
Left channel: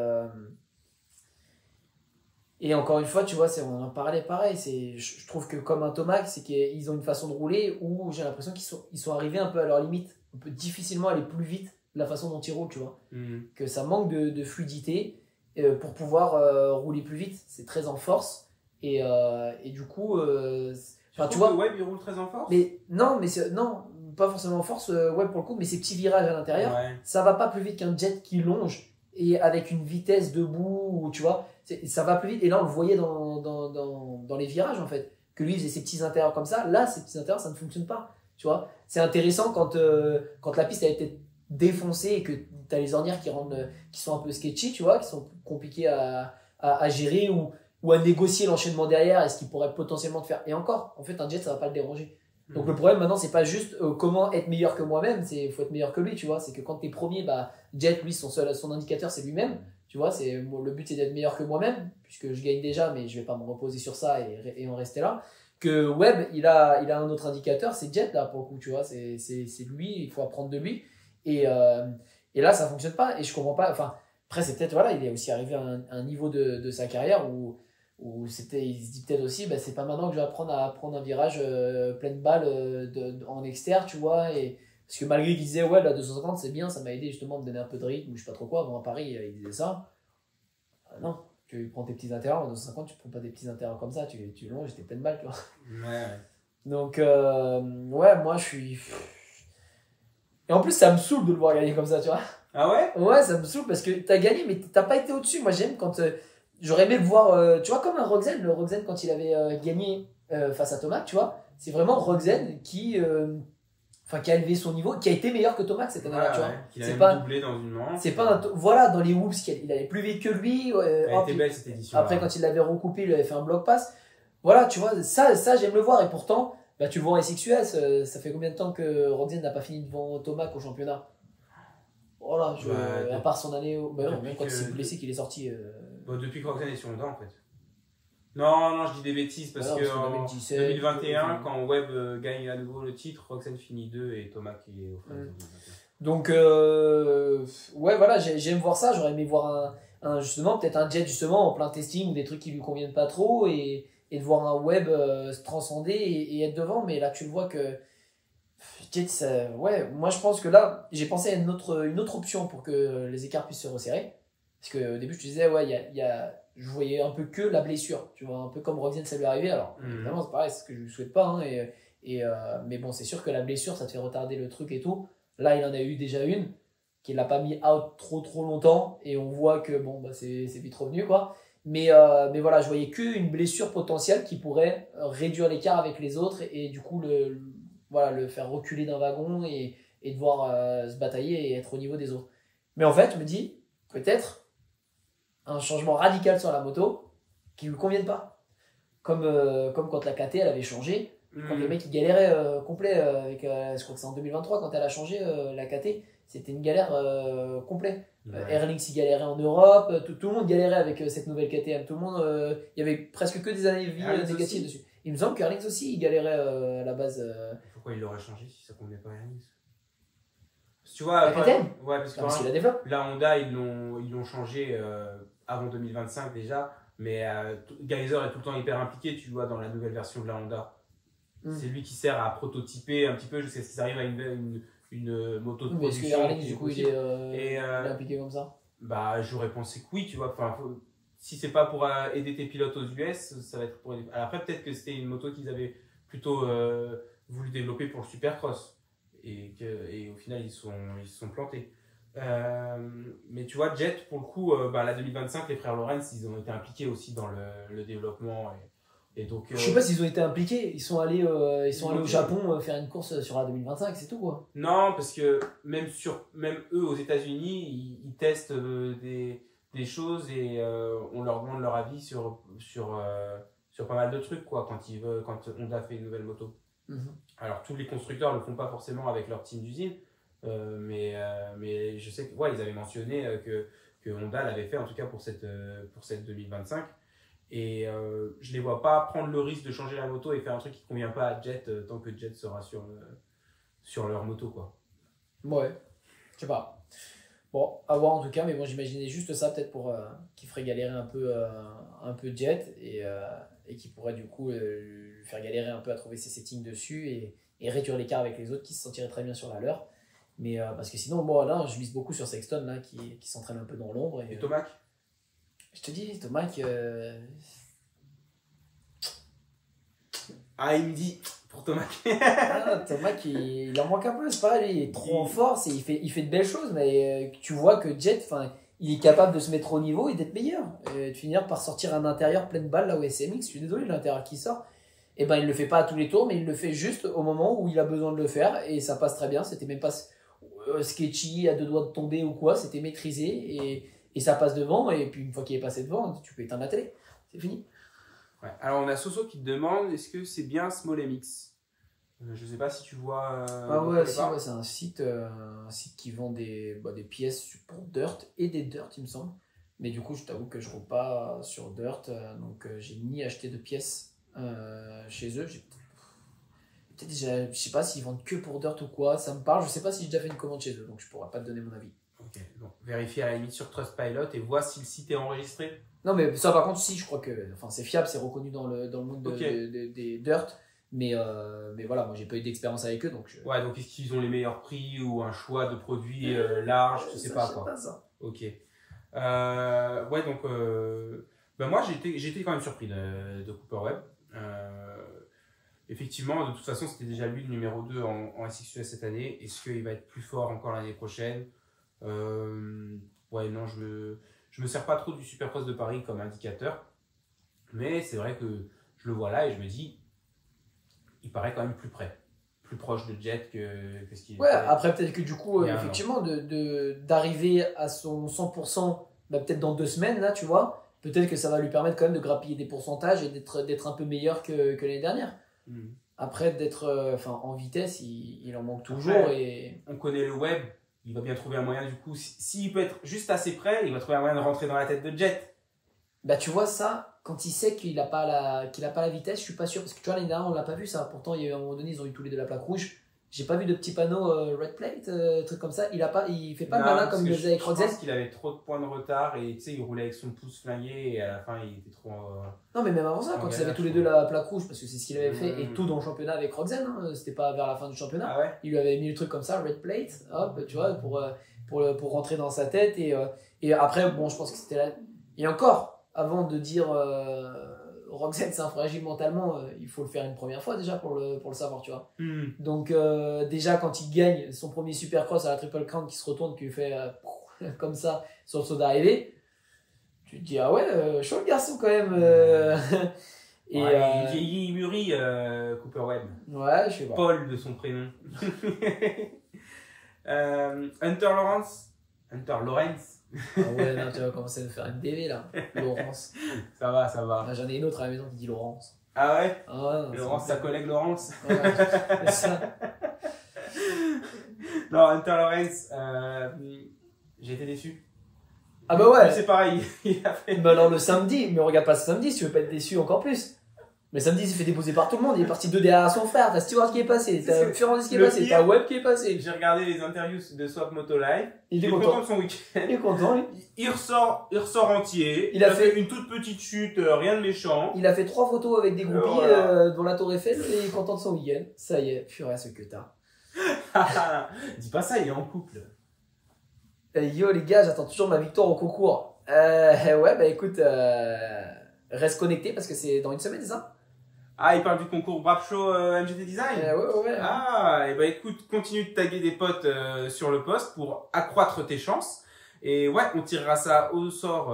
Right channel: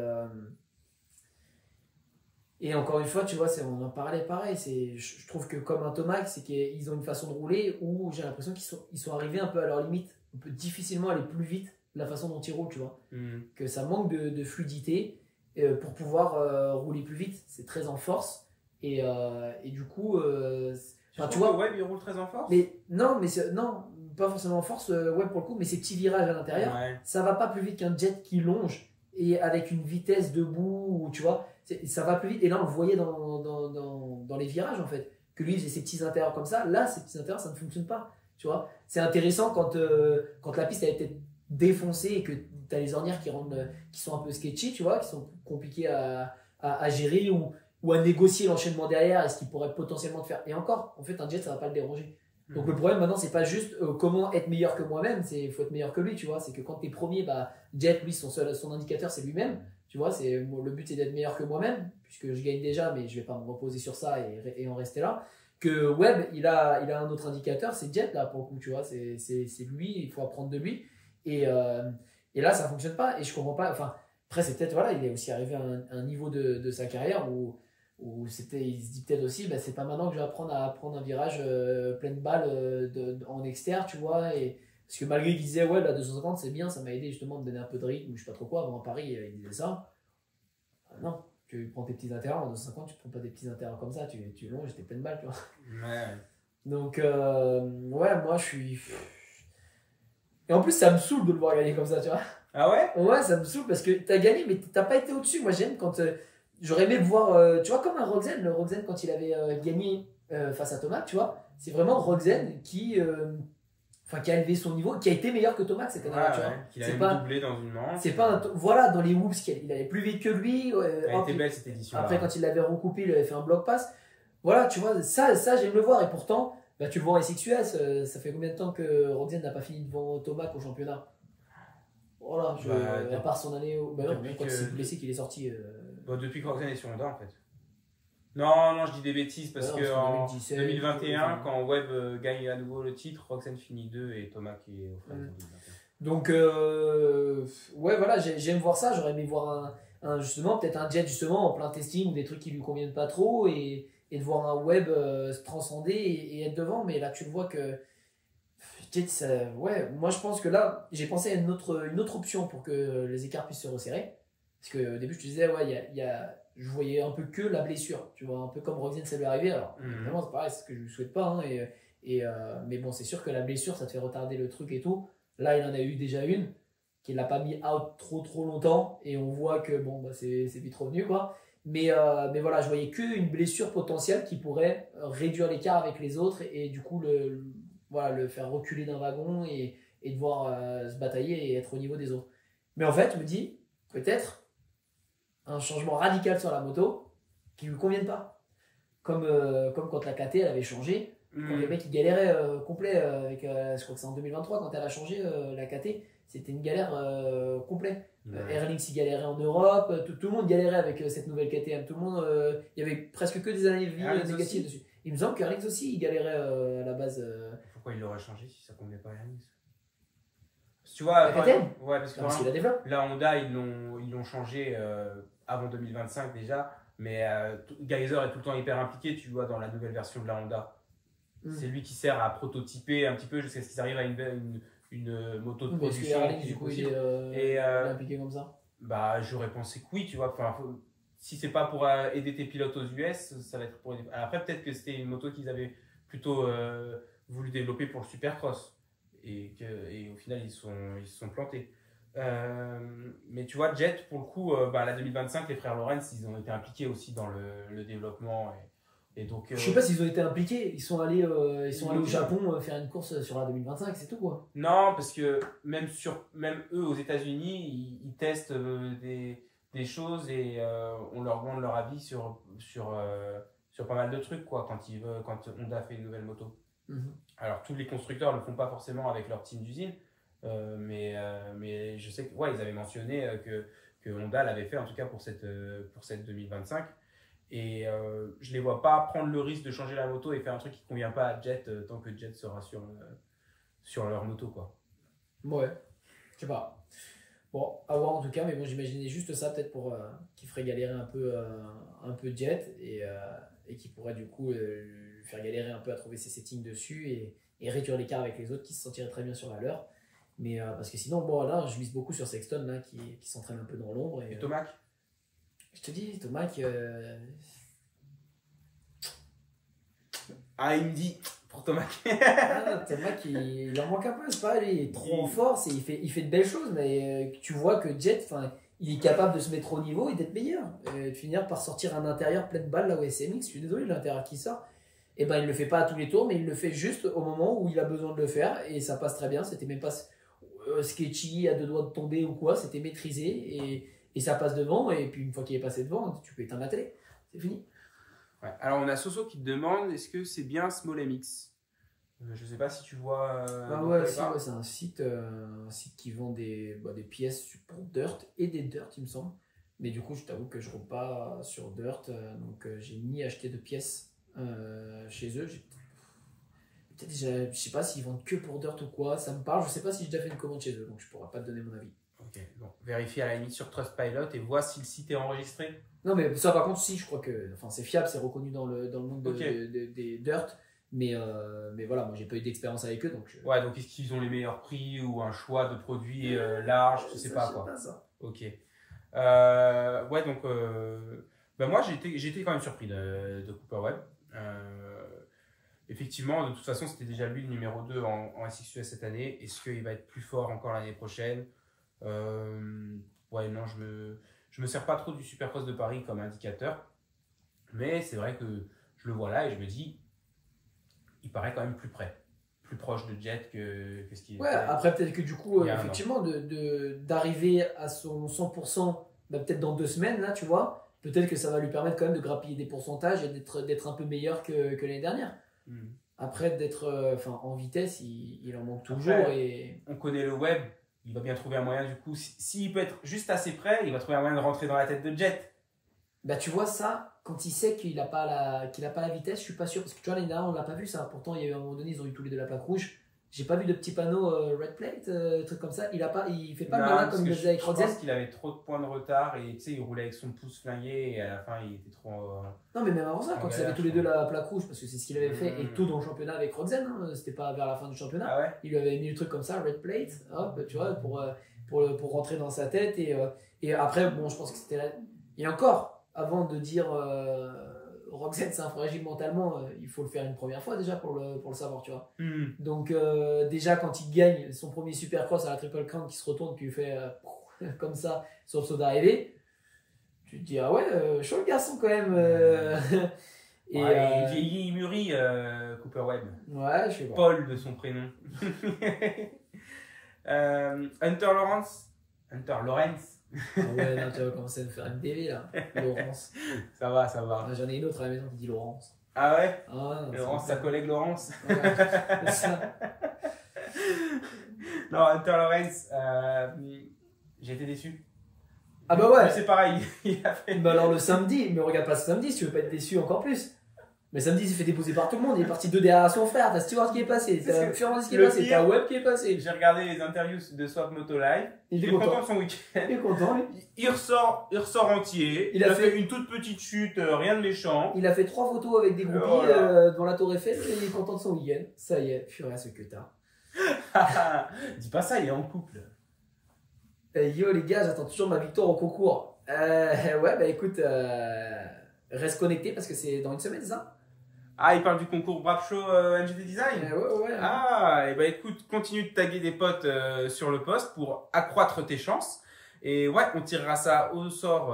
encore une fois, tu vois, on en parlait pareil. Je trouve que comme un Tomac, c'est qu'ils ont une façon de rouler où j'ai l'impression qu'ils sont arrivés un peu à leur limite. On peut difficilement aller plus vite de la façon dont ils roulent, tu vois. Que ça manque de fluidité pour pouvoir rouler plus vite. C'est très en force et du coup, tu vois, Webb il roule très en force. Mais non, pas forcément en force, Webb pour le coup, mais ces petits virages à l'intérieur, ça va pas plus vite qu'un Jet qui longe et avec une vitesse debout, où, tu vois, ça va plus vite. Et là, on le voyait dans les virages, en fait, que lui, il faisait ses petits intérieurs comme ça. Là, ces petits intérieurs, ça ne fonctionne pas. Tu vois, c'est intéressant quand la piste a été défoncée et que tu as les ornières qui sont un peu sketchy, tu vois, qui sont compliquées à gérer ou à négocier l'enchaînement derrière et ce qui pourrait potentiellement te faire. Et encore, en fait, un jet, ça va pas le déranger. Donc le problème maintenant, c'est pas juste comment être meilleur que moi-même, il faut être meilleur que lui, tu vois. C'est que quand tu es premier, Jet, lui, son indicateur, c'est lui-même. Tu vois, le but, c'est d'être meilleur que moi-même, puisque je gagne déjà, mais je vais pas me reposer sur ça et en rester là. Que Webb, il a un autre indicateur, c'est Jet, là, pour le coup, tu vois. C'est lui, il faut apprendre de lui. Et là, ça fonctionne pas. Et je comprends pas. Enfin, après, c'est peut-être, voilà, il est aussi arrivé à un niveau de sa carrière où il se dit peut-être aussi, c'est pas maintenant que je vais apprendre à prendre un virage pleine balle en externe, tu vois. Parce que malgré qu'il disait, ouais, la 250, c'est bien, ça m'a aidé justement à me donner un peu de rythme, ou je sais pas trop quoi. Avant à Paris, il disait ça. Non, tu prends tes petits intérieurs, en 250, tu prends pas des petits intérieurs comme ça, tu longes, j'étais pleine balle, tu vois. Ouais. Donc, ouais, moi, je suis. Et en plus, ça me saoule de le voir gagner comme ça, tu vois. Ah ouais? Ouais, ça me saoule parce que t'as gagné, mais t'as pas été au-dessus. Moi, j'aime quand. J'aurais aimé le voir, tu vois, comme un Rogzen. Le Rogzen, quand il avait gagné face à Tomac, tu vois, c'est vraiment Rogzen qui a élevé son niveau, qui a été meilleur que Tomac cette année-là, tu vois. Qu'il a même doublé dans une manche. C'est pas voilà, dans les whoops, il allait plus vite que lui. Elle était belle cette édition. Après, quand il l'avait recoupé, il avait fait un bloc pass. Voilà, tu vois, ça j'aime le voir. Et pourtant, tu le vois en SXUS, ça fait combien de temps que Rogzen n'a pas fini devant Tomac au championnat? Voilà, à part son année. Même quand il s'est blessé, qu'il est sorti. Depuis que Rogzen est sur Honda, en fait. Non, je dis des bêtises parce que en 2021, quand Webb gagne à nouveau le titre, Rogzen finit 2 et Tomac est au frère en 2021. Donc, ouais, voilà, j'aime voir ça. J'aurais aimé voir justement, peut-être un Jet justement en plein testing ou des trucs qui lui conviennent pas trop et de voir un Webb se transcender et être devant. Mais là, tu le vois que Jet, ouais, moi je pense que là, j'ai pensé à une autre option pour que les écarts puissent se resserrer. Parce qu'au début, je te disais, ouais, je voyais un peu que la blessure, tu vois, un peu comme Rogzen, ça lui est arrivé. Alors, évidemment, c'est pareil, c'est ce que je ne lui souhaite pas. Hein, mais bon, c'est sûr que la blessure, ça te fait retarder le truc et tout. Là, il en a eu déjà une qui ne l'a pas mis out trop longtemps. Et on voit que bon, c'est vite revenu, quoi. Mais voilà, je voyais qu'une blessure potentielle qui pourrait réduire l'écart avec les autres et du coup, le faire reculer d'un wagon et devoir se batailler et être au niveau des autres. Mais en fait, je me dis, peut-être un changement radical sur la moto qui lui convienne pas. Comme quand la KT elle avait changé, quand le mec il galérait complet avec, je crois que c'est en 2023 quand elle a changé la KT, c'était une galère complète. Erlings il galérait en Europe, tout le monde galérait avec cette nouvelle KTM, tout le monde, il y avait presque que des années négatives dessus. Il me semble qu'Erlings aussi il galérait à la base. Pourquoi il l'aurait changé si ça convenait pas à Erlings? Tu vois, ouais, parce qu'il la développe. La Honda, ils l'ont changé avant 2025 déjà, mais Geyser est tout le temps hyper impliqué, tu vois, dans la nouvelle version de la Honda. C'est lui qui sert à prototyper un petit peu jusqu'à ce qu'ils arrivent à une moto de production. Erlings, du coup, il est impliqué comme ça? J'aurais pensé que oui, tu vois. Si c'est pas pour aider tes pilotes aux US, ça va être pour aider. Alors après, peut-être que c'était une moto qu'ils avaient plutôt voulu développer pour le Supercross. Et au final ils se sont plantés. Mais tu vois, Jet pour le coup, la 2025, les frères Lorenz ils ont été impliqués aussi dans le développement et donc je sais pas s'ils ont été impliqués, ils sont allés au Japon faire une course sur la 2025, c'est tout quoi. Non, parce que même eux aux États-Unis ils testent des choses et on leur demande leur avis sur pas mal de trucs quoi quand Honda fait une nouvelle moto. Alors tous les constructeurs le font pas forcément avec leur team d'usine, mais je sais que ils avaient mentionné que Honda l'avait fait en tout cas pour cette 2025 et je les vois pas prendre le risque de changer la moto et faire un truc qui convient pas à Jet tant que Jet sera sur leur moto quoi. Ouais, je sais pas. Bon, à voir en tout cas, mais bon j'imaginais juste ça peut-être pour qui ferait galérer un peu Jet et qui pourrait du coup lui faire galérer un peu à trouver ses settings dessus et réduire l'écart avec les autres qui se sentiraient très bien sur la leur. Mais parce que sinon, bon, là, je mise beaucoup sur Sexton là, qui s'entraîne un peu dans l'ombre. Et Tomac je te dis, Tomac. Ah, il me dit pour Tomac. Tomac, il en manque un peu, c'est pareil, il est trop en force et il fait de belles choses, mais tu vois que Jet, il est capable de se mettre au niveau et d'être meilleur. Et de finir par sortir un intérieur plein de balles là où SMX, je suis désolé, l'intérieur qui sort. Et ben il le fait pas à tous les tours, mais il le fait juste au moment où il a besoin de le faire et ça passe très bien. C'était même pas sketchy, à deux doigts de tomber ou quoi, c'était maîtrisé et ça passe devant. Et puis une fois qu'il est passé devant, tu peux éteindre la télé. C'est fini. Ouais. Alors, on a Soso qui te demande est-ce que c'est bien Small MX. Je sais pas si tu vois. Ah ouais, si, ouais, c'est un site qui vend des pièces pour Dirt et des Dirt, il me semble. Mais du coup, je t'avoue que je roule pas sur Dirt, donc j'ai ni acheté de pièces chez eux. Peut-être déjà, je sais pas s'ils vendent que pour Dirt ou quoi. Ça me parle. Je sais pas si j'ai déjà fait une commande chez eux, donc je pourrais pas te donner mon avis. Ok, bon, vérifie à la limite sur Trustpilot et vois si le site est enregistré. Non, mais ça, par contre, si, je crois que, enfin, c'est fiable, c'est reconnu dans le monde Ok. des Dirt. Mais voilà, moi j'ai pas eu d'expérience avec eux, donc Ouais, donc est-ce qu'ils ont les meilleurs prix ou un choix de produits large, tu sais ça, pas je sais quoi. pas ça. Ok. Ouais, donc bah moi j'étais quand même surpris de Cooper Webb. Effectivement, de toute façon, c'était déjà lui le numéro 2 en SXUS cette année. Est-ce qu'il va être plus fort encore l'année prochaine? Ouais, non, je me sers pas trop du Supercross de Paris comme indicateur. Mais c'est vrai que je le vois là et je me dis, il paraît quand même plus près. Plus proche de Jet que ce qu'il Ouais, était. après peut-être que du coup, Il y a un an. effectivement, d'arriver à son 100%, bah, peut-être dans 2 semaines, là, tu vois, peut-être que ça va lui permettre quand même de grappiller des pourcentages et d'être un peu meilleur que l'année dernière. Mhm. Après, d'être en vitesse, il en manque toujours. Après, Et on connaît le web, il va bien trouver un moyen du coup. S'il peut être juste assez près, il va trouver un moyen de rentrer dans la tête de Jet. bah, tu vois, ça, quand il sait qu'il a pas la vitesse, je suis pas sûr. Parce que tu vois, l'année dernière, on l'a pas vu ça. Pourtant, il y a eu un moment donné, ils ont eu tous les deux la plaque rouge. J'ai pas vu de petits panneaux red plate, truc comme ça. Il fait pas le Non, malin parce comme il que le faisait avec je Roxel. pense qu'il avait trop de points de retard et tu sais, il roulait avec son pouce flingué et à la fin, il était trop. Non, mais même avant ça, En quand ils galère, avaient tous je les deux crois. la plaque rouge, parce que c'est ce qu'il avait fait, et tout dans le championnat avec Roxen, hein, c'était pas vers la fin du championnat, Ah ouais? il lui avait mis le truc comme ça, red plate, hop, tu vois, pour rentrer dans sa tête, et après, bon, je pense que c'était là. Et encore, avant de dire Roxen c'est un fragile mentalement, il faut le faire une première fois déjà pour le savoir, tu vois. Mhm. Donc, déjà, quand il gagne son premier supercross à la Triple Crown qui se retourne, qui lui fait comme ça sur le saut d'arrivée, tu te dis, ah ouais, chaud le garçon quand même. Et Ouais, il vieillit, il mûrit, Cooper Webb. ouais, je sais pas. Paul de son prénom. Hunter Lawrence. Hunter Lawrence. Ah ouais, non, tu vas commencer à me faire une DV là. Laurence. Ça va, ça va. Ah, j'en ai une autre à la maison qui dit Laurence. Ah ouais? Ah ouais, non, Laurence, sa collègue Laurence. Ouais, c'est ça. Non, Hunter Lawrence, j'ai été déçu. Ah bah ouais. Lui, c'est pareil. Il a fait. Mais alors le samedi, mais regarde pas ce samedi si tu veux pas être déçu encore plus. Mais samedi, il s'est fait déposer par tout le monde. Il est parti 2 derrière son frère. T'as Stewart qui est passé. T'as Furandis qui est Le passé. pire, T'as Webb qui est passé. J'ai regardé les interviews de Swap Moto Live. Il est content content. de son week-end. Il est content, lui. Il ressort entier. Il Il a a fait- fait une toute petite chute, rien de méchant. Il a fait 3 photos avec des groupies Voilà. devant la Tour Eiffel et il est content de son week-end. Ça y est, purée, ce que t'as. Dis pas ça, il est en couple. Yo les gars, j'attends toujours ma victoire au concours. Ouais, bah écoute, reste connecté parce que c'est dans une semaine, c'est ça? Ah, il parle du concours Brap Show MGT Design. Ouais. Ah, et bah écoute, continue de taguer des potes sur le post pour accroître tes chances. Et ouais, on tirera ça au sort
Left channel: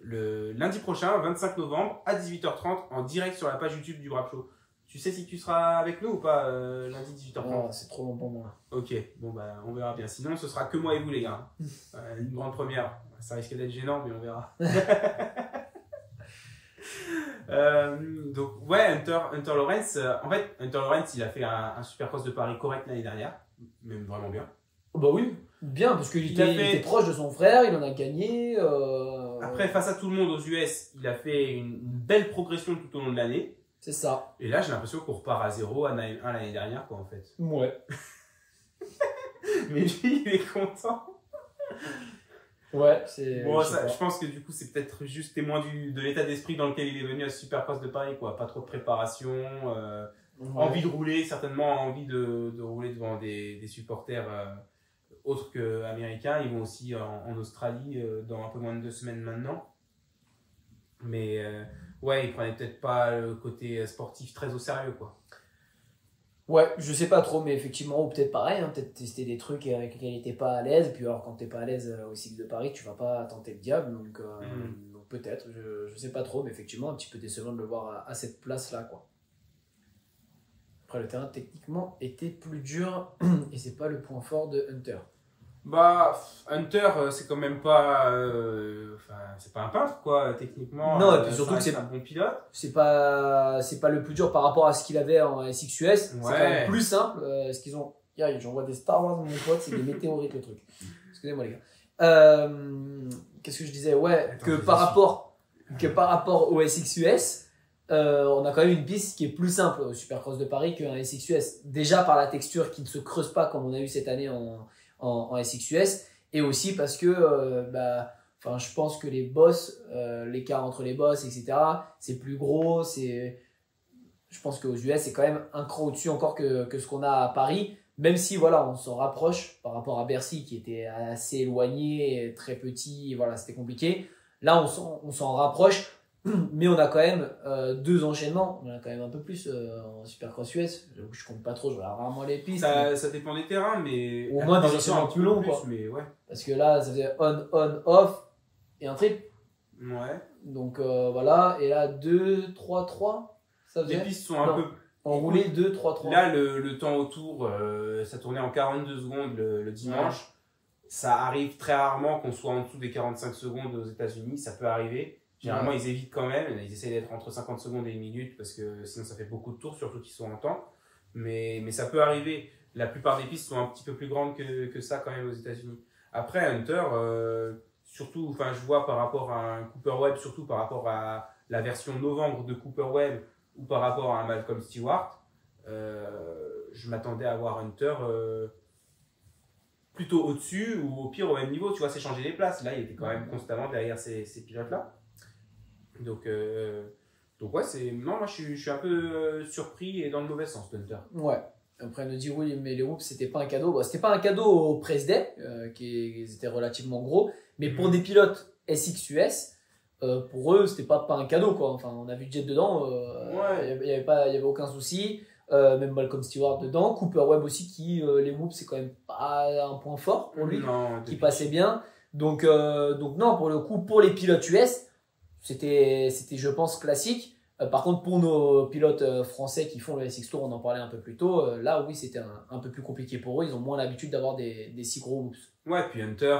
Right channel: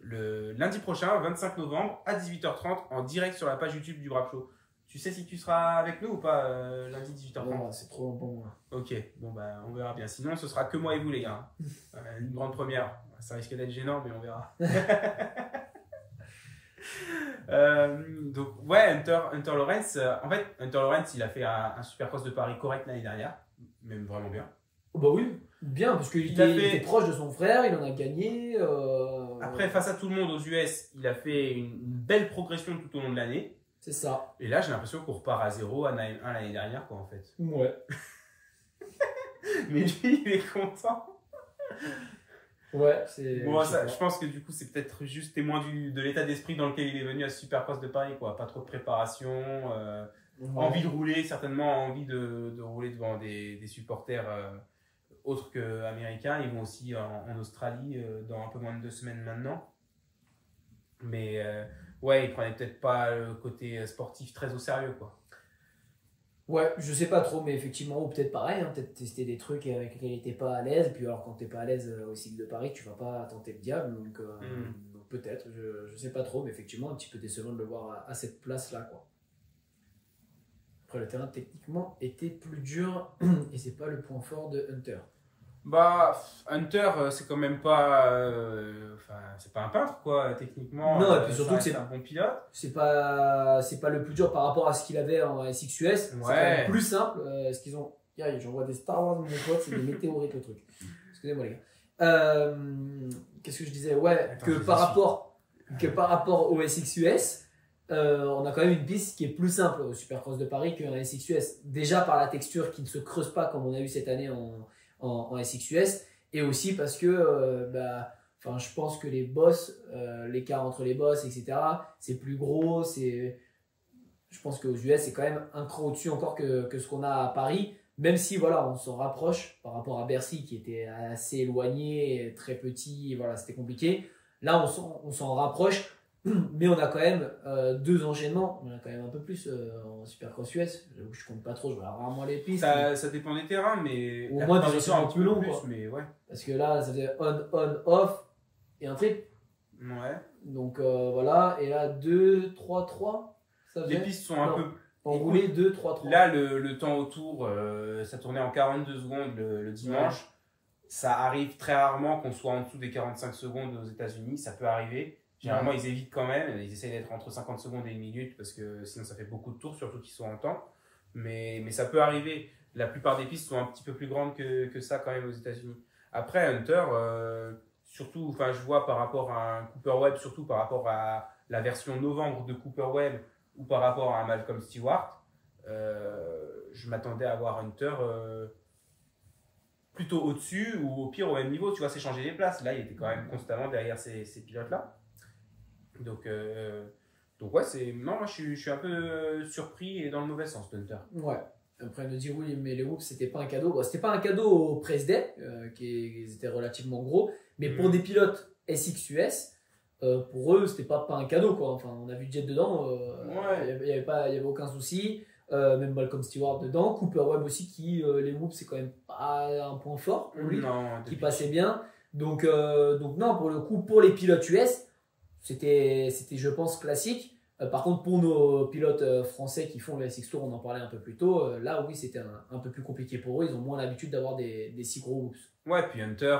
le lundi prochain, 25 novembre, à 18h30, en direct sur la page YouTube du Brap Show. Tu sais si tu seras avec nous ou pas lundi 18h30? Oh, c'est trop long pour moi. Ok, bon bah on verra bien. Sinon, ce sera que moi et vous les gars. Une grande première. Ça risque d'être gênant, mais on verra. Donc ouais, Hunter Lawrence. En fait, Hunter Lawrence, il a fait un Supercross de Paris correct l'année dernière, même vraiment bien. Oh, bah oui, bien, parce qu'il Il a était, fait- il était proche de son frère, il en a gagné. Après, face à tout le monde aux US, il a fait une belle progression tout au long de l'année. C'est ça. Et là, j'ai l'impression qu'on repart à 0 à 1 l'année dernière, quoi, en fait. Ouais. Mais lui, il est content. Ouais, c'est. Bon, je sais pas. je pense que du coup, c'est peut-être juste témoin de l'état d'esprit dans lequel il est venu à ce Supercross de Paris, quoi. Pas trop de préparation, Ouais. envie de rouler, certainement envie de rouler devant des supporters autres qu'américains. Ils vont aussi en Australie dans un peu moins de 2 semaines maintenant. Mais ouais, il prenait peut-être pas le côté sportif très au sérieux, quoi. Ouais, je sais pas trop, mais effectivement, ou peut-être pareil, hein, peut-être tester des trucs avec lesquels il était pas à l'aise. Puis alors, quand t'es pas à l'aise au cycle de Paris, tu vas pas tenter le diable. Donc peut-être, je sais pas trop, mais effectivement, un petit peu décevant de le voir à cette place-là, quoi. Après, le terrain techniquement était plus dur et c'est pas le point fort de Hunter. Bah, Hunter, c'est quand même pas. Enfin, c'est pas un peintre, quoi, techniquement. Non, et puis Ça surtout que reste c'est un bon pilote. c'est pas le plus dur par rapport à ce qu'il avait en SXUS. C'est quand même Ouais. plus simple. Ce qu'ils ont. J'envoie des Star Wars de mon pote, c'est des météorites le truc. Excusez-moi les gars. Qu'est-ce que je disais? Ouais, Attends, que je par suis. rapport au SXUS, on a quand même une piste qui est plus simple au Supercross de Paris qu'un SXUS. Déjà par la texture qui ne se creuse pas comme on a eu cette année en SXUS, et aussi parce que enfin, je pense que les bosses, l'écart entre les bosses, etc., c'est plus gros. Je pense qu'aux US, c'est quand même un cran au-dessus encore que ce qu'on a à Paris, même si voilà, on s'en rapproche par rapport à Bercy qui était assez éloigné, très petit, voilà, c'était compliqué. Là, on s'en rapproche, mais on a quand même deux enchaînements. On en a quand même un peu plus en Supercross US. J'avoue que je compte pas trop, je regarde rarement les pistes. Ça dépend des terrains, mais. Au moins la des plupart du temps, enchaînements un petit plus peu longs, quoi. Mais ouais. Parce que là, ça faisait on, off et un trip. Ouais. Donc voilà, et là 2, 3, 3. Ça Les faisait pistes sont un Non. peu. Enroulé 2, 3, 3. Là, le temps autour, ça tournait en 42 secondes le dimanche. Ça arrive très rarement qu'on soit en dessous des 45 secondes aux États-Unis. Ça peut arriver. Généralement, ils évitent quand même. Ils essayent d'être entre 50 secondes et 1 minute parce que sinon, ça fait beaucoup de tours, surtout qu'ils sont en temps. Mais ça peut arriver. La plupart des pistes sont un petit peu plus grandes que ça quand même aux États-Unis. Après, Hunter, surtout, enfin, je vois par rapport à un Cooper Webb, surtout par rapport à la version novembre de Cooper Webb ou par rapport à un Malcolm Stewart, je m'attendais à voir Hunter plutôt au-dessus ou au pire au même niveau. Tu vois, c'est changer les places. Là, il était quand même constamment derrière ces pilotes-là. Donc, ouais, non, moi je suis un peu surpris et dans le mauvais sens d'Hunter. Ouais. Après, on nous dit oui, mais les whoops, c'était pas un cadeau. Bon, c'était pas un cadeau au press day, qui étaient relativement gros, mais pour des pilotes SXUS, pour eux, c'était pas un cadeau, quoi. Enfin, on a vu Jet dedans, il y avait aucun souci. Même Malcolm Stewart dedans, Cooper Webb aussi, qui les whoops, c'est quand même pas un point fort pour lui, Non, qui passait bien. Donc non, pour le coup, pour les pilotes US, c'était je pense, classique. Par contre, pour nos pilotes français qui font le SX Tour, on en parlait un peu plus tôt, là, oui, c'était un peu plus compliqué pour eux. Ils ont moins l'habitude d'avoir des si gros whoops. Ouais, puis Hunter,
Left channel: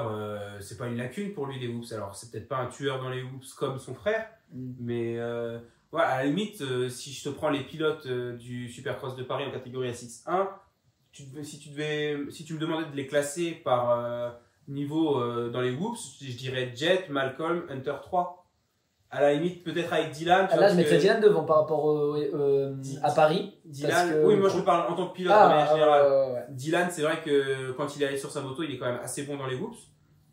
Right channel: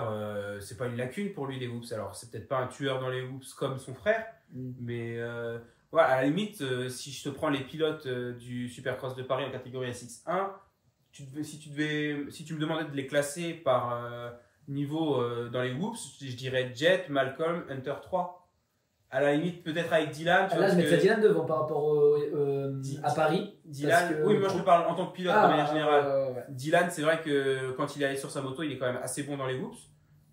c'est pas une lacune pour lui, les whoops. Alors, c'est peut-être pas un tueur dans les whoops comme son frère, mais ouais, à la limite, si je te prends les pilotes du Supercross de Paris en catégorie SX1, si tu me demandais de les classer par niveau dans les whoops, je dirais Jet, Malcolm, Hunter 3. À la limite, peut-être avec Dylan. Là, je mettrais Dylan devant par rapport à Paris. Dylan, oui, moi je te parle en tant que pilote de manière générale. Dylan, c'est vrai que quand il est allé sur sa moto, il est quand même assez bon dans les whoops.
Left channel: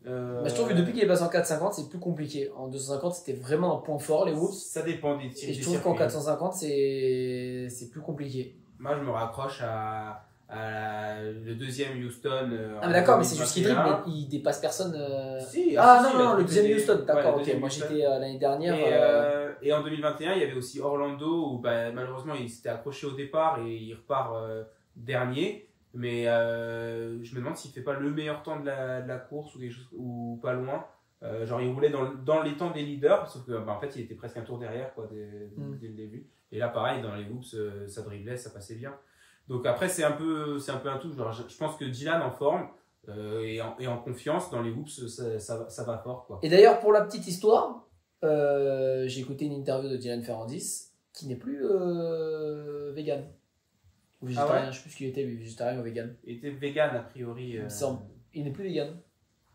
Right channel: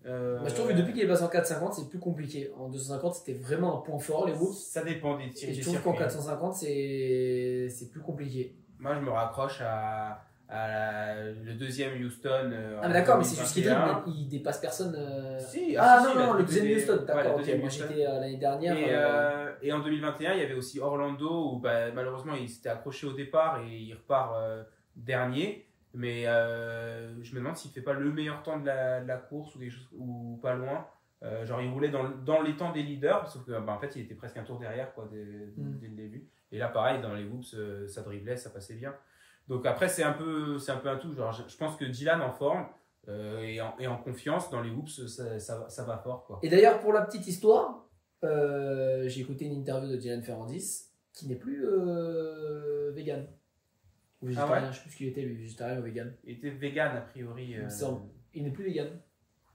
Je trouve que depuis qu'il est passé en 450, c'est plus compliqué. En 250, c'était vraiment un point fort, les whoops. Ça dépend des tirs. Et je trouve qu'en 450, c'est plus complié. Moi, je me raccroche à le deuxième Houston. Ah, mais d'accord, mais c'est juste qu'il dribble, mais il dépasse personne. Si, non, le deuxième Houston, d'accord, ok. Moi, Houston. j'étais l'année dernière. Et en 2021, il y avait aussi Orlando où malheureusement il s'était accroché au départ et il repart dernier. Mais je me demande s'il ne fait pas le meilleur temps de la course ou quelque chose, ou pas loin. Genre il roulait dans les temps des leaders, sauf que en fait il était presque un tour derrière quoi, dès le début. Et là pareil, dans les whoops, ça driblait, ça passait bien. Donc après c'est un peu un tout. Genre, je pense que Dylan en forme et en confiance dans les whoops, ça va fort quoi. Et d'ailleurs pour la petite histoire, j'ai écouté une interview de Dylan Ferrandis qui n'est plus vegan. Ou végétarien, je sais plus ce qu'il était, lui, végétarien ou vegan. Il était vegan a priori. Il n'est plus vegan.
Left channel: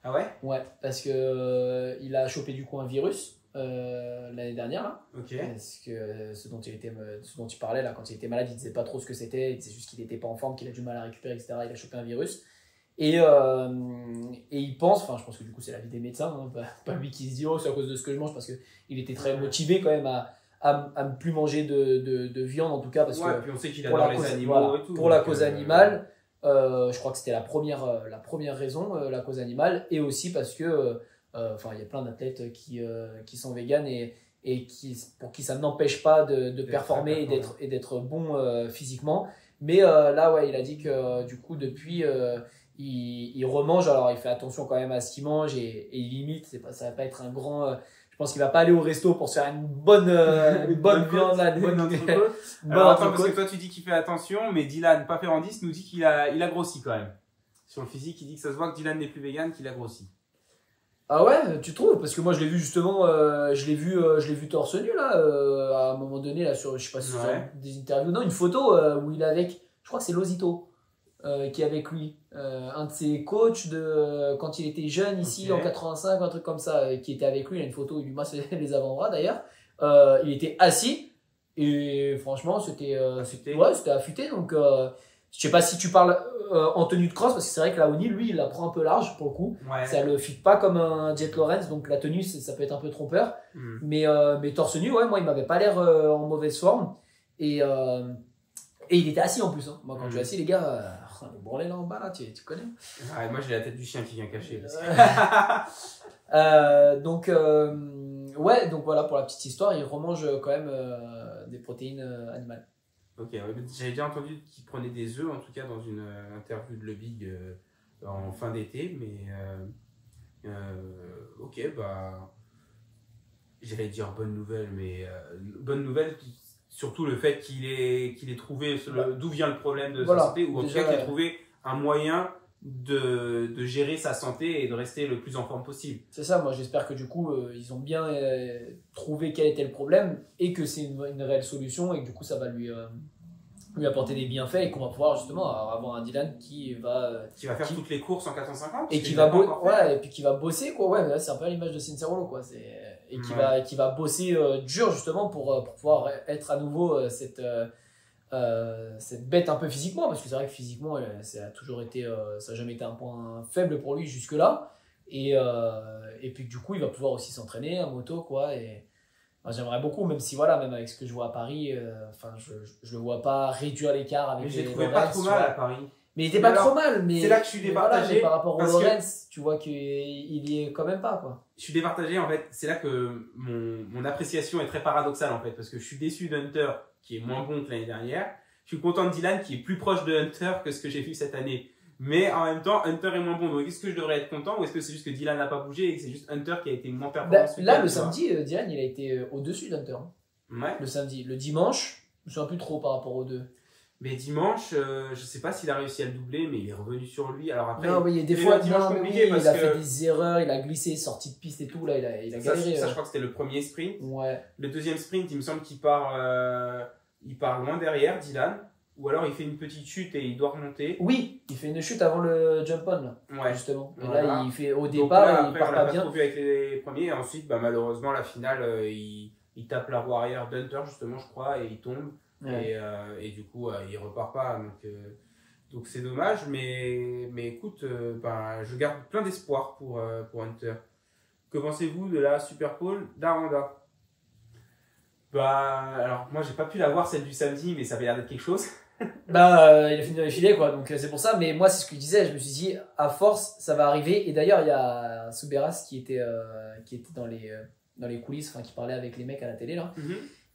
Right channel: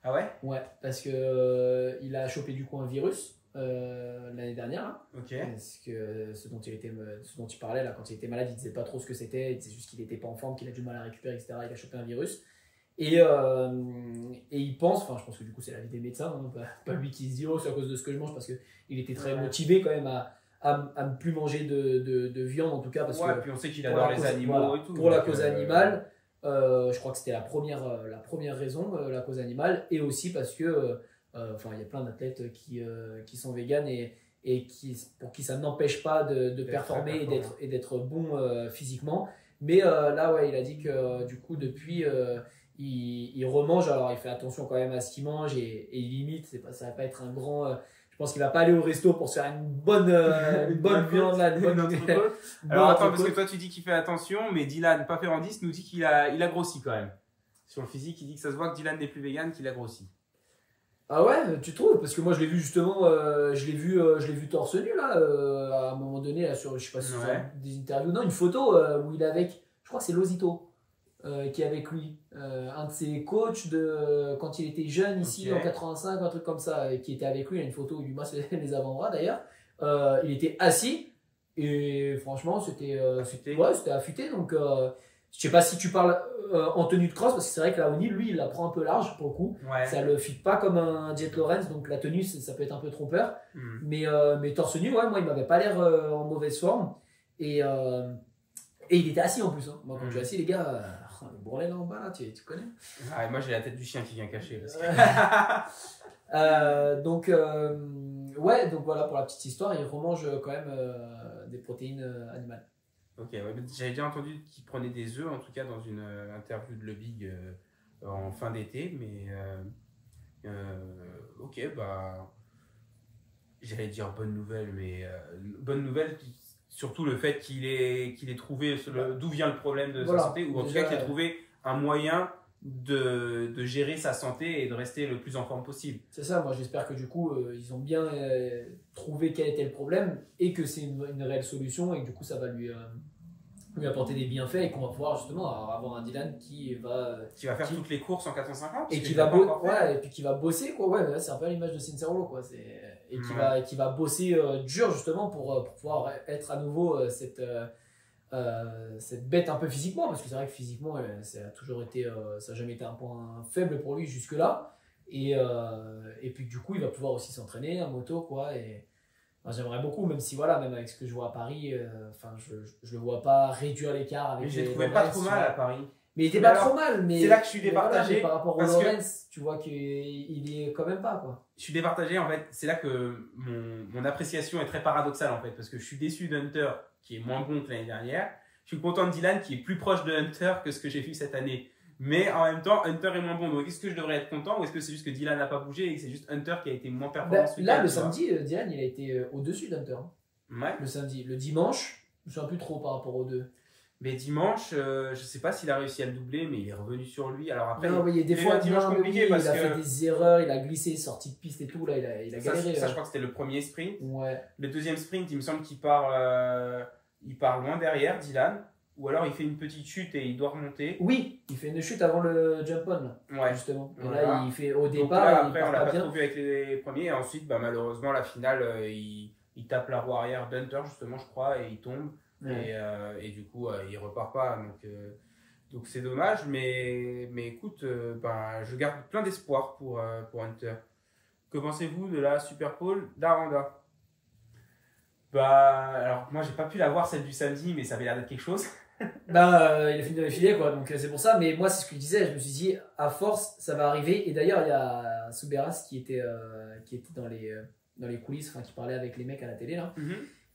Ah ouais? Ouais, parce que il a chopé du coup un virus l'année dernière. Là. Ok. Parce que ce dont il parlait là, quand il était malade, il disait pas trop ce que c'était. Il disait juste qu'il était pas en forme, qu'il a du mal à récupérer, etc. Il a chopé un virus. Et il pense, enfin je pense que du coup c'est l'avis des médecins, hein, pas lui qui se dit oh c'est à cause de ce que je mange, parce qu'il était très motivé quand même à ne plus manger de viande en tout cas, parce que puis on sait qu'il adore les animaux et tout. Pour la cause animale, je crois que c'était la première raison, la cause animale, et aussi parce que il y a plein d'athlètes qui sont véganes et pour qui ça n'empêche pas de performer et d'être bon physiquement. Mais là, ouais, il a dit que du coup, depuis, il remange. Alors, il fait attention quand même à ce qu'il mange et il limite. Ça va pas être un grand. Je pense qu'il va pas aller au resto pour se faire une bonne viande, là, une bonne entrecôte. Alors attends, parce que toi tu dis qu'il fait attention, mais Dylan Paferrandis nous dit qu'il a grossi quand même. Sur le physique, il dit que ça se voit que Dylan n'est plus vegan, qu'il a grossi. Ah ouais, tu trouves? Parce que moi je l'ai vu justement, je l'ai vu torse nu là, à un moment donné là sur, je sais pas si c'est sur des interviews, non, une photo où il est avec, je crois que c'est Lozito qui est avec lui, un de ses coachs de quand il était jeune ici en 85, un truc comme ça, qui était avec lui. Il y a une photo où il lui masse les avant-bras d'ailleurs. Il était assis et franchement c'était affûté donc. Je sais pas si tu parles en tenue de cross, parce que c'est vrai que la Oni, lui, il la prend un peu large pour le coup. Ouais. Ça le fit pas comme un Jet Lawrence, donc la tenue, ça peut être un peu trompeur. Mais torse nu, ouais, moi, il m'avait pas l'air en mauvaise forme. Et il était assis en plus. Hein. Moi, quand je suis assis, les gars, le branlet là en bas, là, tu connais. Ah, et moi, j'ai la tête du chien qui vient cacher. Donc voilà, pour la petite histoire, il remange quand même des protéines animales. Ok, ouais, j'avais déjà entendu qu'il prenait des œufs, en tout cas dans une interview de Le Big en fin d'été, mais ok, bah j'allais dire bonne nouvelle, mais bonne nouvelle, surtout le fait qu'il ait trouvé d'où vient le problème de sa santé, ou en tout cas qu'il ait trouvé un moyen de gérer sa santé et de rester le plus en forme possible. C'est ça, moi j'espère que du coup ils ont bien trouvé quel était le problème et que c'est une réelle solution et que du coup ça va lui apporter des bienfaits et qu'on va pouvoir justement avoir un Dylan qui va faire toutes les courses en 450 et qui va bosser quoi. Ouais, c'est un peu l'image de Cincerolo quoi. Qui va bosser dur justement pour pouvoir être à nouveau cette bête un peu physiquement, parce que c'est vrai que physiquement ça a toujours été ça n'a jamais été un point faible pour lui jusque là et puis du coup il va pouvoir aussi s'entraîner en moto quoi. Et j'aimerais beaucoup, même si voilà, même avec ce que je vois à Paris, je le vois pas réduire l'écart avec. Mais je l'ai trouvé pas trop mal à Paris. Mais il était pas trop mal, mais c'est là que je suis départagé. Voilà, par rapport au Lawrence, tu vois qu'il y est quand même pas quoi. Je suis départagé en fait. C'est là que mon appréciation est très paradoxale en fait, parce que je suis déçu d'Hunter qui est moins bon que l'année dernière. Je suis content de Dylan qui est plus proche de Hunter que ce que j'ai vu cette année. Mais en même temps, Hunter est moins bon. Donc, est-ce que je devrais être content ou est-ce que c'est juste que Dylan n'a pas bougé et que c'est juste Hunter qui a été moins performant ce week-end? Là, le samedi, Dylan, il a été au-dessus d'Hunter. Ouais. Le samedi. Le dimanche, je ne me souviens plus trop par rapport aux deux. Mais dimanche, je ne sais pas s'il a réussi à le doubler, mais il est revenu sur lui. Alors après, non, il y a des fois dimanche compliqué parce il a fait des erreurs, il a glissé, sorti de piste et tout. Là, il a galéré. Ça, je crois que c'était le premier sprint. Ouais. Le deuxième sprint, il me semble qu'il part loin derrière, Dylan. Ou alors il fait une petite chute et il doit remonter. Oui, il fait une chute avant le jump-on, là, ouais. justement. Et voilà. Là, il fait au départ, là, après, il part pas bien. trop vu avec les premiers. Et ensuite, malheureusement, la finale, il tape la roue arrière d'Hunter, justement, je crois, et il tombe. Ouais. Et du coup, il repart pas. Donc c'est dommage, mais écoute, je garde plein d'espoir pour Hunter. Que pensez-vous de la Super Pole d'Aranda? Alors, moi, j'ai pas pu la voir celle du samedi, mais ça avait l'air d'être quelque chose. Il a fini dans les filets quoi, donc c'est pour ça. Mais moi c'est ce que je disais, je me suis dit à force ça va arriver. Et d'ailleurs il y a Souberas qui était dans les coulisses, qui parlait avec les mecs à la télé là,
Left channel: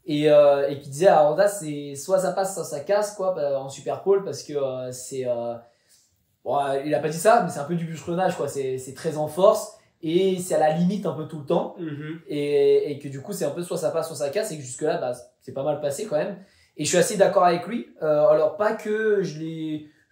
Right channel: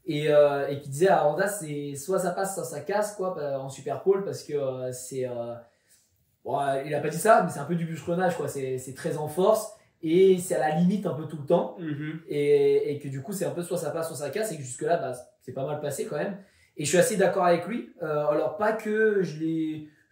et qui disait à Honda c'est soit ça passe soit ça casse quoi en Super Pole, parce que c'est il a pas dit ça mais c'est un peu du bûcheronnage quoi, c'est très en force et c'est à la limite un peu tout le temps, et que du coup c'est un peu soit ça passe soit ça casse, et que jusque là c'est pas mal passé quand même. Et je suis assez d'accord avec lui. Alors, pas que je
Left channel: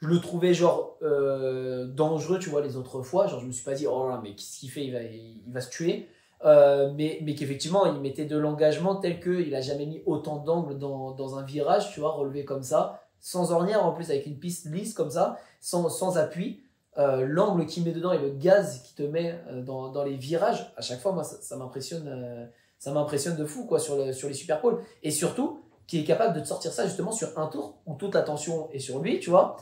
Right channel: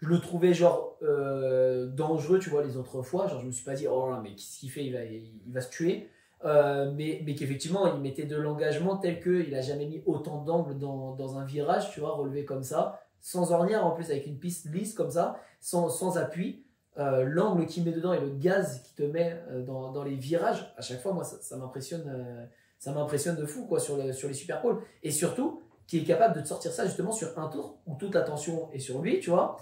le trouvais genre dangereux, tu vois, les autres fois. Genre, je me suis pas dit, oh là, mais qu'est-ce qu'il fait, il va se tuer. Mais qu'effectivement, il mettait de l'engagement tel qu'il a jamais mis autant d'angles dans un virage, tu vois, relevé comme ça, sans ornière en plus, avec une piste lisse comme ça, sans appui. L'angle qu'il met dedans et le gaz qu'il te met dans les virages, à chaque fois, moi, ça m'impressionne. Ça m'impressionne de fou, quoi, sur les Super Pole. Et surtout, qui est capable de te sortir ça justement sur un tour où toute l'attention est sur lui, tu vois,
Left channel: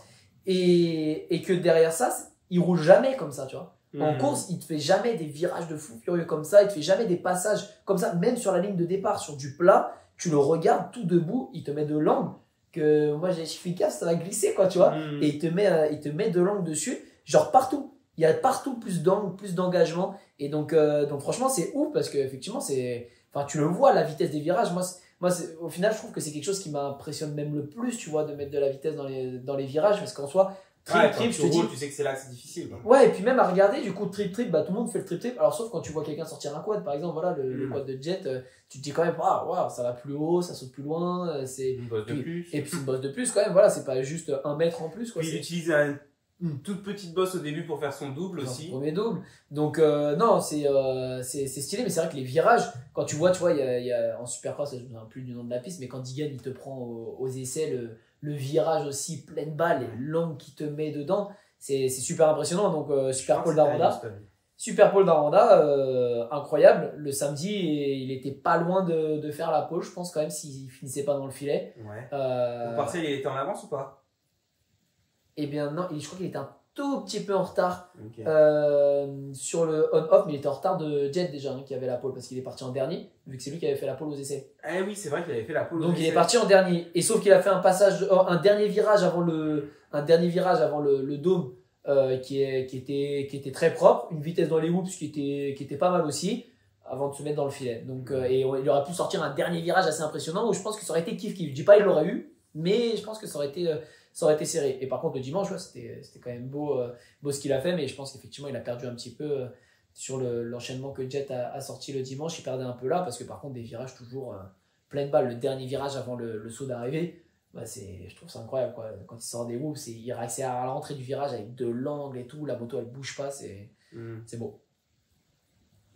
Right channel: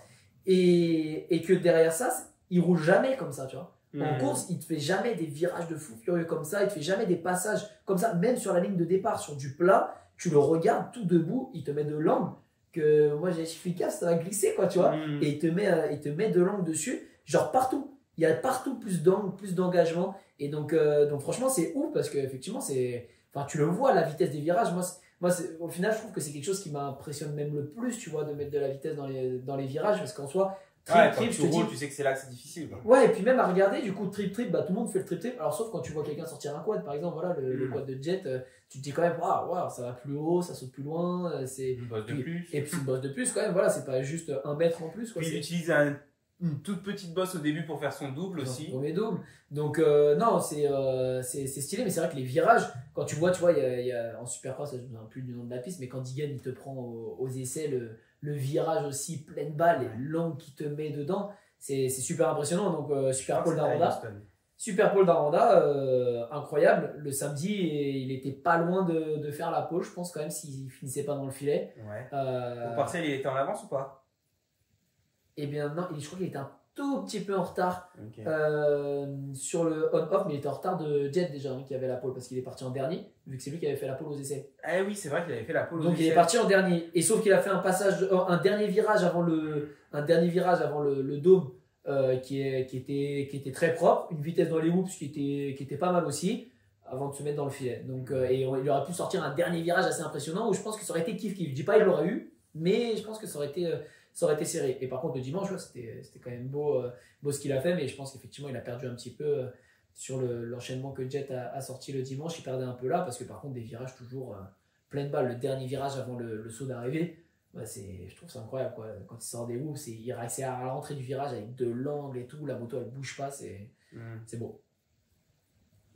et que derrière ça, il roule jamais comme ça, tu vois. En course, il te fait jamais des virages de fou furieux comme ça, il te fait jamais des passages comme ça, même sur la ligne de départ, sur du plat, tu le regardes tout debout, il te met de l'angle, que moi j'ai efficace, ça va glisser, quoi, tu vois, et il te met de l'angle dessus, genre partout. Il y a partout plus d'angle, plus d'engagement, et donc franchement, c'est ouf, parce qu'effectivement, tu le vois, la vitesse des virages, Moi, au final, je trouve que c'est quelque chose qui m'impressionne même le plus, tu vois, de mettre de la vitesse dans les virages, parce qu'en soi, quand tu roules, tu sais que c'est là que c'est difficile. Quoi. Ouais, et puis même à regarder, du coup, trip, bah tout le monde fait le trip. Alors, sauf quand tu vois quelqu'un sortir un quad, par exemple, voilà, le quad de Jet, tu te dis quand même, waouh, ça va plus haut, ça saute plus loin. C'est une bosse de plus. Et puis, une bosse de plus, quand même, voilà, c'est pas juste 1 mètre en plus. Quoi, puis, il utilise une toute petite bosse au début pour faire son double aussi. Son premier double. Donc, non, c'est stylé, mais c'est vrai que les virages, quand tu vois, il y a en Supercross, je ne me souviens plus du nom de la piste, mais quand Digan il te prend aux essais le virage aussi pleine balle et l'angle qu'il te met dedans, c'est super impressionnant. Donc, Super Pole d'Aranda, incroyable. Le samedi, il était pas loin de faire la pole, je pense, quand même, s'il finissait pas dans le filet. Ouais. Au partiel, il était en avance ou pas? Eh bien, non, je crois qu'il était un tout petit peu en retard okay. Sur le on-off, mais il était en retard de Jet déjà, qui avait la pole, parce qu'il est parti en dernier, vu que c'est lui qui avait fait la pole aux essais. Eh oui, c'est vrai qu'il avait fait la pole aux essais. Donc il est parti en dernier, et sauf qu'il a fait un dernier virage avant le dôme qui était très propre, une vitesse dans les whoops qui était pas mal aussi, avant de se mettre dans le filet. Donc, et il aurait pu sortir un dernier virage assez impressionnant, où je pense que ça aurait été kiff-kiff. Je dis pas il l'aurait eu, mais je pense que ça aurait été serré. Et par contre, le dimanche, c'était quand même beau ce qu'il a fait, mais je pense qu'effectivement, il a perdu un petit peu sur l'enchaînement que Jet a sorti le dimanche. Il perdait un peu là, parce que par contre, des virages toujours pleine balle. Le dernier virage avant le saut d'arrivée, je trouve ça incroyable, quoi. Quand il sort des whoops, il réussit à l'entrée du virage avec de l'angle et tout. La moto, elle bouge pas, c'est beau.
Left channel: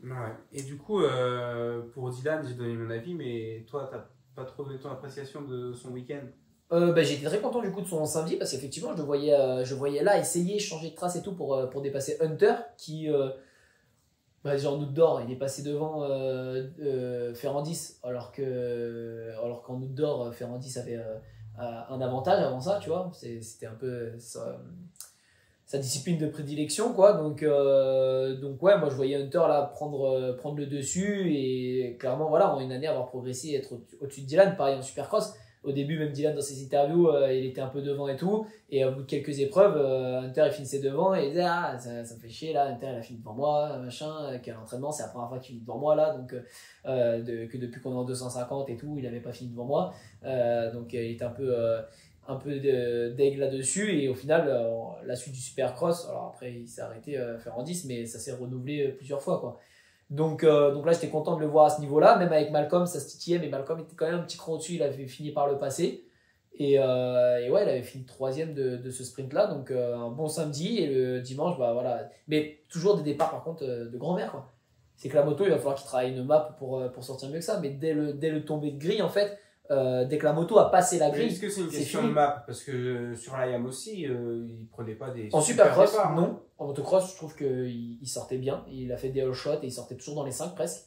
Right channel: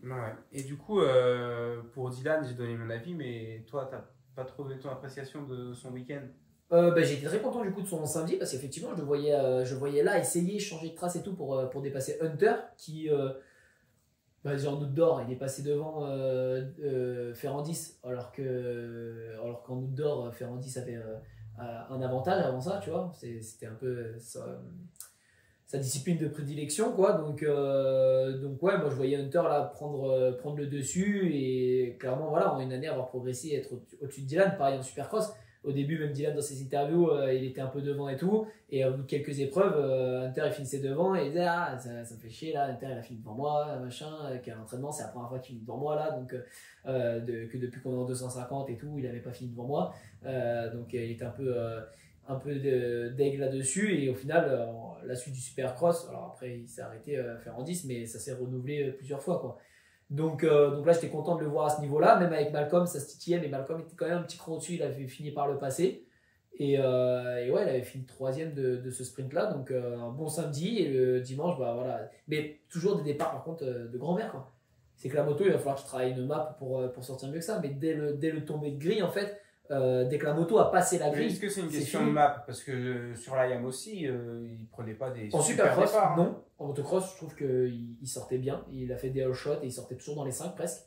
Ouais. Et du coup, pour Dylan, j'ai donné mon avis, mais toi, t'as pas trop donné ton appréciation de son week-end? J'ai été très content du coup de son samedi, parce qu'effectivement je voyais là essayer changer de trace et tout pour dépasser Hunter qui genre outdoor il est passé devant Ferrandis alors qu'en outdoor Ferrandis avait un avantage avant ça, tu vois, c'était un peu sa discipline de prédilection, quoi. Donc ouais, moi je voyais Hunter là prendre le dessus, et clairement voilà, en une année avoir progressé et être au-dessus de Dylan. Pareil en Supercross, au début même Dylan dans ses interviews il était un peu devant et tout, et au bout de quelques épreuves Hunter il finissait devant et il disait ça me fait chier là, Hunter il a fini devant moi machin, qu'à l'entraînement c'est la première fois qu'il finit devant moi là, donc que depuis qu'on est en 250 et tout il avait pas fini devant moi, donc il était un peu d'aigle là-dessus, et au final la suite du Supercross, alors après il s'est arrêté à faire en 10, mais ça s'est renouvelé plusieurs fois, quoi. Donc là j'étais content de le voir à ce niveau-là, même avec Malcolm ça se titillait, mais Malcolm était quand même un petit cran au-dessus, il avait fini par le passer, et ouais, il avait fini 3e de ce sprint-là, donc un bon samedi, et le dimanche, voilà, mais toujours des départs par contre de grand-mère, quoi. C'est que la moto, il va falloir qu'il travaille une map pour sortir mieux que ça, mais dès le tombé de grille, en fait, dès que la moto a passé la grille. Est-ce que c'est une question de map? Parce que sur l'IAM aussi, il prenait pas des. En Supercross, non. En motocross, je trouve qu'il sortait bien. Il a fait des all shots et il sortait toujours dans les 5 presque.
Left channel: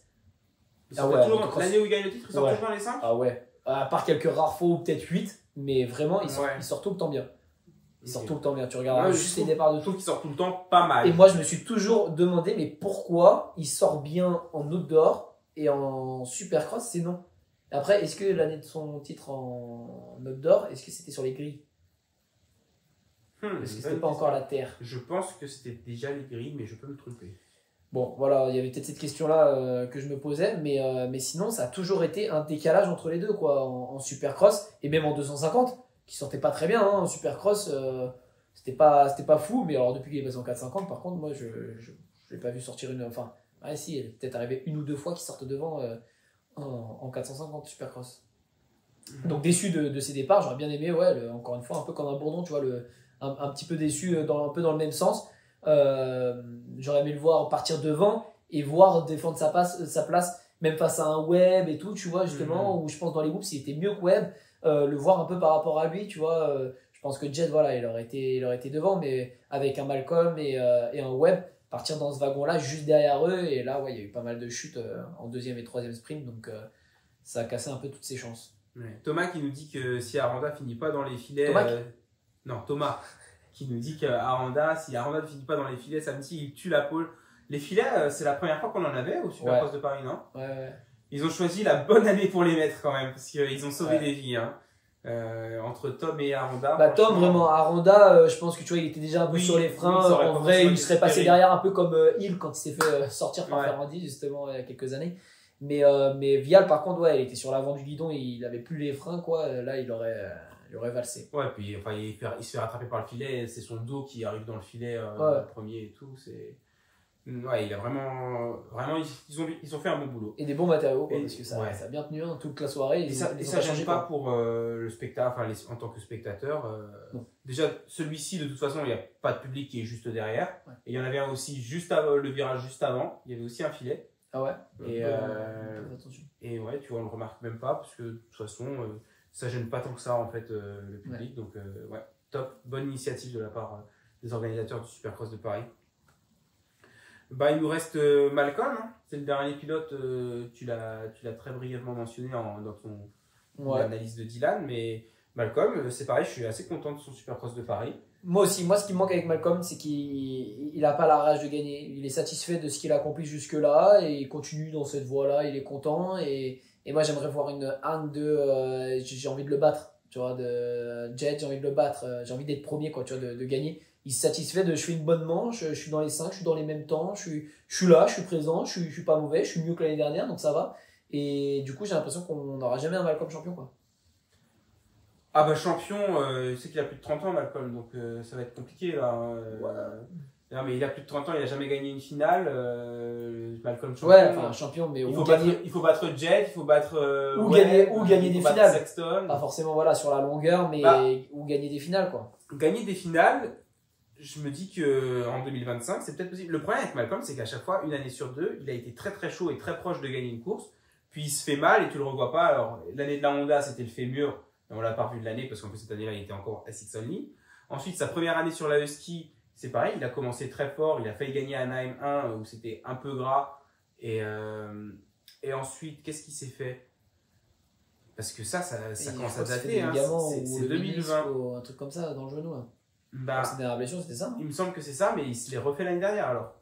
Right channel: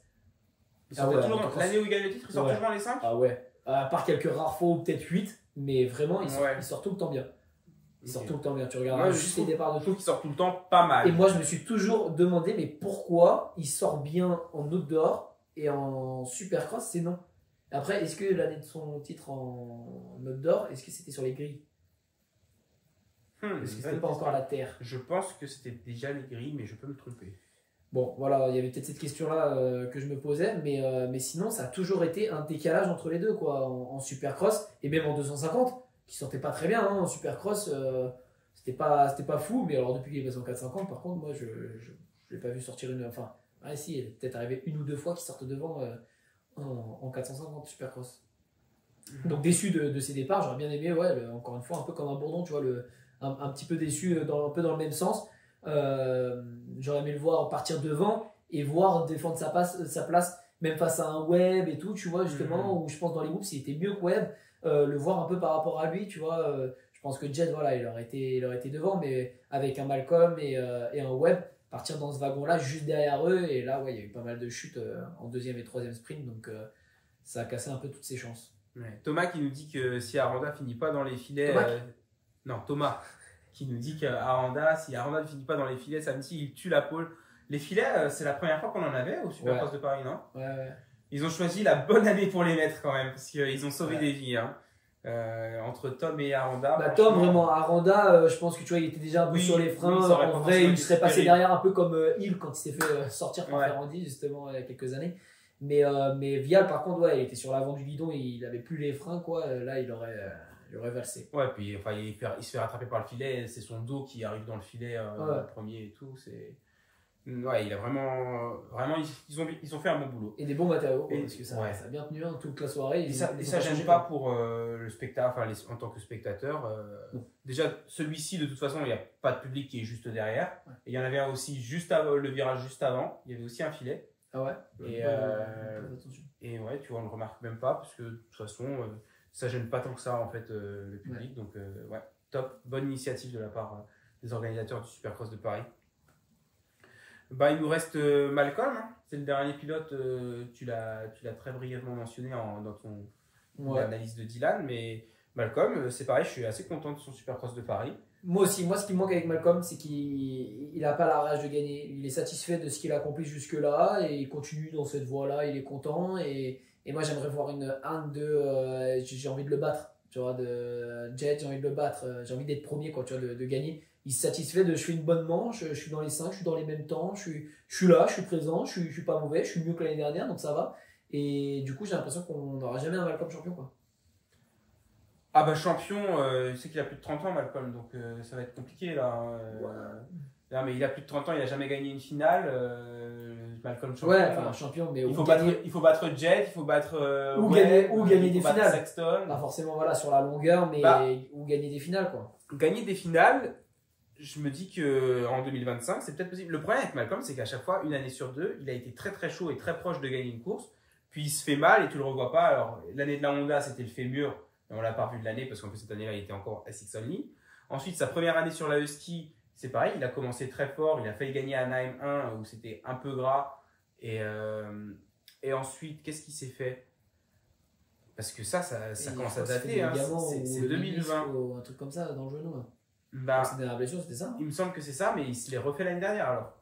L'année où il gagne le titre, il sort toujours dans les 5? Ah ouais. À part quelques rares fois, ou peut-être 8, mais vraiment, il sort tout le temps bien. Il sort tout le temps bien. Tu regardes juste les départs de tout. Je trouve qu'il sort tout le temps pas mal. Et moi, je me suis toujours demandé, mais pourquoi il sort bien en outdoor et en Supercross, c'est non. Après, est-ce que l'année de son titre en outdoor, est-ce que c'était sur les grilles? Est-ce que c'était pas encore la terre? Je pense que c'était déjà les grilles, mais je peux me tromper. Bon, voilà, il y avait peut-être cette question-là que je me posais, mais sinon, ça a toujours été un décalage entre les deux, quoi, en Supercross, et même en 250, qui sortait pas très bien, hein, en Supercross, c'était pas fou, mais alors depuis qu'il est passé en 450, par contre, moi, je l'ai pas vu sortir une... Enfin, si, il est peut-être arrivé une ou deux fois qu'il sorte devant en 450 Supercross. Donc déçu de ses départs, j'aurais bien aimé, encore une fois, un peu comme un Bourdon, tu vois, un petit peu déçu, un peu dans le même sens. J'aurais aimé le voir partir devant et voir défendre sa place, même face à un Webb et tout, tu vois, justement, où je pense dans les groupes, il était mieux que Webb, le voir un peu par rapport à lui, tu vois. Je pense que Jet, voilà, il aurait été devant, mais avec un Malcolm et un Webb, partir dans ce wagon-là, juste derrière eux, et là, il y a eu pas mal de chutes en 2e et 3e sprint, donc ça a cassé un peu toutes ses chances. Ouais. Thomas qui nous dit que si Aranda finit pas dans les filets... Thomas qui nous dit qu'Aranda, si Aranda ne finit pas dans les filets samedi, il tue la pole. Les filets, c'est la première fois qu'on en avait au Supercross de Paris, non? Ouais. Ils ont choisi la bonne année pour les mettre quand même, parce qu'ils ont sauvé des vies. Hein. Entre Tom et Aranda. Tom, vraiment, Aranda, je pense que tu vois, il était déjà un peu sur les freins. En vrai, il serait passé derrière un peu comme Hill quand il s'est fait sortir par Ferrandi, justement, il y a quelques années. Mais Vial, par contre, ouais, il était sur l'avant du guidon et il avait plus les freins, quoi. Là, il aurait valsé. Ouais, puis enfin, il se fait rattraper par le filet, c'est son dos qui arrive dans le filet premier et tout. Ouais, il a vraiment ils ont fait un bon boulot. Et des bons matériaux, quoi, Et, parce que ça ouais. a bien tenu toute la soirée. Et ça gêne pas pour le spectateur, enfin en tant que spectateur. Déjà, celui-ci, de toute façon, il n'y a pas de public qui est juste derrière. Ouais. Et il y en avait un aussi juste avant, le virage juste avant. Il y avait aussi un filet. Ah ouais. Et ouais, tu vois, on le remarque même pas parce que de toute façon, ça gêne pas tant que ça en fait le public. Ouais. Donc ouais, top, bonne initiative de la part des organisateurs du Supercross de Paris. Bah, il nous reste Malcolm, hein. C'est le dernier pilote, tu l'as très brièvement mentionné dans ton analyse de Dylan, mais Malcolm, c'est pareil, je suis assez content de son Supercross de Paris. Moi aussi, ce qui me manque avec Malcolm, c'est qu'il n'a pas la rage de gagner. Il est satisfait de ce qu'il a accompli jusque-là et il continue dans cette voie-là, il est content. Et moi, j'aimerais voir j'ai envie de le battre. Tu vois, de Jet, j'ai envie de le battre, j'ai envie d'être premier, quoi, tu vois, de gagner. Il se satisfait je fais une bonne manche, je suis dans les 5, je suis dans les mêmes temps, je suis là, je suis présent, je suis pas mauvais, je suis mieux que l'année dernière, donc ça va. Et du coup, j'ai l'impression qu'on n'aura jamais un Malcolm champion, quoi. Ah bah champion, c'est qu'il a plus de 30 ans, Malcolm, donc ça va être compliqué là. Non, mais il a plus de 30 ans, il n'a jamais gagné une finale. Malcolm champion. Ouais, enfin champion, mais il faut battre Jet, il faut battre. Gagner des finales. Sexton. Pas forcément voilà, sur la longueur, mais ou gagner des finales, quoi. Gagner des finales, je me dis qu'en 2025, c'est peut-être possible. Le problème avec Malcolm, c'est qu'à chaque fois, une année sur deux, il a été très très chaud et très proche de gagner une course. Puis il se fait mal et tu le revois pas. Alors, l'année de la Honda, c'était le fémur. On l'a pas revu de l'année parce qu'en plus, cette année-là, il était encore SX Only. Ensuite, sa première année sur la Husky, c'est pareil. Il a commencé très fort. Il a failli gagner à Anaheim 1 où c'était un peu gras. Et ensuite, qu'est-ce qui s'est fait? Parce que ça commence à dater. Hein. C'est 2020. Ou un truc comme ça dans le genou. Hein. Bah, sa dernière blessure, c'était ça, non? Il me semble que c'est ça, mais il se l'est refait l'année dernière alors.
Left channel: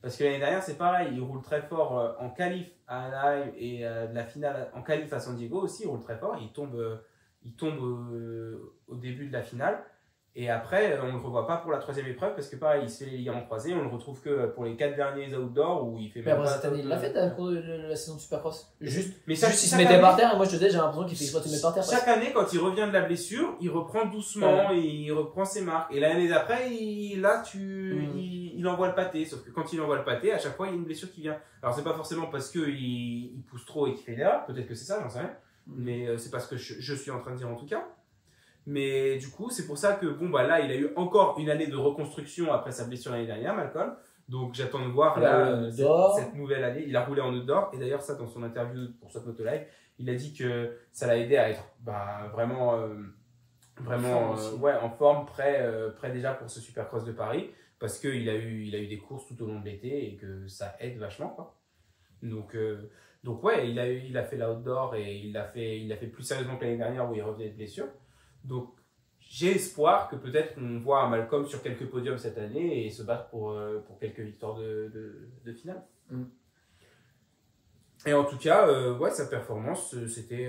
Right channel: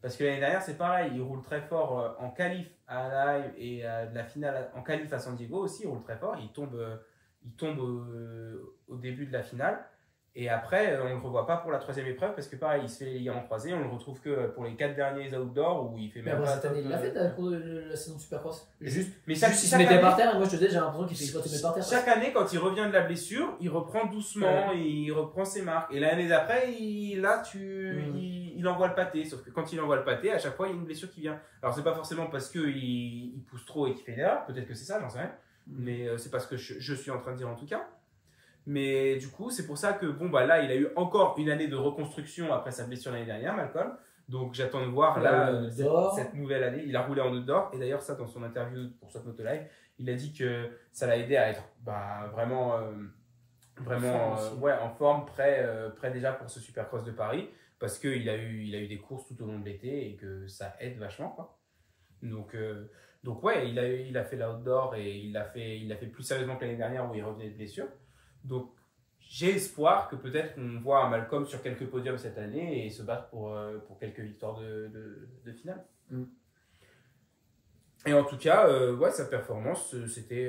Parce que l'année dernière, c'est pareil. Il roule très fort en qualif à Anaheim et de la finale en qualif à San Diego aussi. Il roule très fort. Il tombe au début de la finale. Et après, on ne le revoit pas pour la troisième épreuve parce que pareil, il se fait les ligaments croisés. On le retrouve que pour les 4 derniers outdoors où il fait même. Mais après, cette année, il l'a fait au cours de la saison de Supercross. Juste, il se mettait par terre et moi je te disais, j'ai l'impression qu'il fait exprès de se mettre par terre. Chaque année, quand il revient de la blessure, il reprend doucement et il reprend ses marques. Et l'année d'après, il envoie le pâté. Sauf que quand il envoie le pâté, à chaque fois, il y a une blessure qui vient. Alors, c'est pas forcément parce qu'il pousse trop et qu'il fait une erreur. Peut-être que c'est ça, j'en sais rien. Mais c'est pas ce que je suis en train de dire en tout cas. Mais du coup, c'est pour ça que là, il a eu encore une année de reconstruction après sa blessure l'année dernière, Malcolm. Donc, j'attends de voir cette nouvelle année. Il a roulé en outdoor. Et d'ailleurs, ça, dans son interview pour Swap Moto Live, il a dit que ça l'a aidé à être vraiment en forme, prêt déjà pour ce Supercross de Paris. Parce qu'il a eu des courses tout au long de l'été et que ça aide vachement, quoi. Donc ouais, il a fait l'outdoor et il l'a fait plus sérieusement que l'année dernière où il revenait de blessure. Donc, j'ai espoir que peut-être on voit un Malcolm sur quelques podiums cette année et se battre pour quelques victoires de finale. Et en tout cas, sa performance, c'était.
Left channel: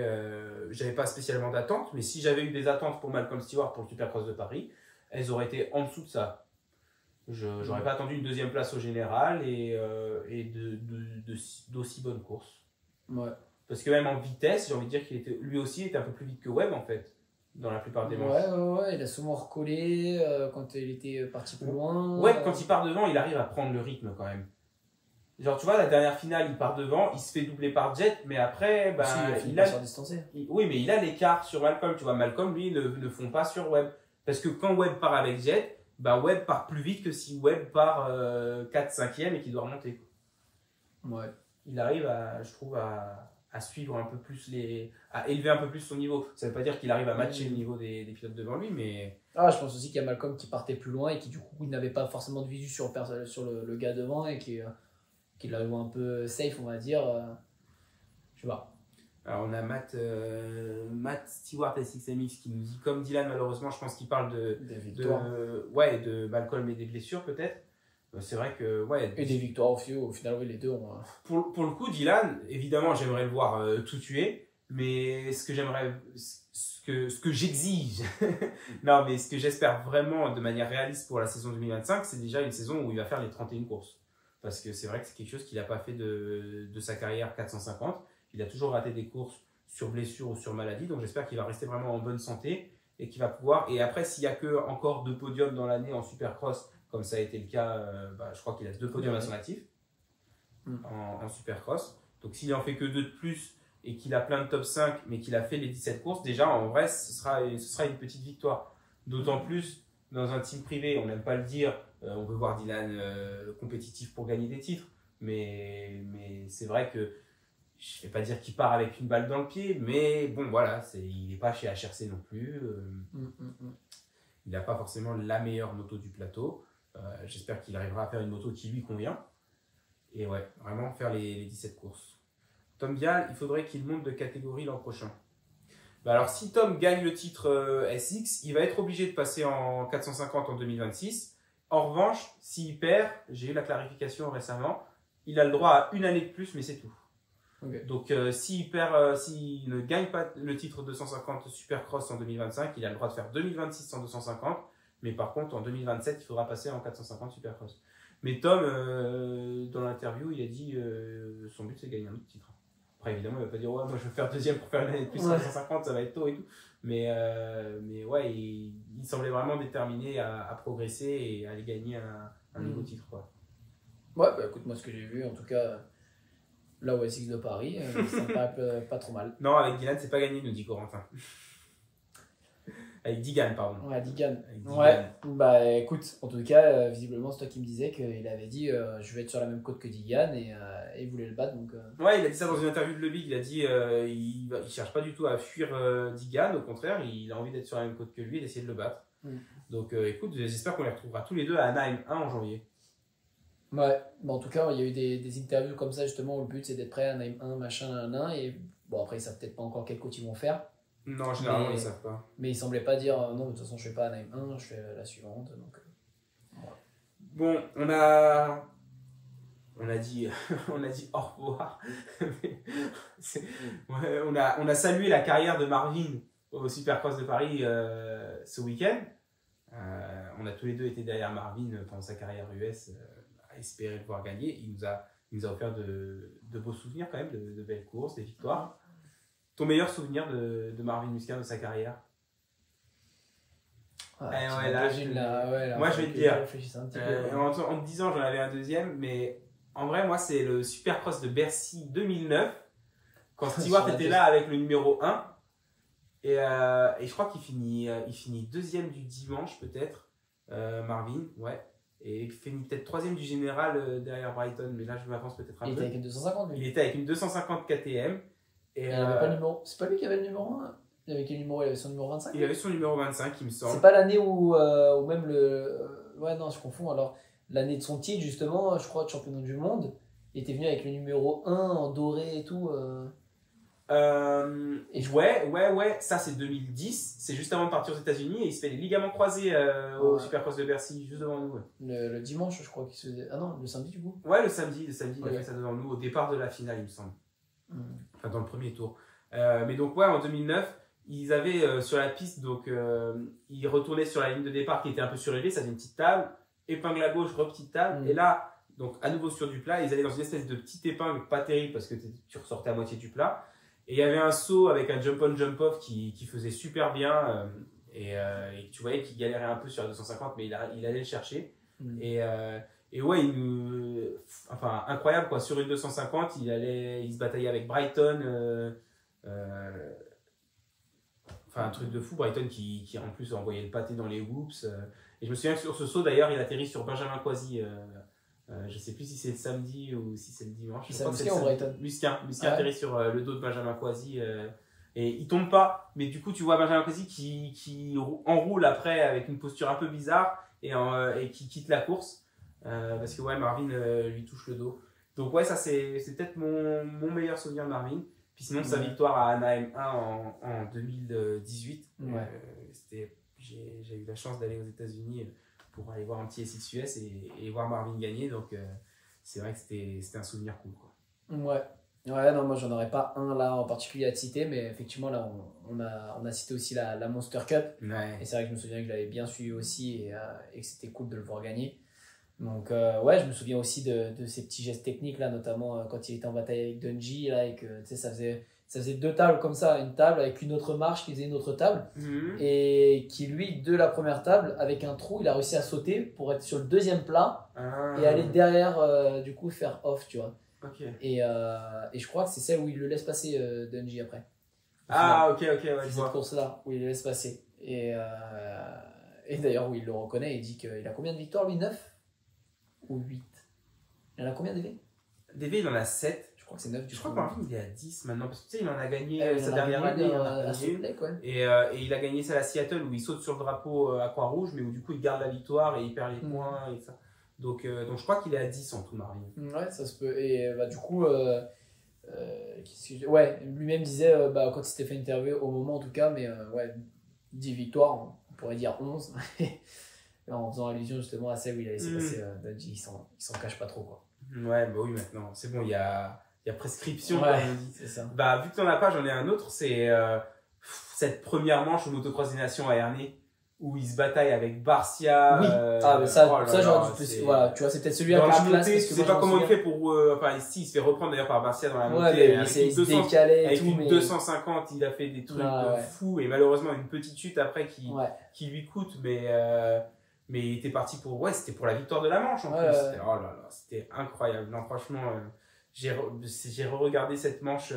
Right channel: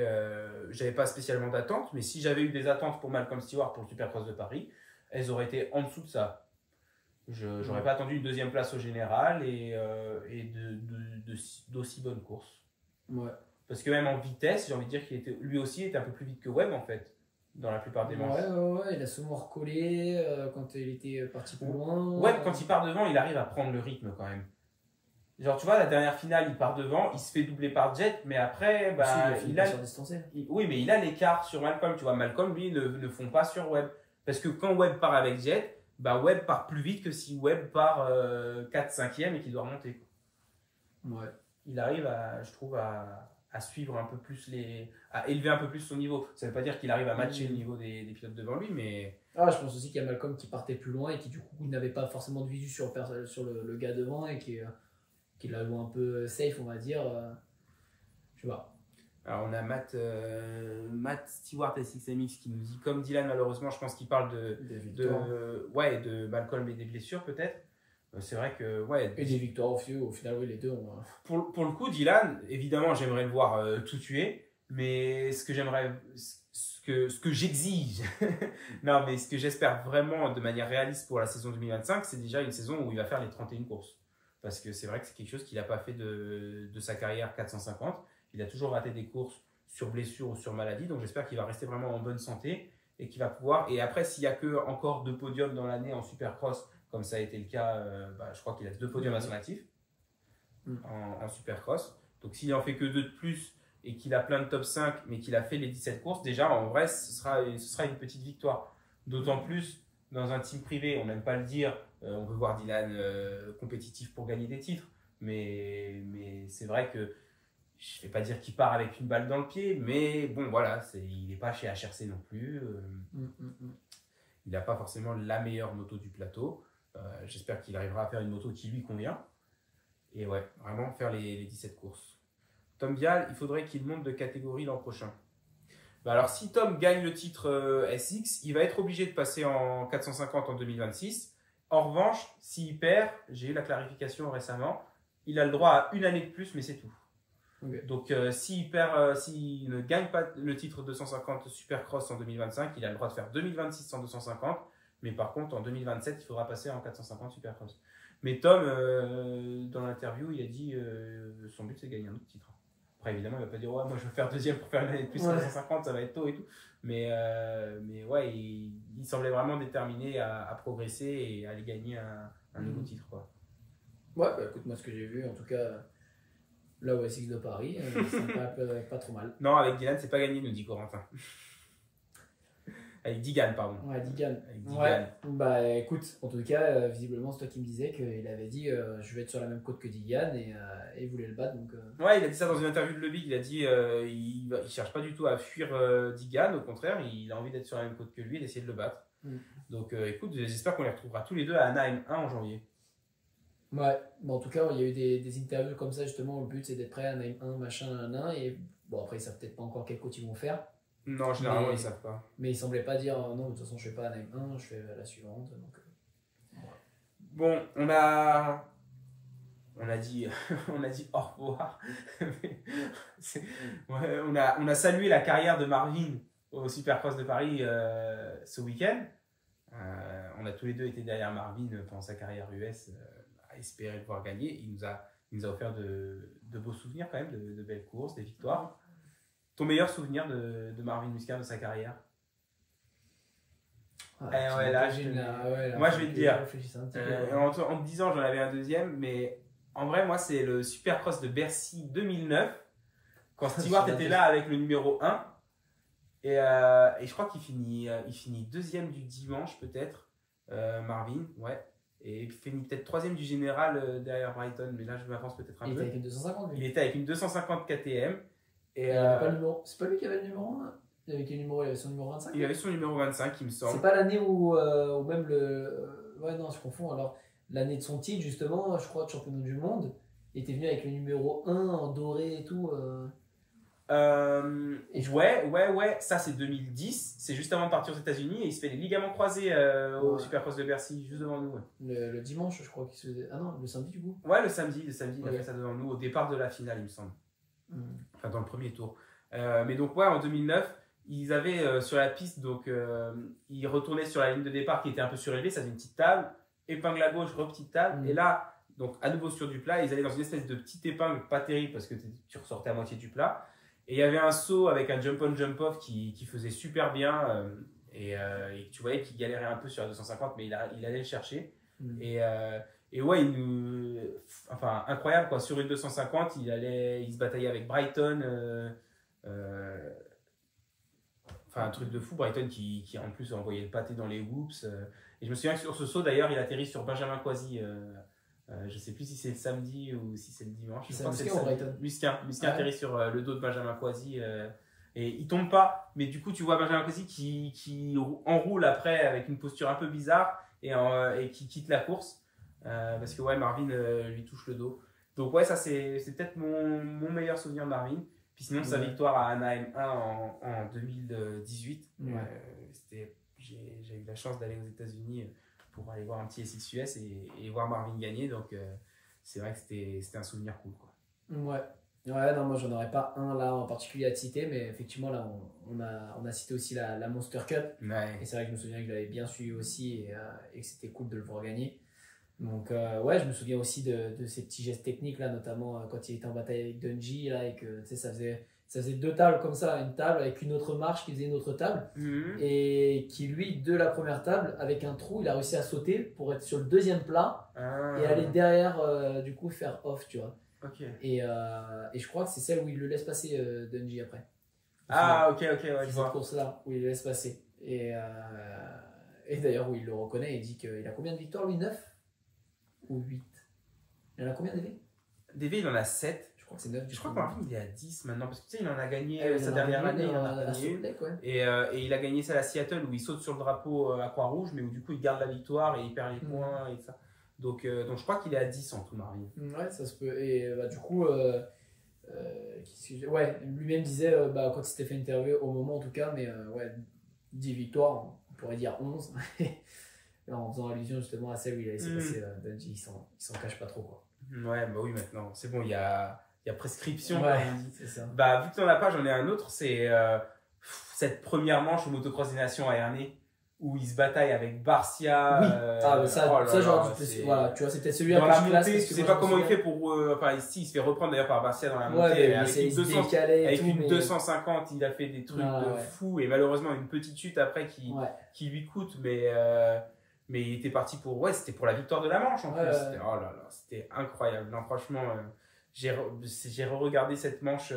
J'avais pas spécialement d'attente, mais si j'avais eu des attentes pour Malcolm Stewart pour le Supercross de Paris, elles auraient été en dessous de ça. J'aurais pas attendu une deuxième place au général et d'aussi bonnes courses. Ouais. Parce que même en vitesse, j'ai envie de dire lui aussi était un peu plus vite que Webb en fait. Dans la plupart des manches. Ouais, il a souvent recollé quand il était parti plus loin. Ouais, quand il part devant, il arrive à prendre le rythme quand même. Genre, tu vois, la dernière finale, il part devant, il se fait doubler par Jet, mais après, il a l'écart sur Malcolm. Tu vois, Malcolm, lui, ne fond pas sur Webb. Parce que quand Webb part avec Jet, Webb part plus vite que si Webb part 4-5e et qu'il doit remonter. Ouais. Il arrive, je trouve, à suivre un peu plus à élever un peu plus son niveau. Ça ne veut pas dire qu'il arrive à matcher le niveau des pilotes devant lui, mais... Je pense aussi qu'il y a Malcolm qui partait plus loin et qui du coup n'avait pas forcément de visu sur le gars devant et qui l'a joué un peu safe, on va dire. Je sais pas. Alors on a Matt Stewart SXMX qui nous dit, comme Dylan malheureusement, je pense qu'il parle de Malcolm et des blessures peut-être. C'est vrai que et des victoires au final oui, les deux ont... pour le coup Dylan évidemment j'aimerais le voir tout tuer, mais ce que j'exige non mais ce que j'espère vraiment de manière réaliste pour la saison 2025, c'est déjà une saison où il va faire les 31 courses parce que c'est vrai que c'est quelque chose qu'il n'a pas fait de sa carrière 450. Il a toujours raté des courses sur blessure ou sur maladie, donc j'espère qu'il va rester vraiment en bonne santé et qu'il va pouvoir. Et après, s'il n'y a que encore 2 podiums dans l'année en Supercross, comme ça a été le cas, je crois qu'il a 2 podiums à son actif en Supercross. Donc s'il en fait que 2 de plus et qu'il a plein de top 5, mais qu'il a fait les 17 courses, déjà en vrai, ce sera une petite victoire. D'autant plus dans un team privé, on n'aime pas le dire, on veut voir Dylan compétitif pour gagner des titres, mais c'est vrai que je ne vais pas dire qu'il part avec une balle dans le pied, mais bon, voilà, il n'est pas chez HRC non plus. Il n'a pas forcément la meilleure moto du plateau. J'espère qu'il arrivera à faire une moto qui lui convient. Et ouais, vraiment faire les 17 courses. Tom Vial, il faudrait qu'il monte de catégorie l'an prochain. Alors, si Tom gagne le titre SX, il va être obligé de passer en 450 en 2026. En revanche, s'il perd, j'ai eu la clarification récemment, il a le droit à une année de plus, mais c'est tout. Okay. Donc, s'il ne gagne pas le titre 250 Supercross en 2025, il a le droit de faire 2026 en 250. Mais par contre, en 2027, il faudra passer en 450 Supercross. Mais Tom, dans l'interview, il a dit son but, c'est de gagner un autre titre. Après, évidemment, il ne va pas dire ouais, moi je veux faire deuxième pour faire une année de plus en 250, ça va être tôt et tout. Mais ouais, il semblait vraiment déterminé à progresser et à aller gagner un nouveau titre, quoi. Ouais, écoute, moi ce que j'ai vu, en tout cas, là au SX de Paris, ça me paraît pas trop mal. Non, avec Dylan, c'est pas gagné, nous dit Corentin. Avec Digan, pardon. Ouais, Digan. Ouais, écoute, en tout cas, visiblement, c'est toi qui me disais qu'il avait dit je vais être sur la même côte que Digan et il voulait le battre. Donc, Ouais, il a dit ça dans une interview de Le Big. Il a dit il cherche pas du tout à fuir Digan, au contraire, il a envie d'être sur la même côte que lui et d'essayer de le battre. Donc, écoute, j'espère qu'on les retrouvera tous les deux à Anaheim 1 en janvier. Ouais, en tout cas, il y a eu des interviews comme ça, justement, où le but c'est d'être prêt à Anaheim 1, machin, et bon, après, ils savent peut-être pas encore quelle côte ils vont faire. Non, généralement, ils savent pas. Mais ils semblaient pas dire non, mais de toute façon, je fais pas Anaheim 1, je fais la suivante. Donc, voilà. Bon, on a dit au revoir. Ouais, on a salué la carrière de Marvin au Supercross de Paris ce week-end. On a tous les deux été derrière Marvin pendant sa carrière US à espérer le voir gagner. Il nous a offert de beaux souvenirs quand même, de belles courses, des victoires. Ton meilleur souvenir de Marvin Musquin de sa carrière? Moi, je vais te dire. En te disant, j'en avais un deuxième, mais en vrai, moi, c'est le Supercross de Bercy 2009, quand Stewart était là avec le numéro 1. Et je crois qu'il finit deuxième du dimanche, peut-être, Marvin, ouais. Et il finit peut-être troisième du général derrière Brighton, mais là, je m'avance peut-être un peu. Il était avec une 250, lui. Il était avec une 250 KTM. Et il avait pas le numéro. C'est pas lui qui avait le numéro 1? Il avait son numéro 25? Il avait son numéro 25, il me semble. C'est pas l'année où même le. Ouais, non, je confonds. Alors, l'année de son titre, justement, je crois, de championnat du monde, il était venu avec le numéro 1 en doré et tout. Ouais, ça c'est 2010. C'est juste avant de partir aux États-Unis et il se fait les ligaments croisés au Supercross de Bercy, juste devant nous. Ouais. Le dimanche, je crois qu'il se faisait. Ah non, le samedi du coup? Ouais, le samedi, il a fait ça devant nous au départ de la finale, il me semble. Enfin, dans le premier tour. Mais donc, ouais, en 2009, ils avaient sur la piste, donc ils retournaient sur la ligne de départ qui était un peu surélevée, ça faisait une petite table, épingle à gauche, petite table, et là, donc à nouveau sur du plat, ils allaient dans une espèce de petite épingle, pas terrible parce que tu ressortais à moitié du plat, et il y avait un saut avec un jump-on, jump-off qui faisait super bien, et tu voyais qu'il galérait un peu sur la 250, mais il allait le chercher, et ouais, enfin incroyable quoi, sur une 250, il se bataillait avec Brighton, enfin un truc de fou, Brighton qui en plus envoyait le pâté dans les whoops, et je me souviens que sur ce saut d'ailleurs il atterrit sur Benjamin Coisy, je sais plus si c'est le samedi ou si c'est le dimanche. C'est Musquin ou Brighton? Musquin atterrit sur le dos de Benjamin Coisy, et il tombe pas, mais du coup tu vois Benjamin Coisy qui enroule après avec une posture un peu bizarre et qui quitte la course. Parce que ouais, Marvin lui touche le dos. Donc ouais, ça c'est peut-être mon meilleur souvenir de Marvin. Puis sinon, sa victoire à Anaheim 1 en 2018. J'ai eu la chance d'aller aux États-Unis pour aller voir un petit SXUS et voir Marvin gagner. Donc c'est vrai que c'était un souvenir cool, quoi. Ouais, non, moi j'en aurais pas un là en particulier à te citer, mais effectivement là on a cité aussi la Monster Cup. Ouais. Et c'est vrai que je me souviens que je l'avais bien suivi aussi et que c'était cool de le voir gagner. Donc, ouais, je me souviens aussi de ces petits gestes techniques, là, notamment quand il était en bataille avec Dungey, là, et que, tu sais, ça faisait deux tables comme ça, une table avec une autre marche qui faisait une autre table, et qui, lui, de la première table, avec un trou, il a réussi à sauter pour être sur le deuxième plat et aller derrière, du coup, faire off, tu vois. Et je crois que c'est celle où il le laisse passer, Dungey, après. Ok, ouais, je vois. Cette course-là, où il le laisse passer. Et d'ailleurs, où il le reconnaît, il dit qu'il a combien de victoires, lui? 9 ou 8? Il en a combien, DV? DV, il en a 7. Je crois que c'est 9. Je crois que Marvin, il est à 10 maintenant. Parce que tu sais, il en a gagné sa dernière année. Il en a gagné une. Ouais. Et il a gagné celle à Seattle où il saute sur le drapeau à Croix-Rouge, mais où du coup, il garde la victoire et il perd les points et ça. Donc je crois qu'il est à 10 en tout, Marvin. Ouais, ça se peut. Et du coup, ouais, lui-même disait, quand il s'était fait interviewer, au moment en tout cas, mais ouais, 10 victoires, on pourrait dire 11. En faisant allusion justement à celle où il a laissé passer Dungey, il s'en cache pas trop, quoi. Ouais, bah oui, maintenant, c'est bon, il y a prescription, ouais, comme on dit. C'est ça. Bah, vu que tu n'en as pas, j'en ai un autre, c'est cette première manche au motocross des nations à Ernée, où il se bataille avec Barcia. Oui, mais ça j'aurais dû plus. Voilà, tu vois, c'est peut-être celui-là dans que la je classe. montée, je sais pas comment il fait pour. Enfin, ici, il se fait reprendre d'ailleurs par Barcia dans la montée. Ouais, avec une 250, il a fait des trucs de fou, et malheureusement, une petette chute après qui lui coûte, mais il était parti pour. Ouais, c'était pour la victoire de la manche en plus. Oh là là, c'était incroyable. Non, franchement, j'ai re-regardé cette manche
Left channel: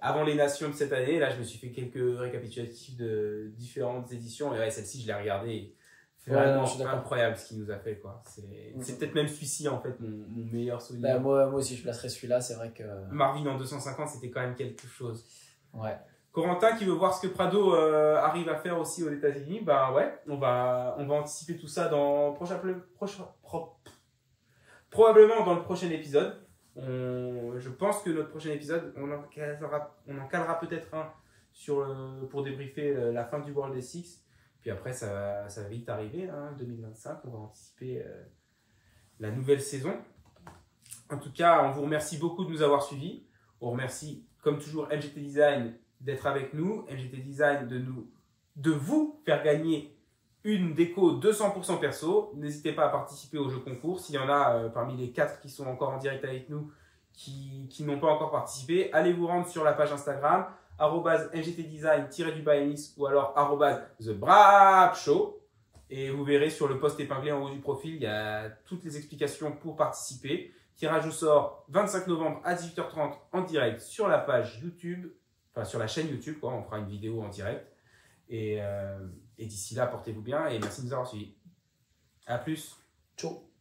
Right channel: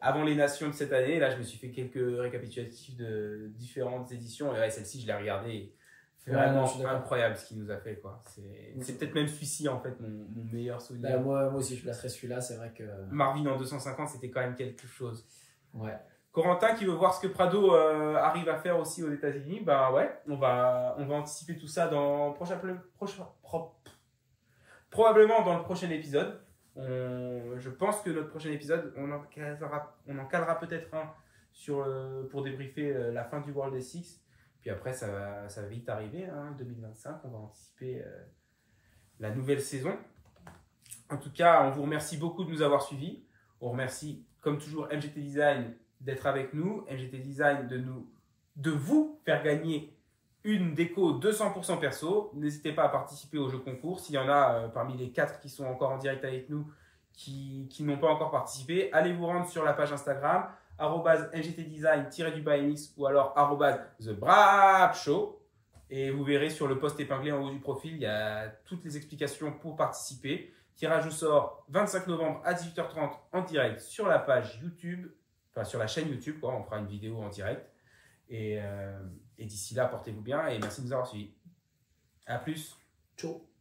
avant les nations de cette année. Là, je me suis fait quelques récapitulatifs de différentes éditions. Et ouais, celle-ci, je l'ai regardée. C'est vraiment incroyable ce qu'il nous a fait, quoi. C'est peut-être même celui-ci, en fait, mon meilleur souvenir. Bah, moi aussi, je placerais celui-là. C'est vrai que. Marvin en 250, c'était quand même quelque chose. Ouais. Corentin qui veut voir ce que Prado arrive à faire aussi aux États-Unis, bah ouais, on va anticiper tout ça dans probablement dans le prochain épisode. Je pense que notre prochain épisode, on en calera peut-être un pour débriefer la fin du World S6. Puis après, ça va vite arriver, 2025. On va anticiper la nouvelle saison. En tout cas, on vous remercie beaucoup de nous avoir suivis. On remercie, comme toujours, MGT Design d'être avec nous, MGT Design de vous faire gagner une déco 200% perso. N'hésitez pas à participer au jeu concours. S'il y en a parmi les 4 qui sont encore en direct avec nous, qui n'ont pas encore participé, allez vous rendre sur la page Instagram @mgtdesign-mx ou alors @thebrapshow et vous verrez sur le post épinglé en haut du profil, il y a toutes les explications pour participer. Tirage au sort 25 novembre à 18h30 en direct sur la page YouTube. Enfin, sur la chaîne YouTube, quoi. On fera une vidéo en direct. Et d'ici là, portez-vous bien et merci de nous avoir suivis. À plus. Ciao.